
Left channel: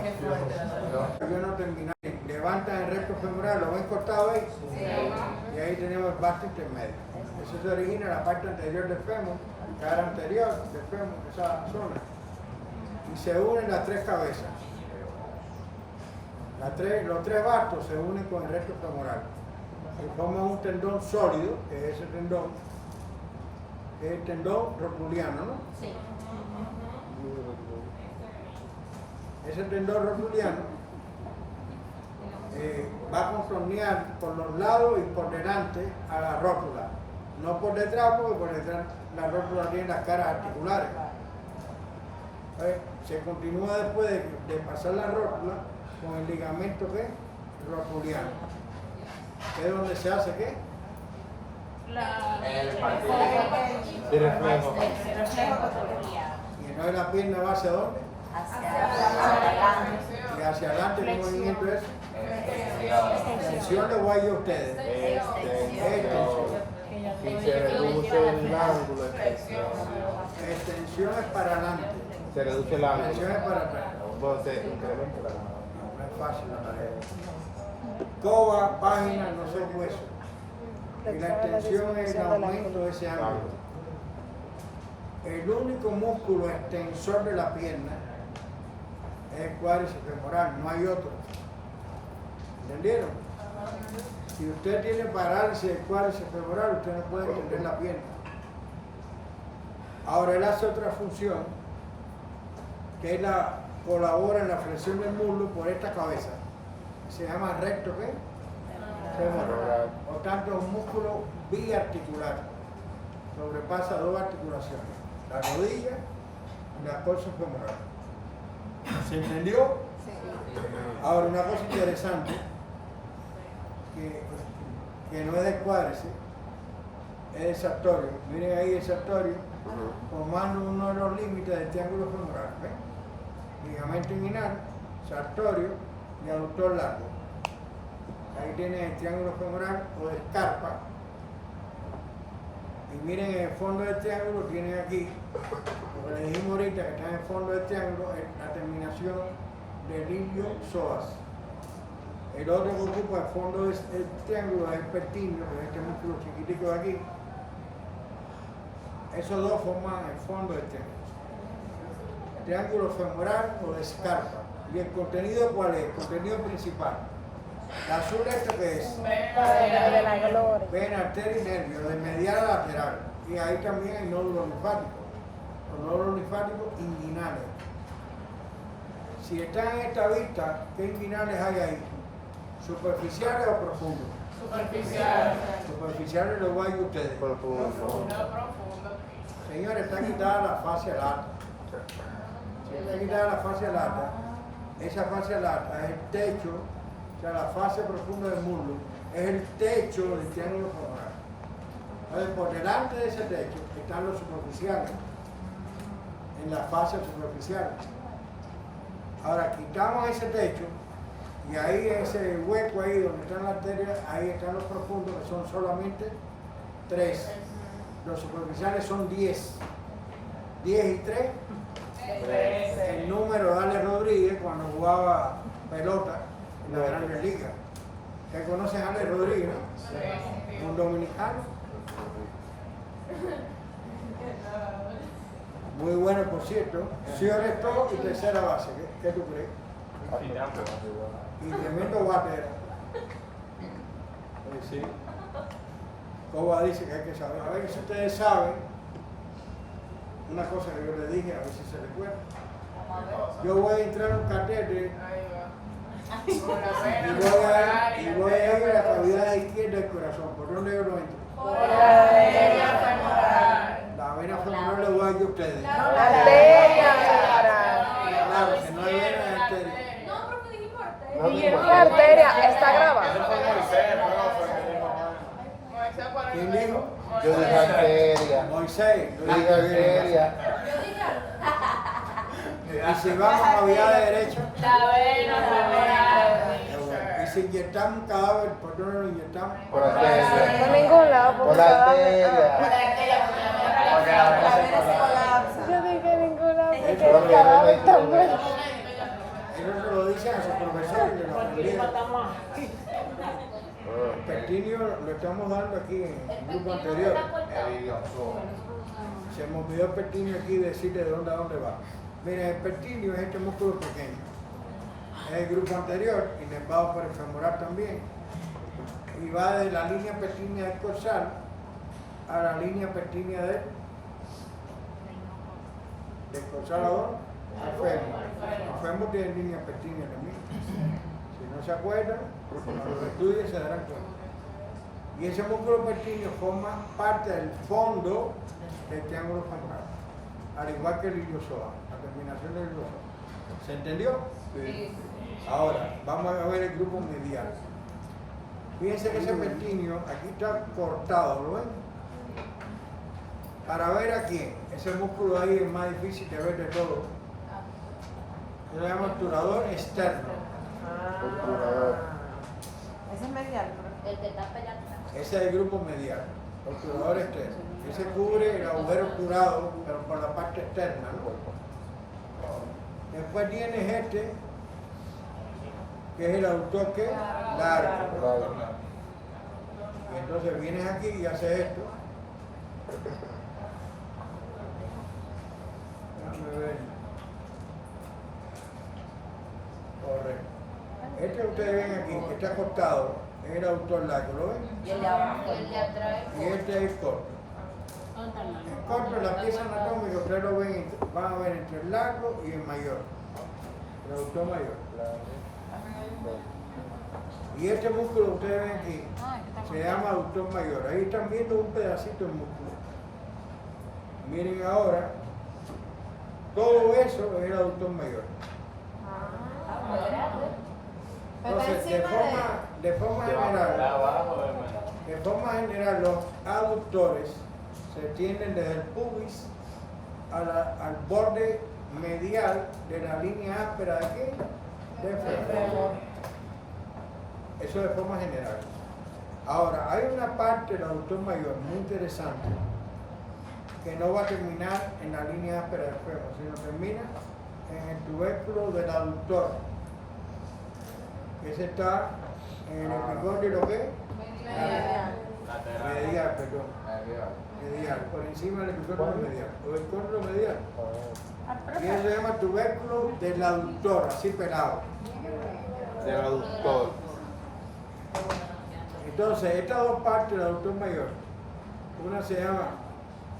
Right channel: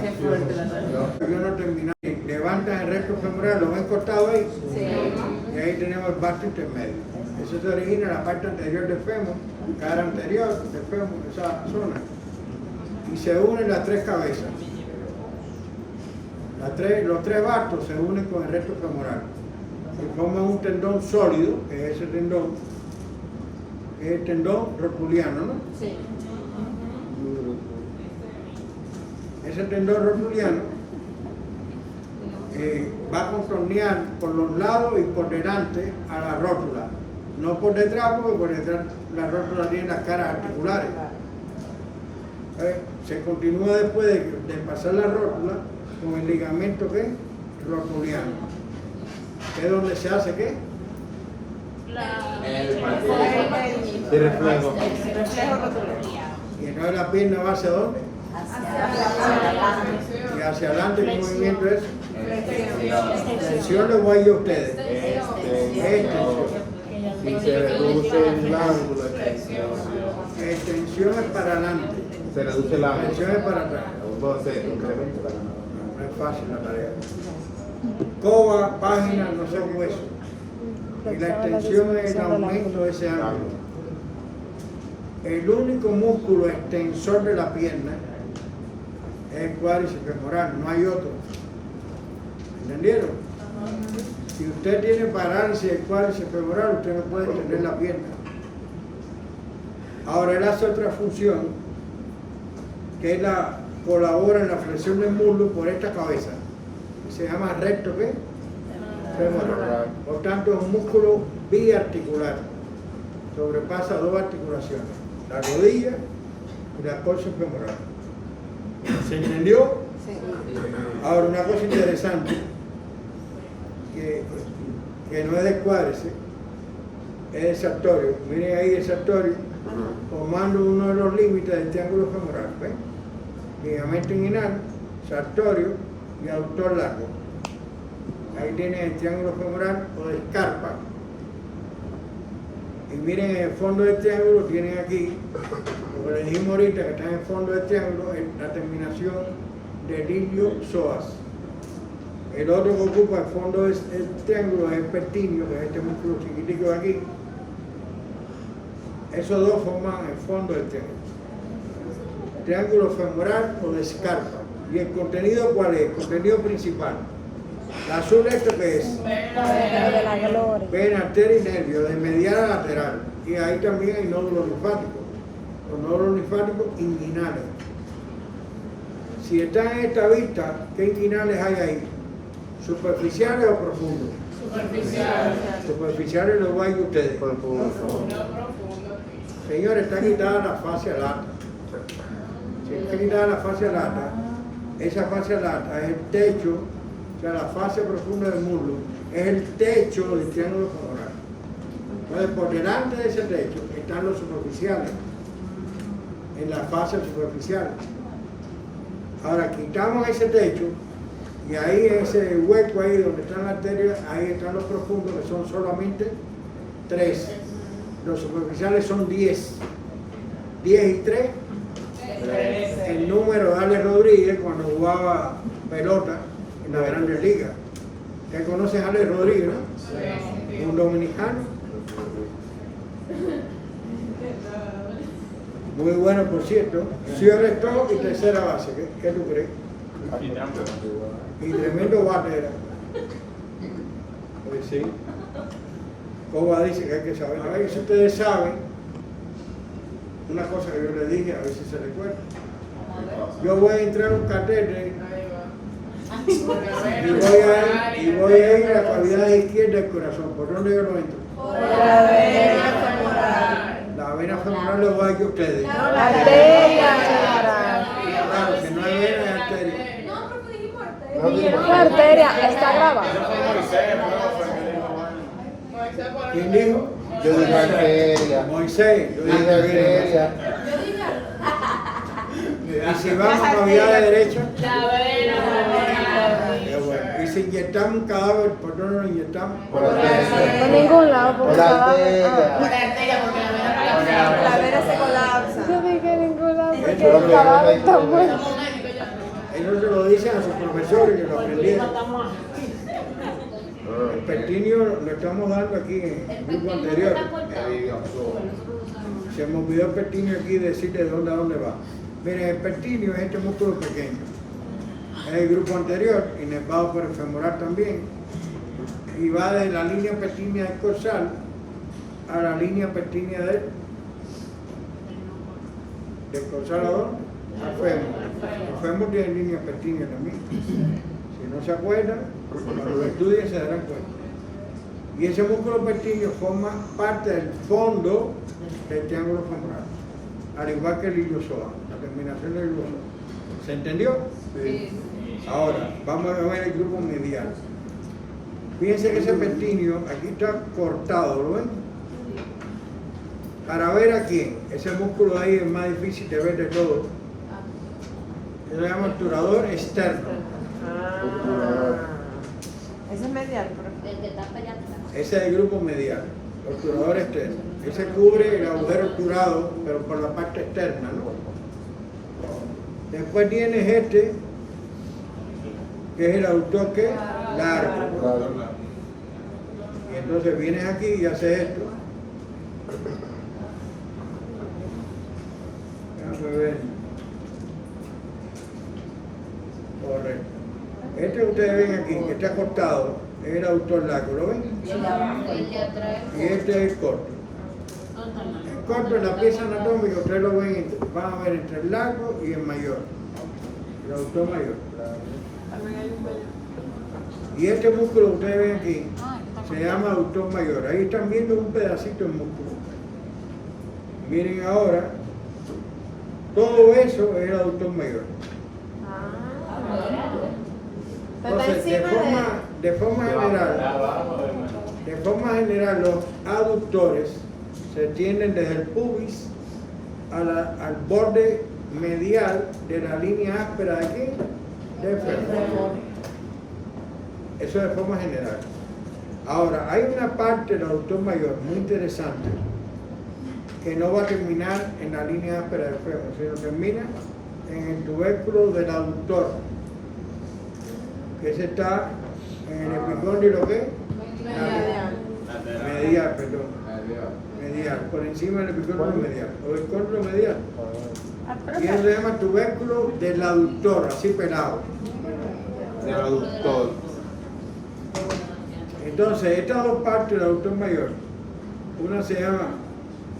Qué fuerte la salud. Yo no terminé. Levantan el recto femoral, lo ven cortado ahí. Sí. Y ahí tenemos el basto intermedio. Eso se origina en la parte anterior del fémur, cara anterior del fémur, esa zona. Y se unen las 3 cabezas. Los tres bastos se unen con el recto femoral y forman un tendón sólido, que es ese tendón, que es el tendón rotuliano, ¿no? Sí. Ese tendón rotuliano va a contornear por los lados y por delante a la rótula, no por detrás, porque por detrás la rótula tiene las caras articulares. Se continúa después de pasar la rótula con el ligamento ¿qué? Rotuliano, que es donde se hace ¿qué? El partido de reflejo. Y entonces la pierna va hacia dónde? Y hacia adelante, ¿qué movimiento es? Extensión le voy a ir a ustedes. Extensión. Y se reduce el ángulo. Extensión es para adelante. Se reduce el ángulo. Extensión es para atrás. Entonces, No es fácil la tarea. Coba, página, no son huesos. Y la extensión es el aumento de ese ángulo. El único músculo extensor de la pierna es el cuádriceps femoral, no hay otro. ¿Entendieron? Si usted tiene parálisis del cuádriceps femoral, usted no puede extender la pierna. Ahora él hace otra función, que es colabora en la flexión del muslo por esta cabeza, que se llama recto ¿qué? Femoral. Por tanto, es un músculo biarticular, sobrepasa dos articulaciones, la rodilla y la colcha femoral. ¿Se entendió? Ahora, una cosa interesante, que no es del cuádriceps, es el sartorio. Miren ahí el sartorio, formando uno de los límites del triángulo femoral. ¿Ven? Ligamento inguinal, sartorio y aductor largo. Ahí tienen el triángulo femoral o escarpa. Y miren en el fondo del triángulo, tienen aquí, lo que les dijimos ahorita, que está en el fondo del triángulo, es la terminación del ilio psoas. El otro que ocupa el fondo del triángulo es el pertinio, que es este músculo chiquitico de aquí. Esos dos forman el fondo del triángulo. Triángulo femoral o de escarpa. ¿Y el contenido cuál es? El contenido principal. La azul, ¿esto qué es? Vena, arteria y nervio, de medial a lateral. Y ahí también hay nódulos linfáticos. Los nódulos linfáticos inguinales. Si están en esta vista, ¿qué inguinales hay ahí? ¿Superficiales o profundos? Superficial. Superficiales los voy a ir a ustedes. profundo. Señores, está quitada la fascia lata. Si está quitada la fascia lata, esa fascia lata es el techo, o sea, la fascia profunda del muslo, es el techo del triángulo femoral. Entonces, por delante de ese techo están los superficiales, en la fascia superficial. Ahora, quitamos ese techo y ahí en ese hueco ahí donde están las arterias, ahí están los profundos, que son solamente 3. Los superficiales son 10. 10 y 3. El número de Ale Rodríguez cuando jugaba pelota en la Grandes Ligas. ¿Ustedes conocen a Ale Rodríguez, no? Sí. Un dominicano. Muy bueno, por cierto. Shortstop y tercera base. ¿Qué tú crees? Y tremendo bate era. Pues sí. Coba dice que hay que saber. A ver si ustedes saben una cosa que yo les dije, a ver si se recuerda. Yo voy a entrar a un catete y voy a ir a la cavidad izquierda del corazón. ¿Por dónde yo lo entro? Por la vena femoral. La vena femoral le voy a ir a ustedes. La arteria femoral. Claro, que no hay vena es arteria. No, profe, dijimos arteria. Una arteria está grabada. ¿Quién dijo? Yo dije arteria. Moisés. Yo dije arteria. Yo dije Y si vamos a cavidad de derecha, La vena femoral. qué bueno. Y si inyectamos un cadáver, ¿por dónde lo inyectamos? Por la Por arteria. ningún lado, por Por la favor. arteria. La vena se colapsa. Yo dije ningún lado. Eso porque es el cadáver está bueno. Ellos se lo dicen a sus profesores que lo aprendieron. El pertinio lo estamos dando aquí en el grupo anterior. Se me olvidó el pertinio aquí decirle de dónde a dónde va. Miren, el pertinio es este músculo pequeño. es el grupo anterior, inervado por el femoral también, y va de la línea pectínea del coxal a la línea pectínea del coxal al fémur. El fémur tiene línea pectínea también. Si no se acuerdan, cuando lo estudien se darán cuenta. Y ese músculo pectíneo forma parte del fondo del triángulo femoral, al igual que el iliosoa, la terminación del iliosoa. ¿Se entendió? Sí. Ahora, vamos a ver el grupo medial. Fíjense que ese pectíneo aquí está cortado, ¿lo ven? Para ver a quién, ese músculo ahí es más difícil de ver de todo. Se llama obturador externo. Ese es medial, El que está pegado. Ese es el grupo medial, obturador externo. Ese cubre el agujero obturado, pero por la parte externa, ¿no? Después tienes este, que es el aductor que largo. Y entonces vienes aquí y haces esto. Déjame ver. Correcto. Este que ustedes ven aquí, que está cortado, es el aductor largo, ¿lo ven? El de abajo, el de atrás. Y este es el corto. El corto en la pieza anatómica, ustedes lo ven, van a ver entre el largo y el mayor, el aductor mayor. Y este músculo que ustedes ven aquí se llama aductor mayor. Ahí están viendo un pedacito del músculo. Miren ahora, todo eso es el aductor mayor. Entonces, de forma general, los aductores se tienden desde el pubis al borde medial de la línea áspera de aquí, del fémur. Eso de forma general. Ahora, hay una parte del aductor mayor muy interesante que no va a terminar en la línea áspera del fémur, sino termina en el tubérculo del aductor, que ese está en el epicóndilo ¿qué? Medial, perdón. Medial, por encima del epicóndilo medial, o el cóndilo medial. Y eso se llama tubérculo del aductor, así pelado. El aductor. Entonces, estas dos partes del aductor mayor,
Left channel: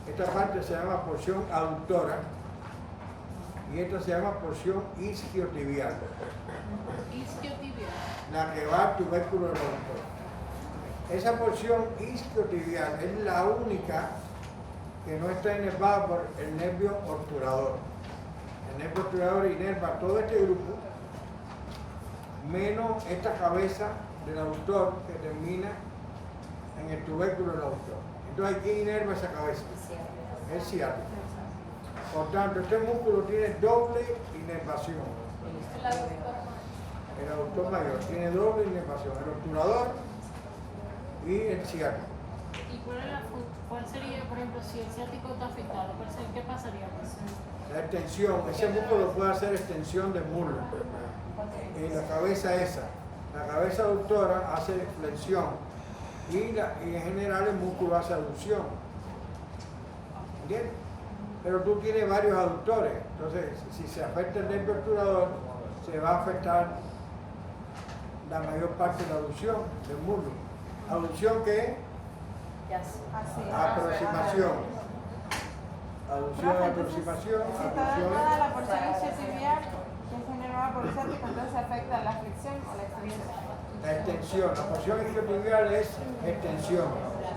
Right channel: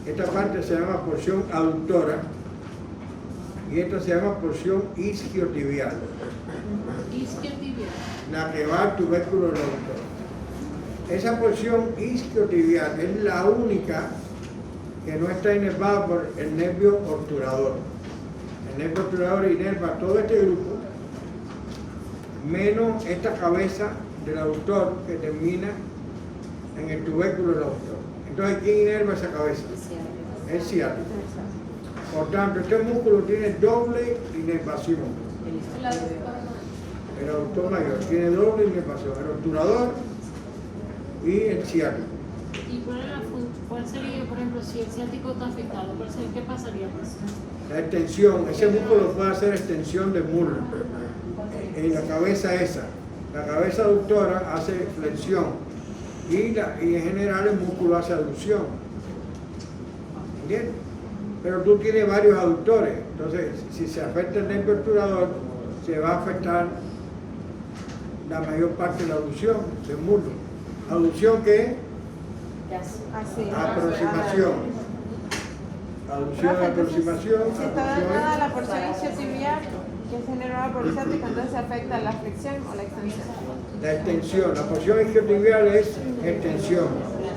esta parte se llama porción aductora y esta se llama porción isquiotibial, la que va al tubérculo del aductor. Esa porción isquiotibial es la única que no está inervada por el nervio obturador. El nervio obturador inerva todo este grupo, menos esta cabeza del aductor que termina en el tubérculo del aductor. Entonces, ¿quién inerva esa cabeza? El ciático. Por tanto, este músculo tiene doble inervación. El aductor mayor tiene doble inervación, el obturador y el ciático. ¿Y cuál sería, por ejemplo, si el ciático está afectado? ¿Qué pasaría? La extensión, ese músculo puede hacer extensión del muslo. En la cabeza esa. La cabeza aductora hace flexión y en general el músculo hace aducción. ¿Entiendes? Pero tú tienes varios aductores, entonces si se afecta el nervio obturador, se va a afectar la mayor parte de la aducción del muslo. ¿Aducción qué es? Aproximación. Aducción, aproximación, Si está aducción. dañada la porción isquiotibial, que es generada por el ciático, entonces se afecta la flexión o la extensión. La extensión, la porción isquiotibial es extensión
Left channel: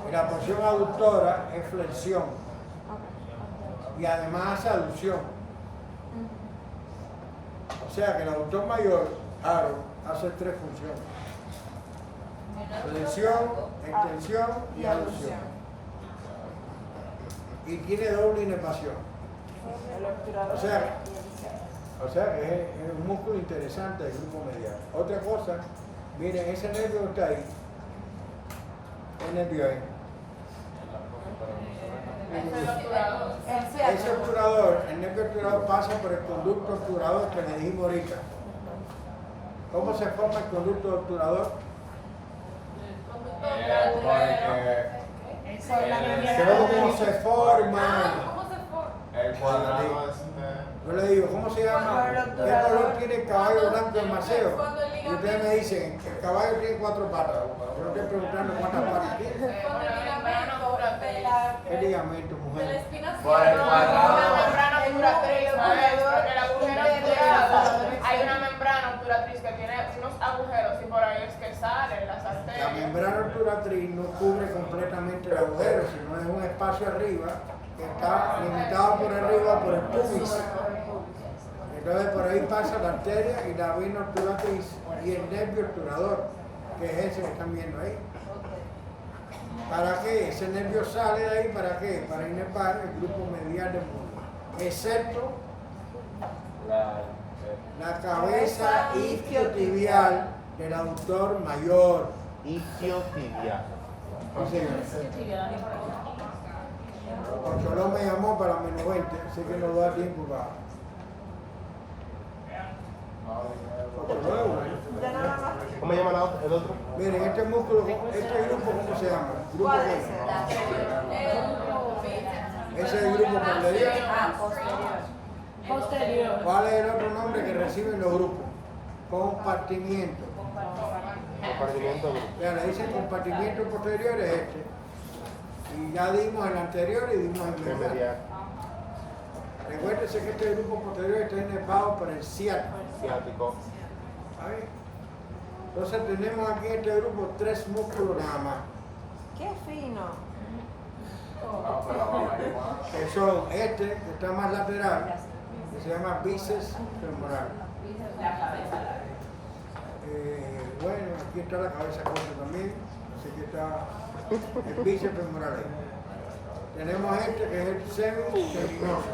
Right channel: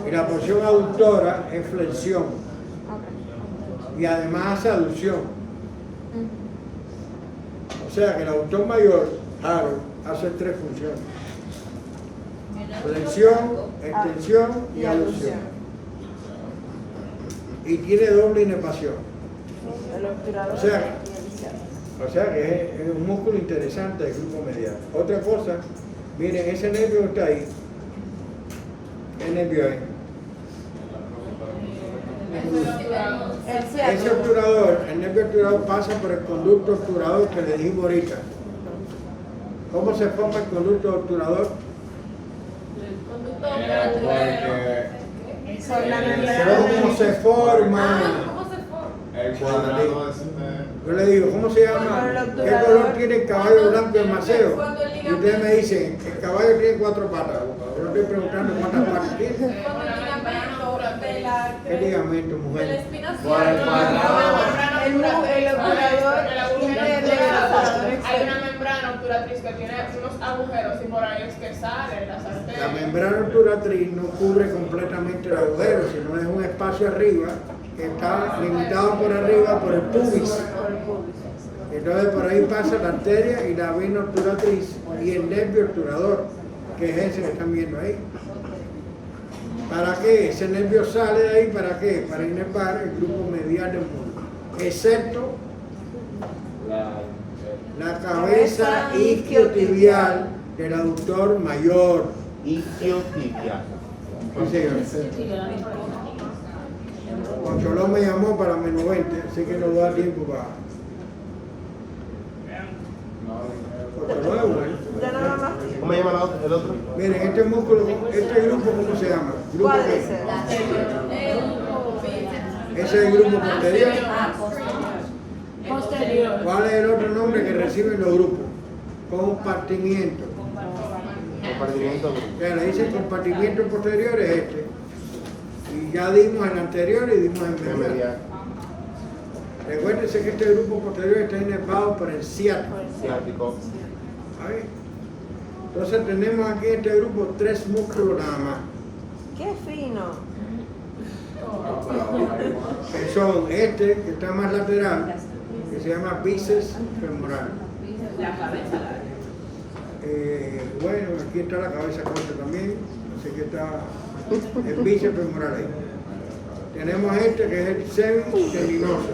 y la porción aductora es flexión y además hace aducción. O sea que el aductor mayor, hace tres funciones: flexión, extensión y aducción. Y tiene doble inervación. O sea que es un músculo interesante del grupo medial. Otra cosa, miren, ese nervio que está ahí, ¿qué nervio es? Ese obturador, el nervio obturador pasa por el conducto obturador que le dijimos ahorita. ¿Cómo se forma el conducto obturador? ¿Cómo se forma? El cuadrado es Yo le digo, ¿cómo se llama? ¿Qué color tiene el caballo blanco del maceo? Y ustedes me dicen, el caballo tiene 4 patas. Yo no estoy preguntando cuántas patas tiene. Cuando el ligamento de la ¿Qué ligamento, de la mujer? espina Hay una membrana obturatriz que tiene unos agujeros y por ahí es que salen las La arterias. membrana obturatriz no cubre completamente el agujero, sino es un espacio arriba que está limitado por arriba por el pubis. Entonces por ahí pasa la arteria y la vena obturatriz y el nervio obturador, que es ese que están viendo ahí. ¿Para qué? Ese nervio sale de ahí, ¿para qué? Para inervar el grupo medial del muslo, excepto la cabeza isquiotibial del aductor mayor. Isquiotibia. Sí, señor. Controlón me llamó para menos 20, así que nos da tiempo para. Controlón es igual. Ya nada más. ¿Cómo se llama el otro? Miren, este músculo, este grupo, ¿cómo se llama? ¿Grupo ¿Cuál qué? es ese? Ese es el grupo posterior. Posterior. ¿Cuál es el otro nombre que reciben los grupos? Compartimiento. Compartimiento. Ya le dicen compartimiento posterior es este. Y ya dimos el anterior y dimos el medial. Medial. Recuérdense que este grupo posterior está inervado por el ciático. Ciático. ¿Sabe? Entonces tenemos aquí en este grupo 3 músculos nada más, Qué fino. que son este, que está más lateral, que se llama bíceps femoral. La cabeza. Bueno, aquí está la cabeza corta también, así que está el bíceps femoral ahí. Tenemos este que es el semitendinoso.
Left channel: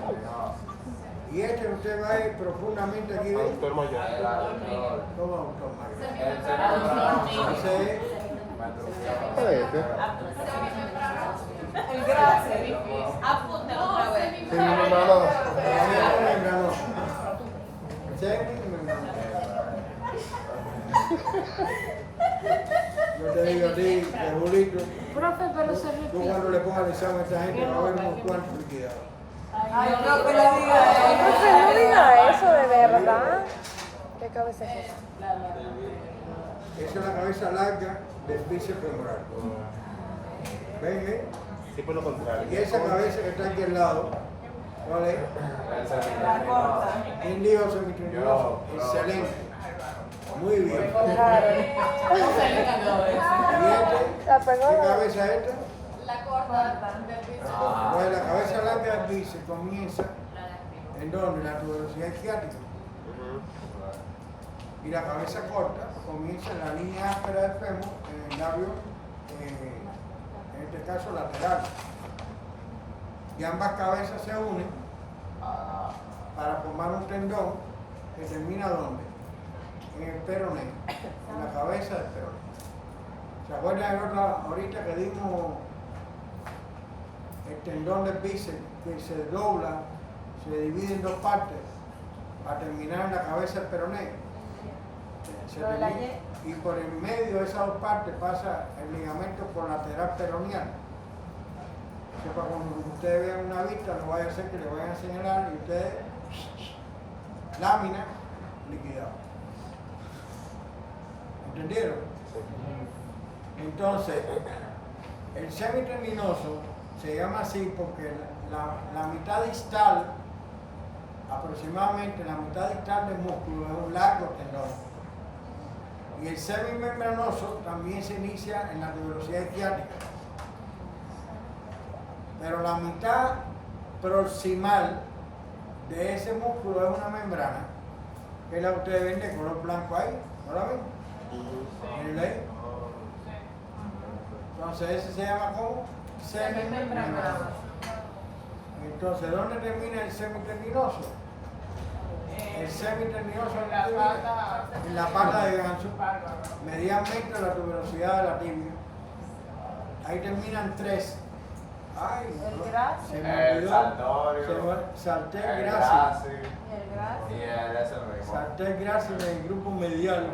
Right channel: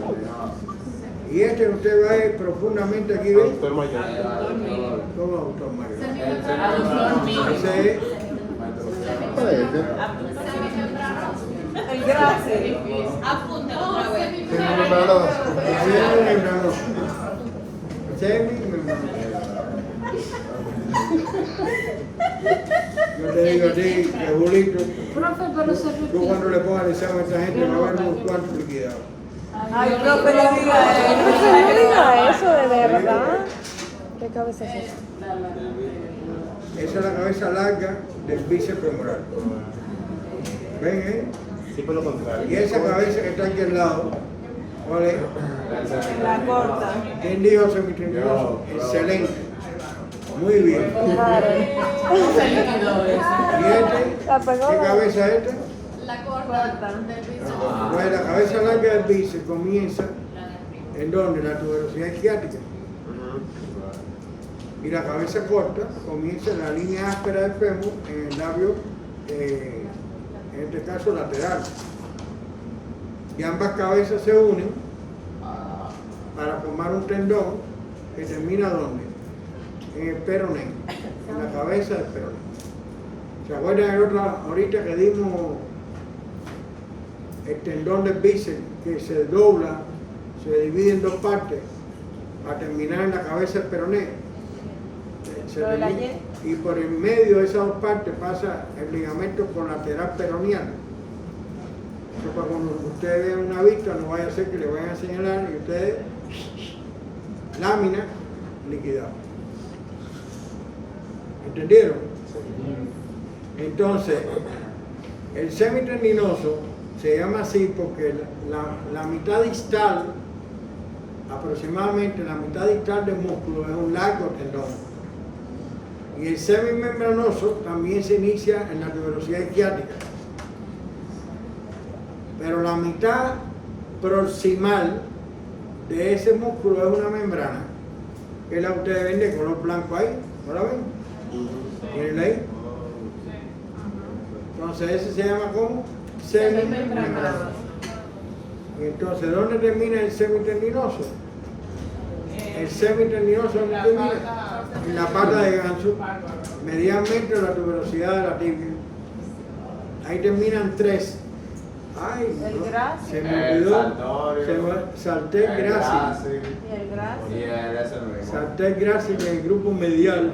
Y este que usted va a ir profundamente aquí, ¿ven? Doctor mayor. ¿Cómo autor mayor? Aductor mínimo. Ese es El gracias. Apúntalo otra vez. semimembranoso. Semimembranoso. Yo te digo a ti, que Julito, Profe, pero se tú repite. cuando le pongas el examen a esta gente va a haber unos cuantos liquidados. Ay, profe, le diga. No diga eso de verdad. ¿Qué cabeza es esa? Esa es la cabeza larga del bíceps femoral. ¿Ven, Sí, pero contrario. Y esa cabeza que está aquí al lado, ¿cuál es? La corta. ¿Quién dijo semitendinoso? Excelente. Muy bien. Se liquidó eso. ¿Y este? ¿Qué cabeza es este? La corta del bíceps. Pues la cabeza larga del bíceps comienza en donde la tuberosidad isquiática. Y la cabeza corta comienza en la línea áspera del fémur, en el labio, en este caso lateral. Y ambas cabezas se unen para formar un tendón que termina ¿dónde? En el peroné, en la cabeza del peroné. ¿Se acuerdan de otra ahorita que dimos el tendón del bíceps que se dobla, se divide en 2 partes para terminar en la cabeza del peroné? Y por el medio de esas 2 partes pasa el ligamento colateral peroneal. Eso para cuando ustedes vean una vista, no vaya a ser que le vayan a señalar y ustedes, lámina liquidada. ¿Entendieron? Entonces, el semitendinoso se llama así porque la mitad distal, aproximadamente la mitad distal del músculo es un largo tendón. Y el semimembranoso también se inicia en la tuberosidad isquiática. Pero la mitad proximal de ese músculo es una membrana, que la ustedes ven de color blanco ahí. ¿No la ven? ¿Miren ahí? Entonces ese se llama ¿cómo? Semimembranoso. Y entonces, ¿dónde termina el semitendinoso? El semitendinoso ¿dónde termina? En la pata de ganso, medianmente la tuberosidad de la tibia. Ahí terminan 3. Ay, El no, gracias. se me olvidó. Salté el gracias. Y el gracias. Salté el gracias del grupo medial.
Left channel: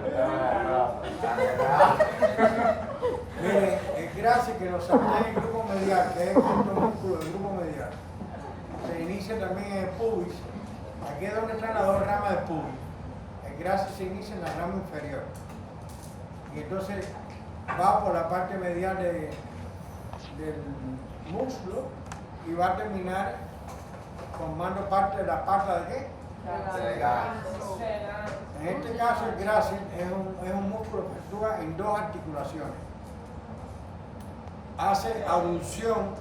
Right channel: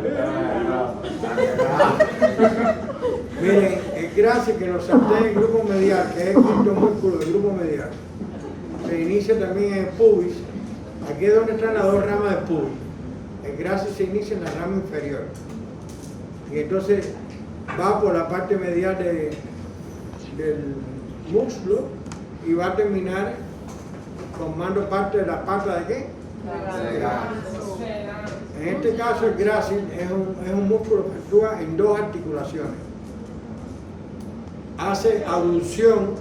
Miren, el gracias que lo salté en el grupo medial, que es el quinto músculo del grupo medial, se inicia también en el pubis, Aquí es donde están las dos ramas de pubis. El graso se inicia en la rama inferior. Y entonces va por la parte medial del muslo y va a terminar formando parte de la pata de qué? En este caso el grácil es un músculo que actúa en dos articulaciones. Hace abducción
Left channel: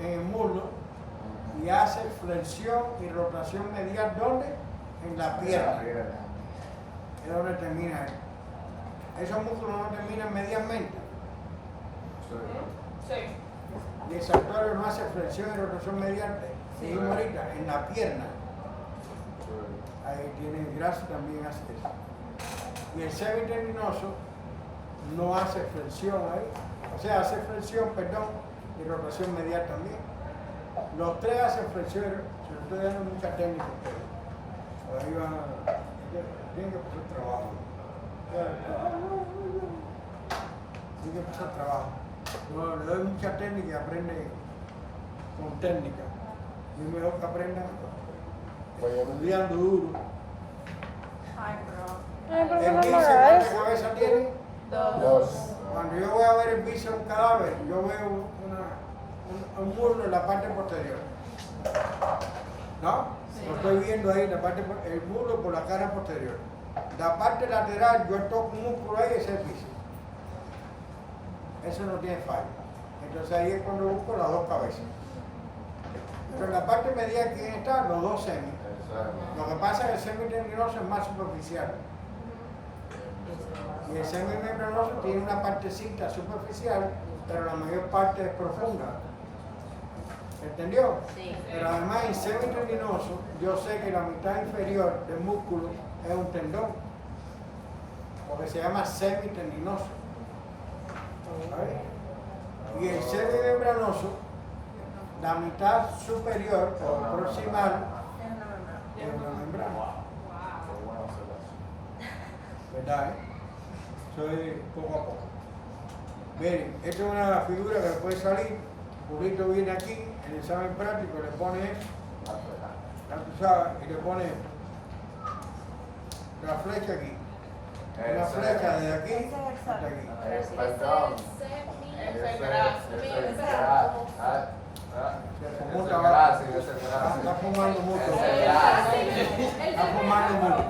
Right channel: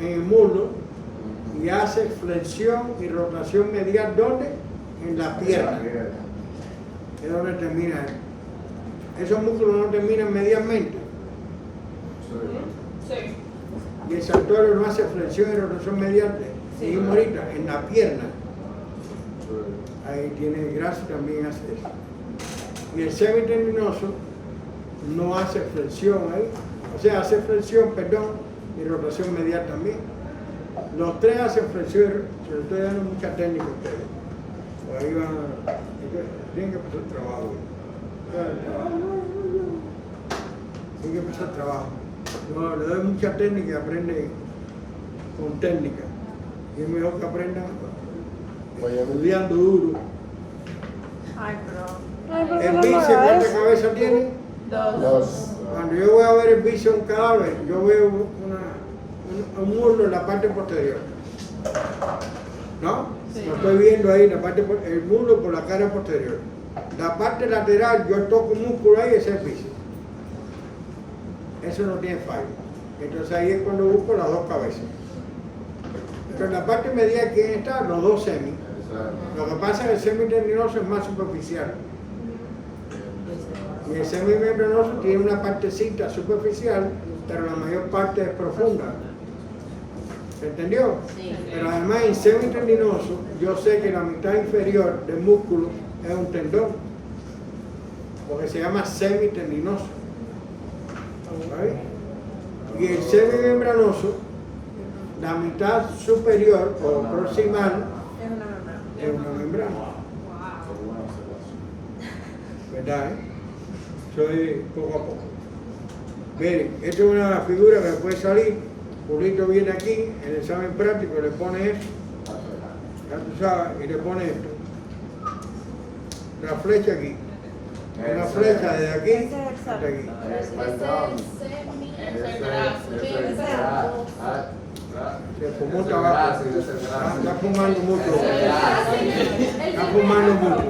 en el muslo y hace flexión y rotación medial, ¿dónde? En la pierna. Es donde termina. Esos músculos no terminan medialmente. Y el saltorio no hace flexión y rotación medial, seguimos ahorita, en la pierna. Ahí tiene el grácil, también hace eso. Y el semitendinoso no hace flexión ahí, o sea, hace flexión, perdón, y rotación medial también. Los tres hacen flexión, se lo estoy dando mucha técnica a ustedes. Por ahí van a... Tienen que empezar el trabajo. Tienen que empezar el trabajo. No, le doy mucha técnica y aprende con técnica. Y es mejor que aprendan estudiando duro. Ay, pero. El bíceps, ¿cuántas cabezas tiene? Dos. Cuando yo voy a ver el bíceps de un cadáver, yo veo un muslo en la parte posterior. ¿No? Sí. Lo estoy viendo ahí, el muslo por la cara posterior. La parte lateral, yo toco un músculo ahí, ese es el bíceps. Eso no tiene fallo. Entonces ahí es cuando busco las dos cabezas. Pero en la parte medial, ¿quién está? Los dos semis. Lo que pasa es que el semitendinoso es más superficial. Y el semimembranoso tiene una partecita superficial, pero la mayor parte es profunda. ¿Se entendió? Sí. Pero además en semitendinoso, yo sé que la mitad inferior del músculo es un tendón, porque se llama semitendinoso. ¿Vale? Y el semimembranoso, la mitad superior o proximal es una membrana. ¿Verdad? Soy poco a poco. Miren, esta es una figura que puede salir. Julito viene aquí, en el examen práctico, le pone esto, ya tú sabes, y le pone esto. La flecha aquí. Una flecha desde aquí hasta aquí. Se fumó tabaco. Está fumando mucho. Está fumando mucho.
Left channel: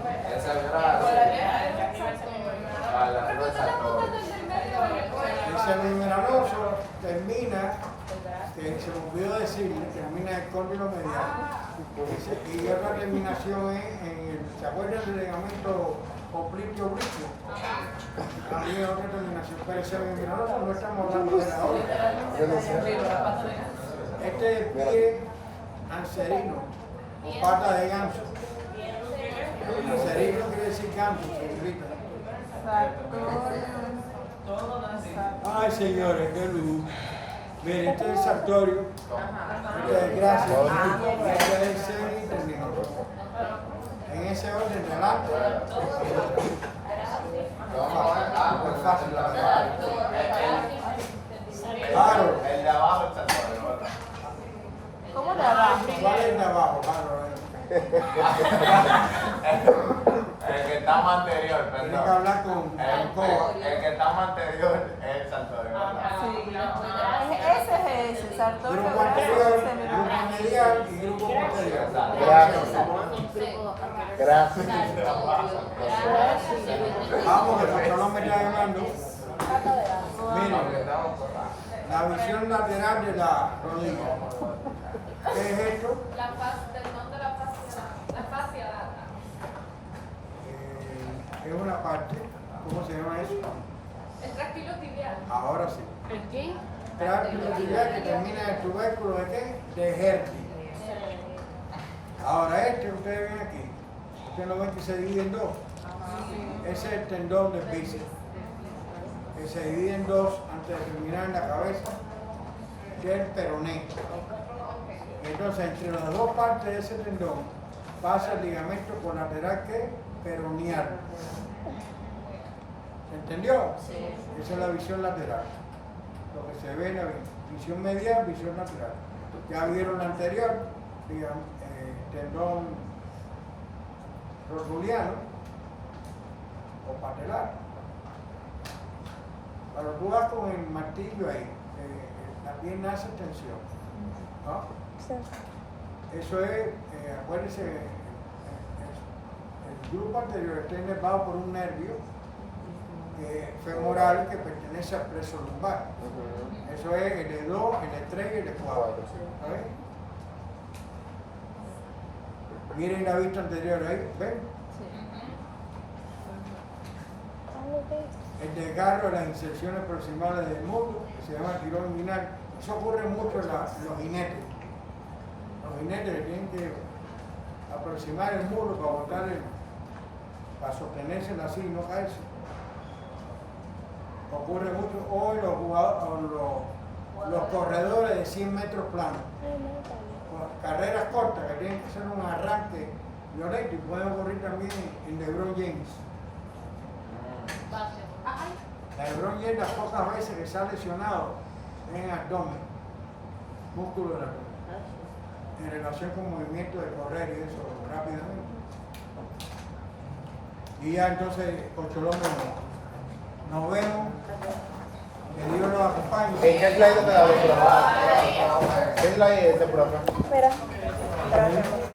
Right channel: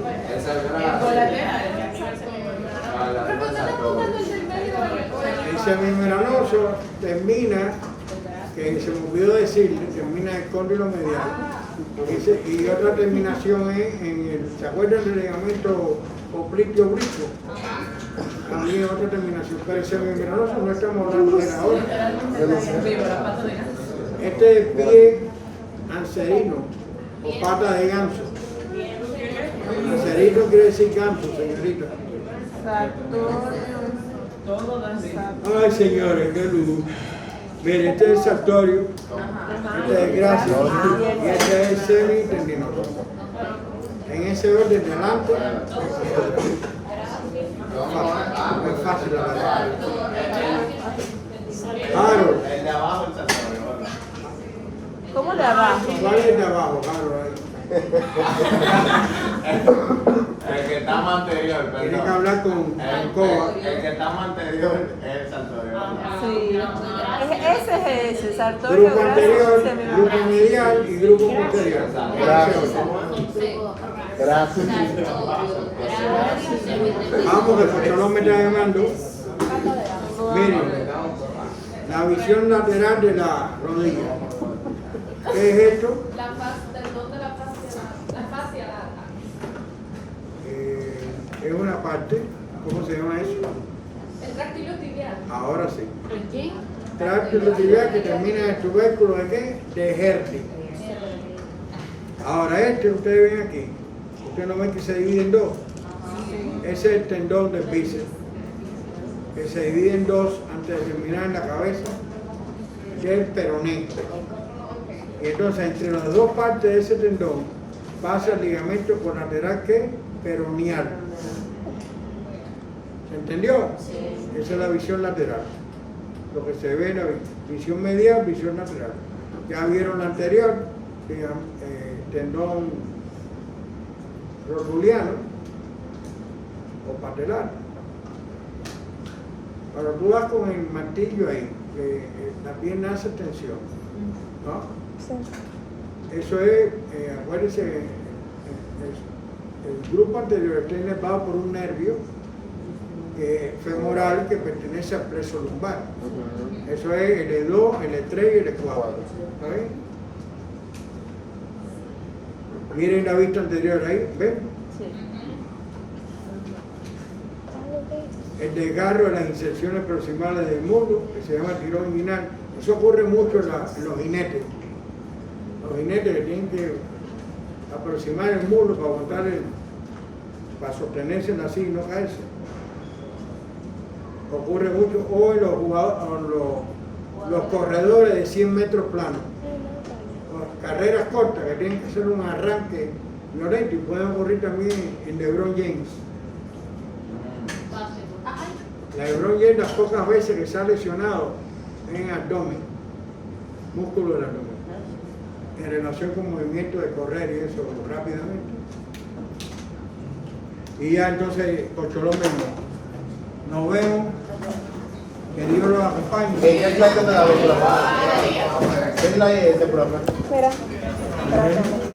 El semimembranoso termina, que se me olvidó decirle, termina en el cóndilo medial. Y otra terminación es en el, ¿se acuerdan del ligamento oblicuo brico? También otra terminación. Pero el semimembranoso no estamos hablando de él ahora. Este es el pie anserino o pata de ganso. Anserino quiere decir ganso, señorita. Ay, señores, qué luz. Mire, este es el sartorio, este es el grácil y este es el semitendinoso. En ese orden, delante, no es fácil, la verdad. Harold. El de abajo el sartorio. ¿Cómo de abajo? ¿Cuál es el de abajo, Harold? El que está más anterior, Tiene que perdón. hablar con Coba. El que está más anterior es el sartorio. Sí. Ese es ese, sartorio. Grupo anterior, grupo medial y grupo posterior. Gracias. Vamos, que el pastor me está llamando. Miren, la visión lateral de la rodilla. ¿Qué es esto? La fascia, el don de la fascia. Es una parte, ¿cómo se llama eso? El tractilo tibial. Ahora sí. ¿El qué? Tracto tibial que termina en el tubérculo de qué? De Hertie. Ahora este, ustedes ven aquí, ustedes no ven que se divide en dos. Ese es el tendón del bíceps, que se divide en dos antes de terminar en la cabeza, que es el peroné. Y entonces entre las dos partes de ese tendón pasa el ligamento colateral que peroneal. ¿Se entendió? Esa es la visión lateral. Lo que se ve en la visión medial, visión lateral. Ya vieron la anterior, tendón rotuliano o patelar. Cuando tú das con el martillo ahí, la pierna hace tensión, ¿no? Eso es, acuérdense, el grupo anterior está inervado por un nervio femoral que pertenece al plexo lumbar. Eso es el E2, el E3 y el E4. ¿Okay? Miren la vista anterior ahí, ¿ven? El desgarro de las inserciones proximales del muslo, que se llama tirón inguinal. Eso ocurre mucho en los jinetes. Los jinetes que tienen que aproximar el muslo para aguantar para sostenerse en la silla y no caerse. Ocurre mucho o en los corredores de 100 metros planos. Con carreras cortas que tienen que hacer un arranque violento y pueden ocurrir también en LeBron James. LeBron James, las pocas veces que se ha lesionado en abdomen, músculo del abdomen, en relación con movimiento de correr y eso rápidamente. Y ya entonces, Cocholón mismo, nos vemos, que Dios los acompañe. ¿Qué es la de la vez? ¿Qué es la de ese programa? Espera.